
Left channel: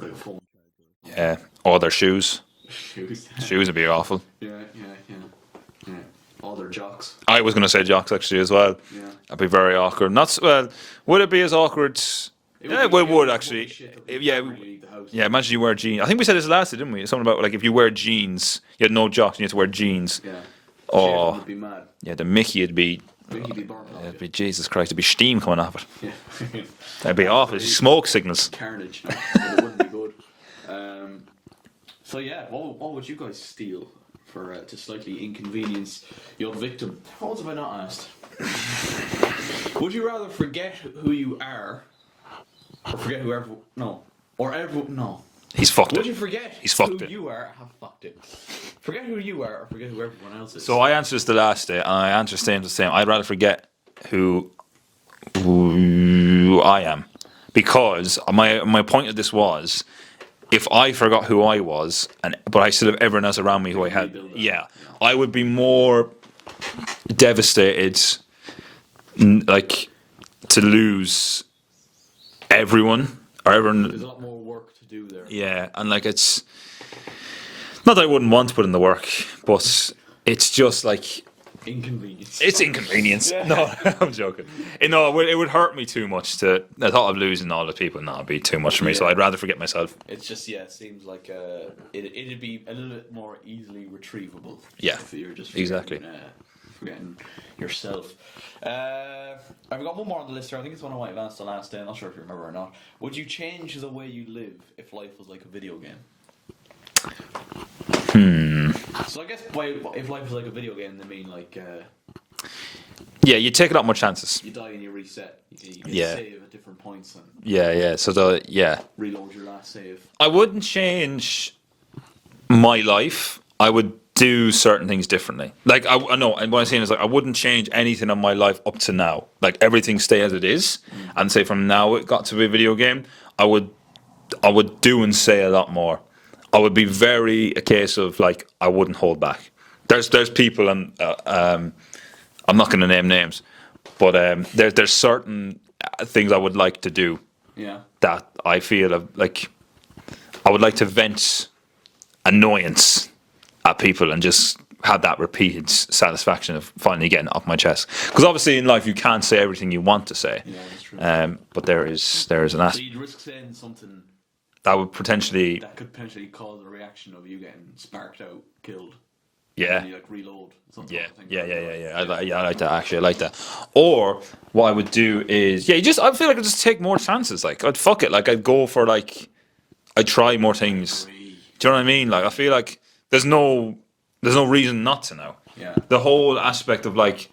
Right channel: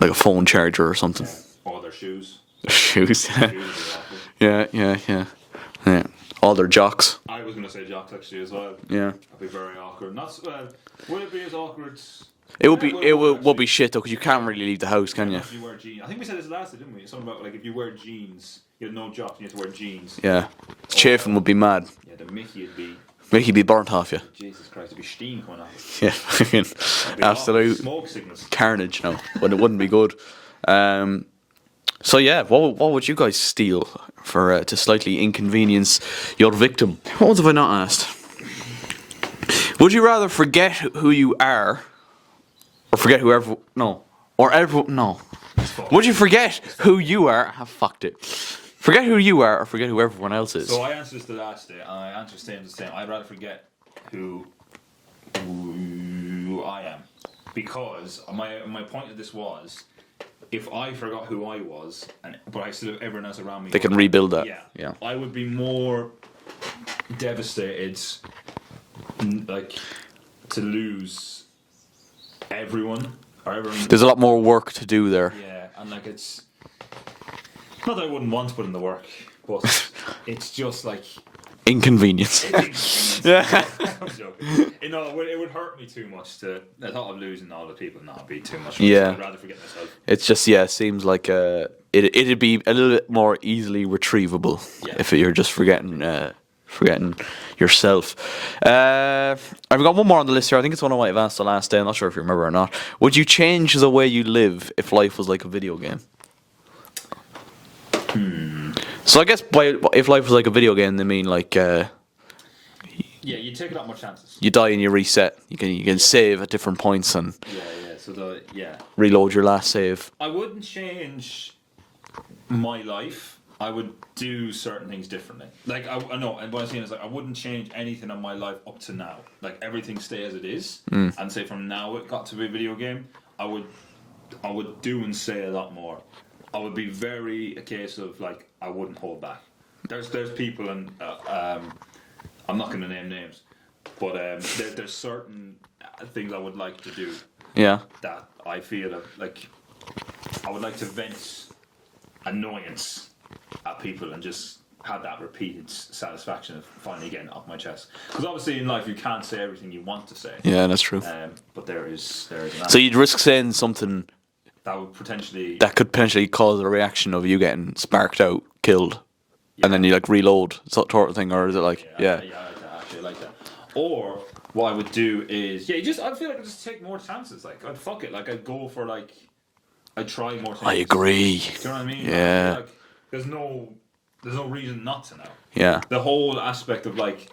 like a phone charger or something. Yeah. Or their shoes. Shoes. Shoes would be awful. Yeah. All their jocks. I was going to say jocks actually as well. Yeah. That'd be very awkward. Would it be as awkward? It would Yeah, be. It would actually. be shit though, because you Yeah. can't really leave the house. Yeah, Can imagine you wear jeans. I think we said this last, didn't we? Something about like if you wear jeans, you had no jocks and you had to wear jeans. you? Yeah. Chafing would be mad. Yeah, the Mickey would be. Make you be burnt off you. Jesus Christ, there'd be steam coming off it. Yeah. That'd be awful. absolute Smoke signals. carnage now, but it wouldn't be good. So yeah, what would you guys steal for to slightly inconvenience your victim? What ones have I not asked? Would you rather forget who you are, or forget whoever? No, or ever? No. He's fucked. Would you forget fucked who it. you are? Have fucked it. Forget who you are, or forget who everyone else is. So I answered this the last day, and I answered the same. I'd rather forget who I am, because my point of this was, if I forgot who I was, but I still have everyone else around me, They who can I had- rebuild that. Yeah, Yeah. I would be more devastated, like, to lose everyone or everyone. There's a lot more work to do there. Yeah, and like it's not that I wouldn't want to put in the work, but it's just like Inconvenience. it's inconvenience. Yeah. No, I'm joking. It would hurt me too much to. I thought of losing all the people. No, it'd be too much for me. So Yeah. I'd rather forget myself. It's just it seems like it'd be a little bit more easily retrievable. Yeah. If you're just forgetting Exactly. forgetting yourself. I've got one more on the list here. I think it's one I might have asked the last day. I'm not sure if you remember or not. Would you change the way you live if life was like a video game? So I guess if life was like a video game, they mean like Yeah, you take a lot more chances. you die and you reset. You can Yeah. save at different points and Yeah. So reload your last save. I wouldn't change my life. I would do certain things differently. Like I know, and what I'm saying is like I wouldn't change anything on my life up to now. Like everything stay as it is, and say from now it got to be a video game. I would do and say a lot more. I would be very a case of like I wouldn't hold back. There's people and I'm not going to name names, but there's certain things I would like to do Yeah. that I feel like I would like to vent annoyance at people and just have that repeated satisfaction of finally getting it off my chest. Because obviously in life you can't say everything you want to say. Yeah, that's true. But there is an So aspect you'd risk saying something that would potentially that could potentially cause a reaction of you getting sparked out, killed, and then Yeah. you like reload sort of thing, or is it like I like that actually. I like that. Or what I would do is I feel like I'd just take more chances. Like I'd fuck it. Like I'd go for like I'd try more things. I agree. Do you know what I mean? Like I Yeah. feel like there's no reason not to now. Yeah. The whole aspect of like,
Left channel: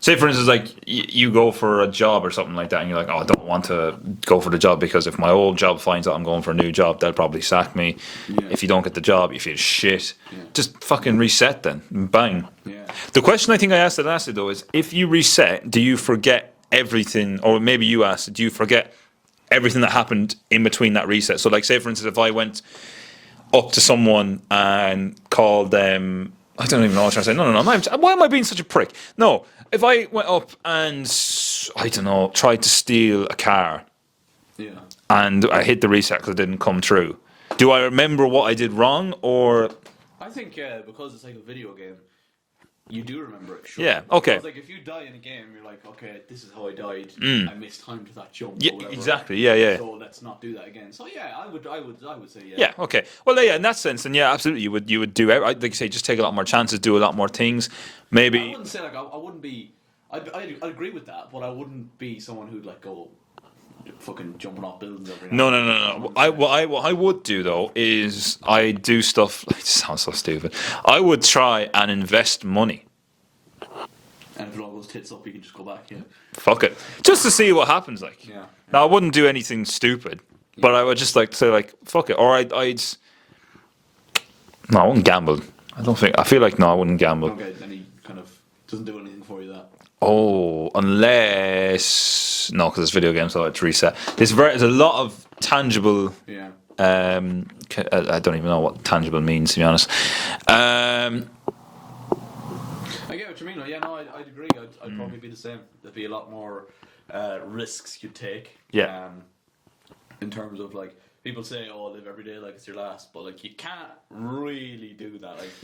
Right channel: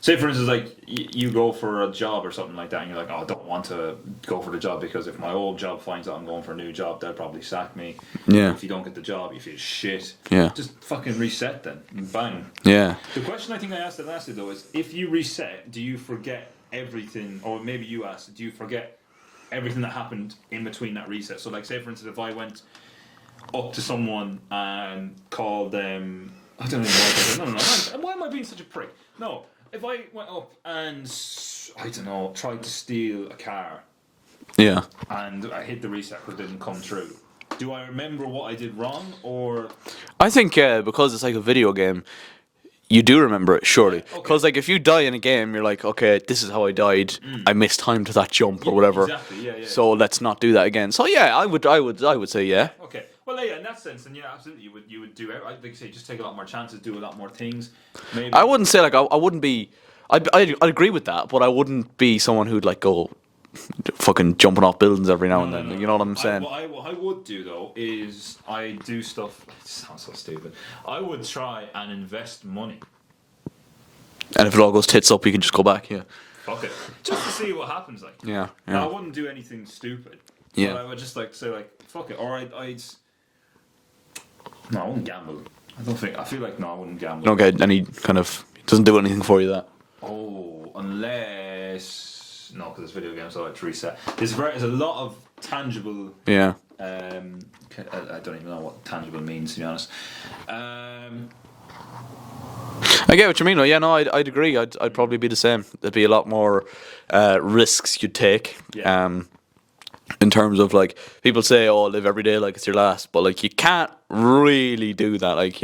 say for instance, like you go for a job or something like that, and you're like, oh, I don't want to go for the job because if my old job finds out I'm going for a new job, they'll probably sack me. Yeah. If you don't get the job, you feel shit. Yeah. Just fucking reset then. Bang. Yeah. The question I think I asked it last though is, if you reset, do you forget everything? Or maybe you asked, do you forget everything that happened in between that reset? So like, say for instance, if I went up to someone and called them, I don't even know what I'm saying. No. Why am I being such a prick? No. If I went up and, I don't know, tried to steal a car Yeah. and I hit the reset because it didn't come through, do I remember what I did wrong? Or I think because it's like a video game, you do remember it, sure. Yeah, okay. Because like if you die in a game, you're like, okay, this is how I died. I missed time to that jump or whatever. Exactly, yeah. So let's not do that again. So yeah, I would say yeah. Yeah, okay. Well, yeah, in that sense, then yeah, absolutely, you would do. Like you say, just take a lot more chances, do a lot more things. Maybe I wouldn't say like I wouldn't be. I'd agree with that, but I wouldn't be someone who'd like go fucking jumping off buildings every now No. and then. You know what I'm saying? What I would do though is I do stuff. It sounds so stupid. I would try and invest money. And if it all goes tits up, you can just go back. Yeah. Fuck it, just to see what happens. Like, Yeah. Now, I wouldn't do anything stupid, but Yeah. I would just like say like fuck it, or I'd. No, I wouldn't gamble. I don't think. I feel like no, I wouldn't gamble. Okay. Any kind of doesn't do anything for you that. Oh, unless no, because it's video games, so it's reset. There's a lot of tangible. Yeah. I don't even know what tangible means, to be honest. I get what you mean. Yeah, no, I'd agree. I'd probably be the same. There'd be a lot more risks you'd take. Yeah. In terms of like people say, "Oh, live every day like it's your last," but like you can't really do that. Like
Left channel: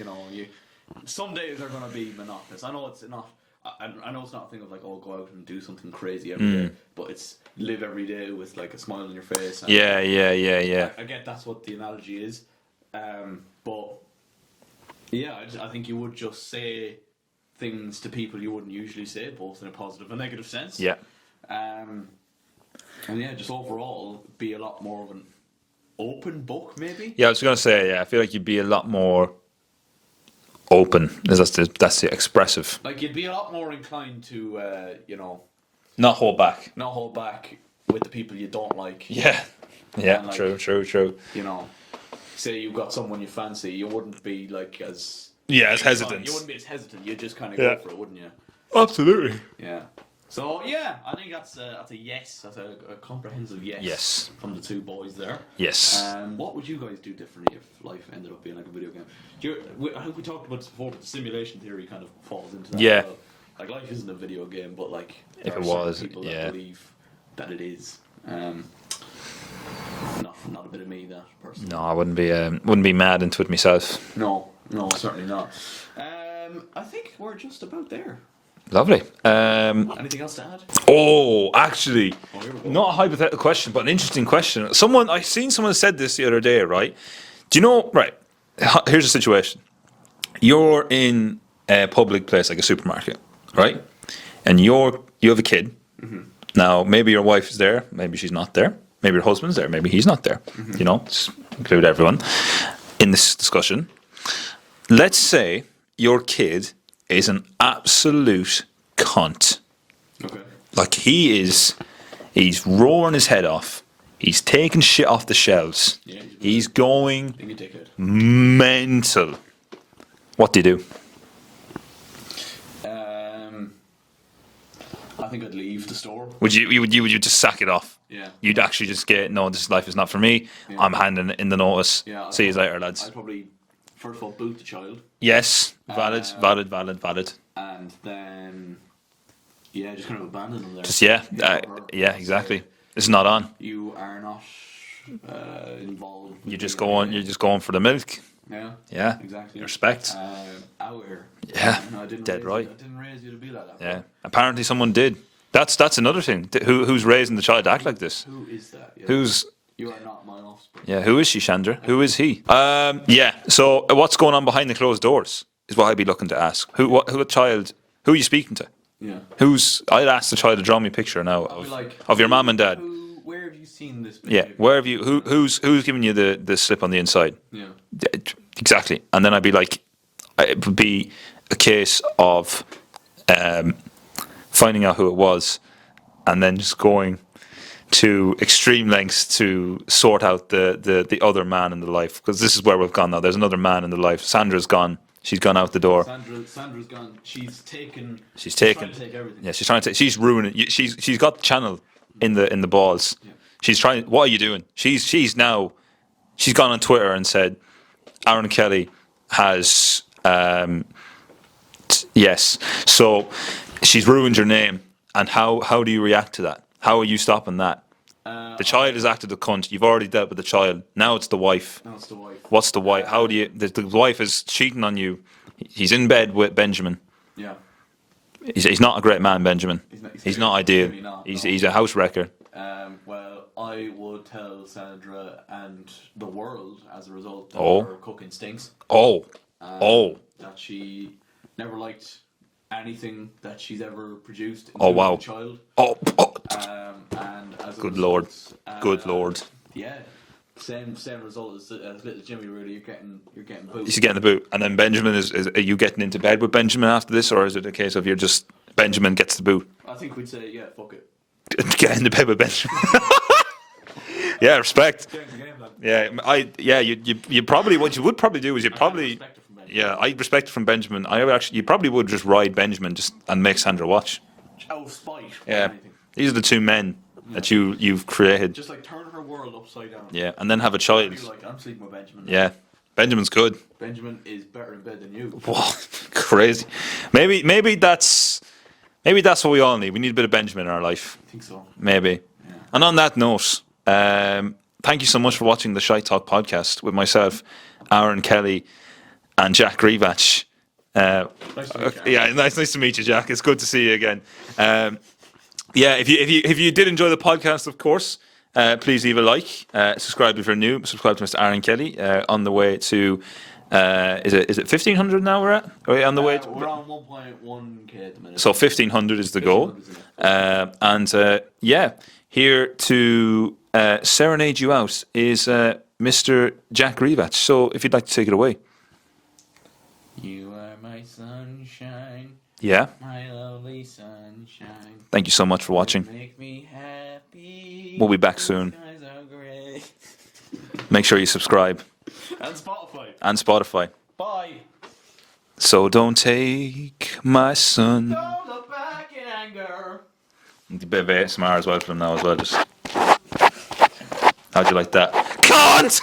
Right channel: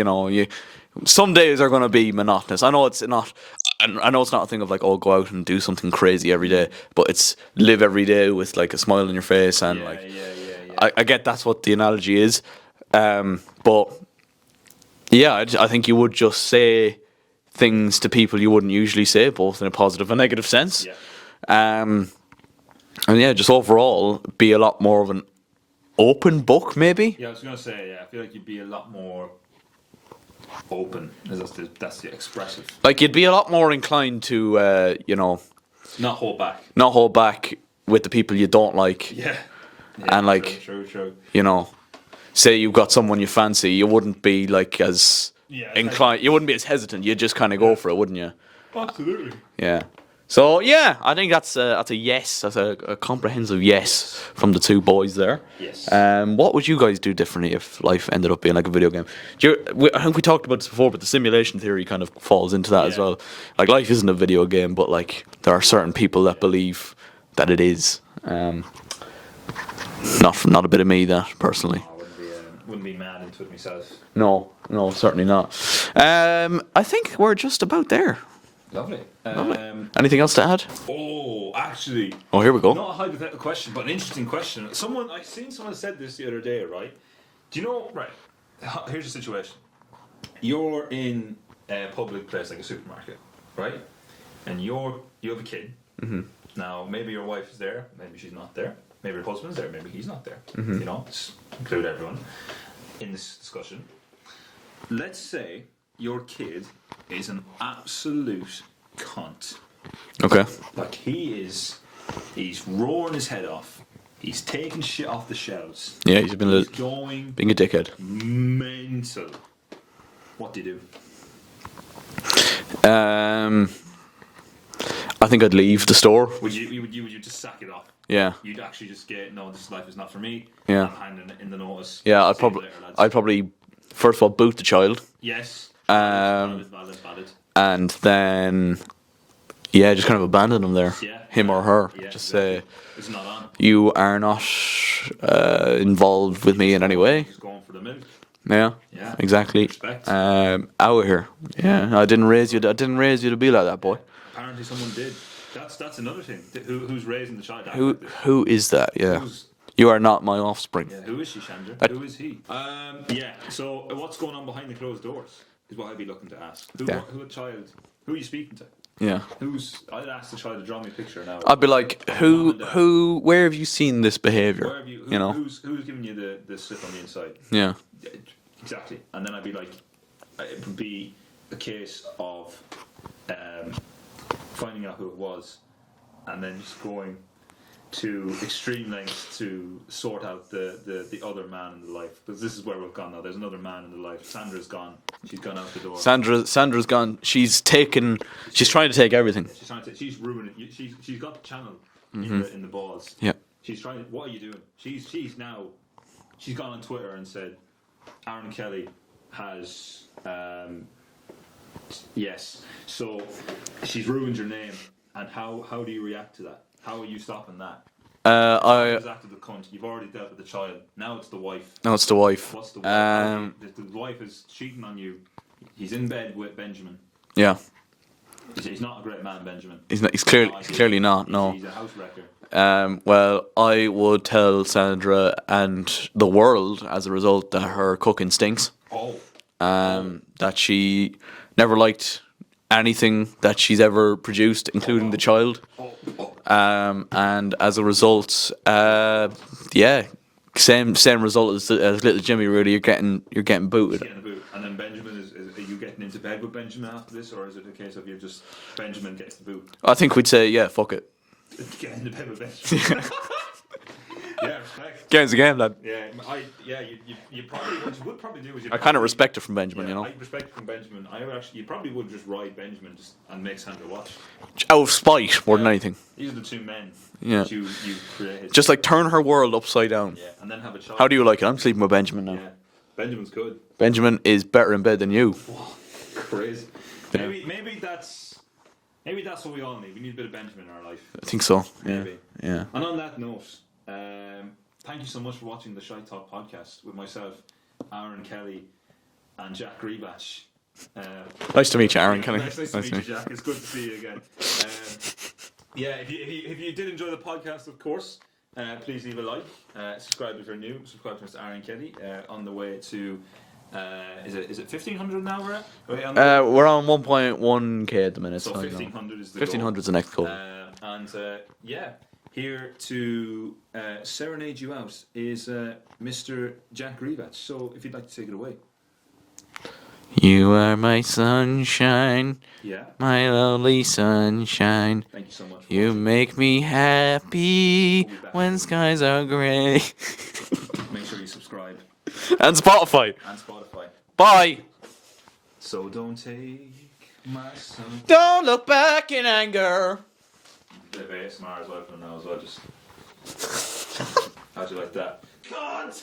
some days are going to be monotonous. I know it's not. I know it's not a thing of like, oh, go out and do something crazy every day, but it's live every day with like a smile on your face. And Yeah. I get that's what the analogy is, but yeah, I think you would just say things to people you wouldn't usually say, both in a positive and negative sense. Yeah. And yeah, just overall be a lot more of an open book, maybe. Yeah, I was going to say, yeah, I feel like you'd be a lot more open. That's the expressive. Like you'd be a lot more inclined to, Not hold back. not hold back with the people you don't like. Yeah. And, like, true. Say you've got someone you fancy, you wouldn't be like as Yeah, as inclined. hesitant. You wouldn't be as hesitant. You'd just kind of go for it, wouldn't you? Absolutely. Yeah. So yeah, I think that's a yes. That's a comprehensive yes from the two boys there. Yes. What would you guys do differently if life ended up being like a video game? I think we talked about this before, but the simulation theory kind of falls into that as well. Like life isn't a video game, but like there are certain people that believe that it is. Not a bit of me that personally. No, I wouldn't be mad into it myself. No, certainly not. I think we're just about there. Lovely. Anything else to add? Oh, actually. Oh, here we go. Not a hypothetical question, but an interesting question. I seen someone said this the other day, right? Do you know, right, here's the situation. You're in a public place like a supermarket, right? And you have a kid. Mm-hmm. Now, maybe your wife is there, maybe she's not there. Maybe your husband's there, maybe he's not there. Mm-hmm. You know, include everyone in this discussion. Let's say your kid is an absolute cunt. Okay. Like he's roaring his head off. He's taking shit off the shelves. Yeah, he's going being a dickhead. Mental. What do you do? I think I'd leave the store. Would you just sack it off? Yeah. You'd actually just get, no, this life is not for me. Yeah. I'm handing in the notice. Yeah. See you later, lads. I'd probably first of all boot the child. Yes. Valid. And then just kind of abandon him there. Him or her. Yeah, exactly. It's not on. You are not involved with me in any way. You're just going for the milk. Yeah. Yeah. Exactly. Respect. Out of here. Yeah. I didn't raise you. I didn't raise you to be like that, boy. Yeah. Apparently, someone did. That's another thing. Who's raising the child to act like this? Who is that? Yeah. You are not my offspring. Yeah. Who is she, Chandra? Who is he? Yeah. So what's going on behind the closed doors is what I'd be looking to ask. Who are you speaking to? Yeah. I'd ask the child to draw me a picture now. I'd be like, of your mom and dad. Where have you seen this behavior? Where have you? Who's giving you the slip on the inside? Yeah. Exactly. And then I'd be like, it would be a case of finding out who it was, and then just going to extreme lengths to sort out the other man in the life, because this is where we've gone now. There's another man in the life. Sandra's gone. She's gone out the door. Sandra's gone. She's trying to take everything. Yeah, she's trying to take. She's ruining it. She's got the channel in the balls. Yeah. She's trying. What are you doing? She's gone on Twitter and said, Aaron Kelly has yes. So she's ruined your name. And how do you react to that? How are you stopping that? The child has acted a cunt. You've already dealt with the child. Now it's the wife. What's the wife? How do you? The wife is cheating on you. He's in bed with Benjamin. Yeah. He's not a great man, Benjamin. He's not ideal. Clearly not. He's a house wrecker. Well, I would tell Sandra and the world as a result that her cooking stinks. That she never liked anything that she's ever produced, including the child. And as a result, Good Lord. Yeah, same result as little Jimmy. Really, you're getting booted. He's getting the boot, and then Benjamin are you getting into bed with Benjamin after this, or is it a case of Benjamin gets the boot? I think we'd say fuck it. Get into bed with Benjamin. Yeah, respect. Game's a game, lad. Yeah, you probably what you would probably do is kind of respect it from Benjamin. Yeah, I respect it from Benjamin. You probably would just ride Benjamin and make Sandra watch out of spite more than anything. These are the two men that you've created. Just like turn her world upside down. Yeah, and then have a child. How do you like it? I'm sleeping with Benjamin now. Yeah, Benjamin's good. Benjamin is better in bed than you. Whoa, crazy. Maybe that's what we all need. We need a bit of Benjamin in our life. I think so. Maybe. Yeah. And on that note, thank you so much for watching the ShiteTalk podcast with myself, Aaron Kelly, and Jack Rivach. Nice to meet you, Aaron. Yeah, nice to meet you, Jack. It's good to see you again. If you did enjoy the podcast, of course, please leave a like. Subscribe if you're new. Subscribe to Mr. Aaron Kelly. On the way to is it 1,500 now? We're at. Are we on the way? We're on 1.1k at the minute. So 1,500 is the goal. 1,500 is the next goal. Here to serenade you out is Mr. Jack Rivach. So if you'd like to take it away. You are my sunshine. Yeah. My lovely sunshine. Thank you so much for watching. You make me happy. We'll be back when soon. Skies are grey. Make sure you subscribe. And Spotify. Bye. So don't take my son. Don't look back in anger. A bit of ASMR as well from now as well. Just how'd you like that? Cunt!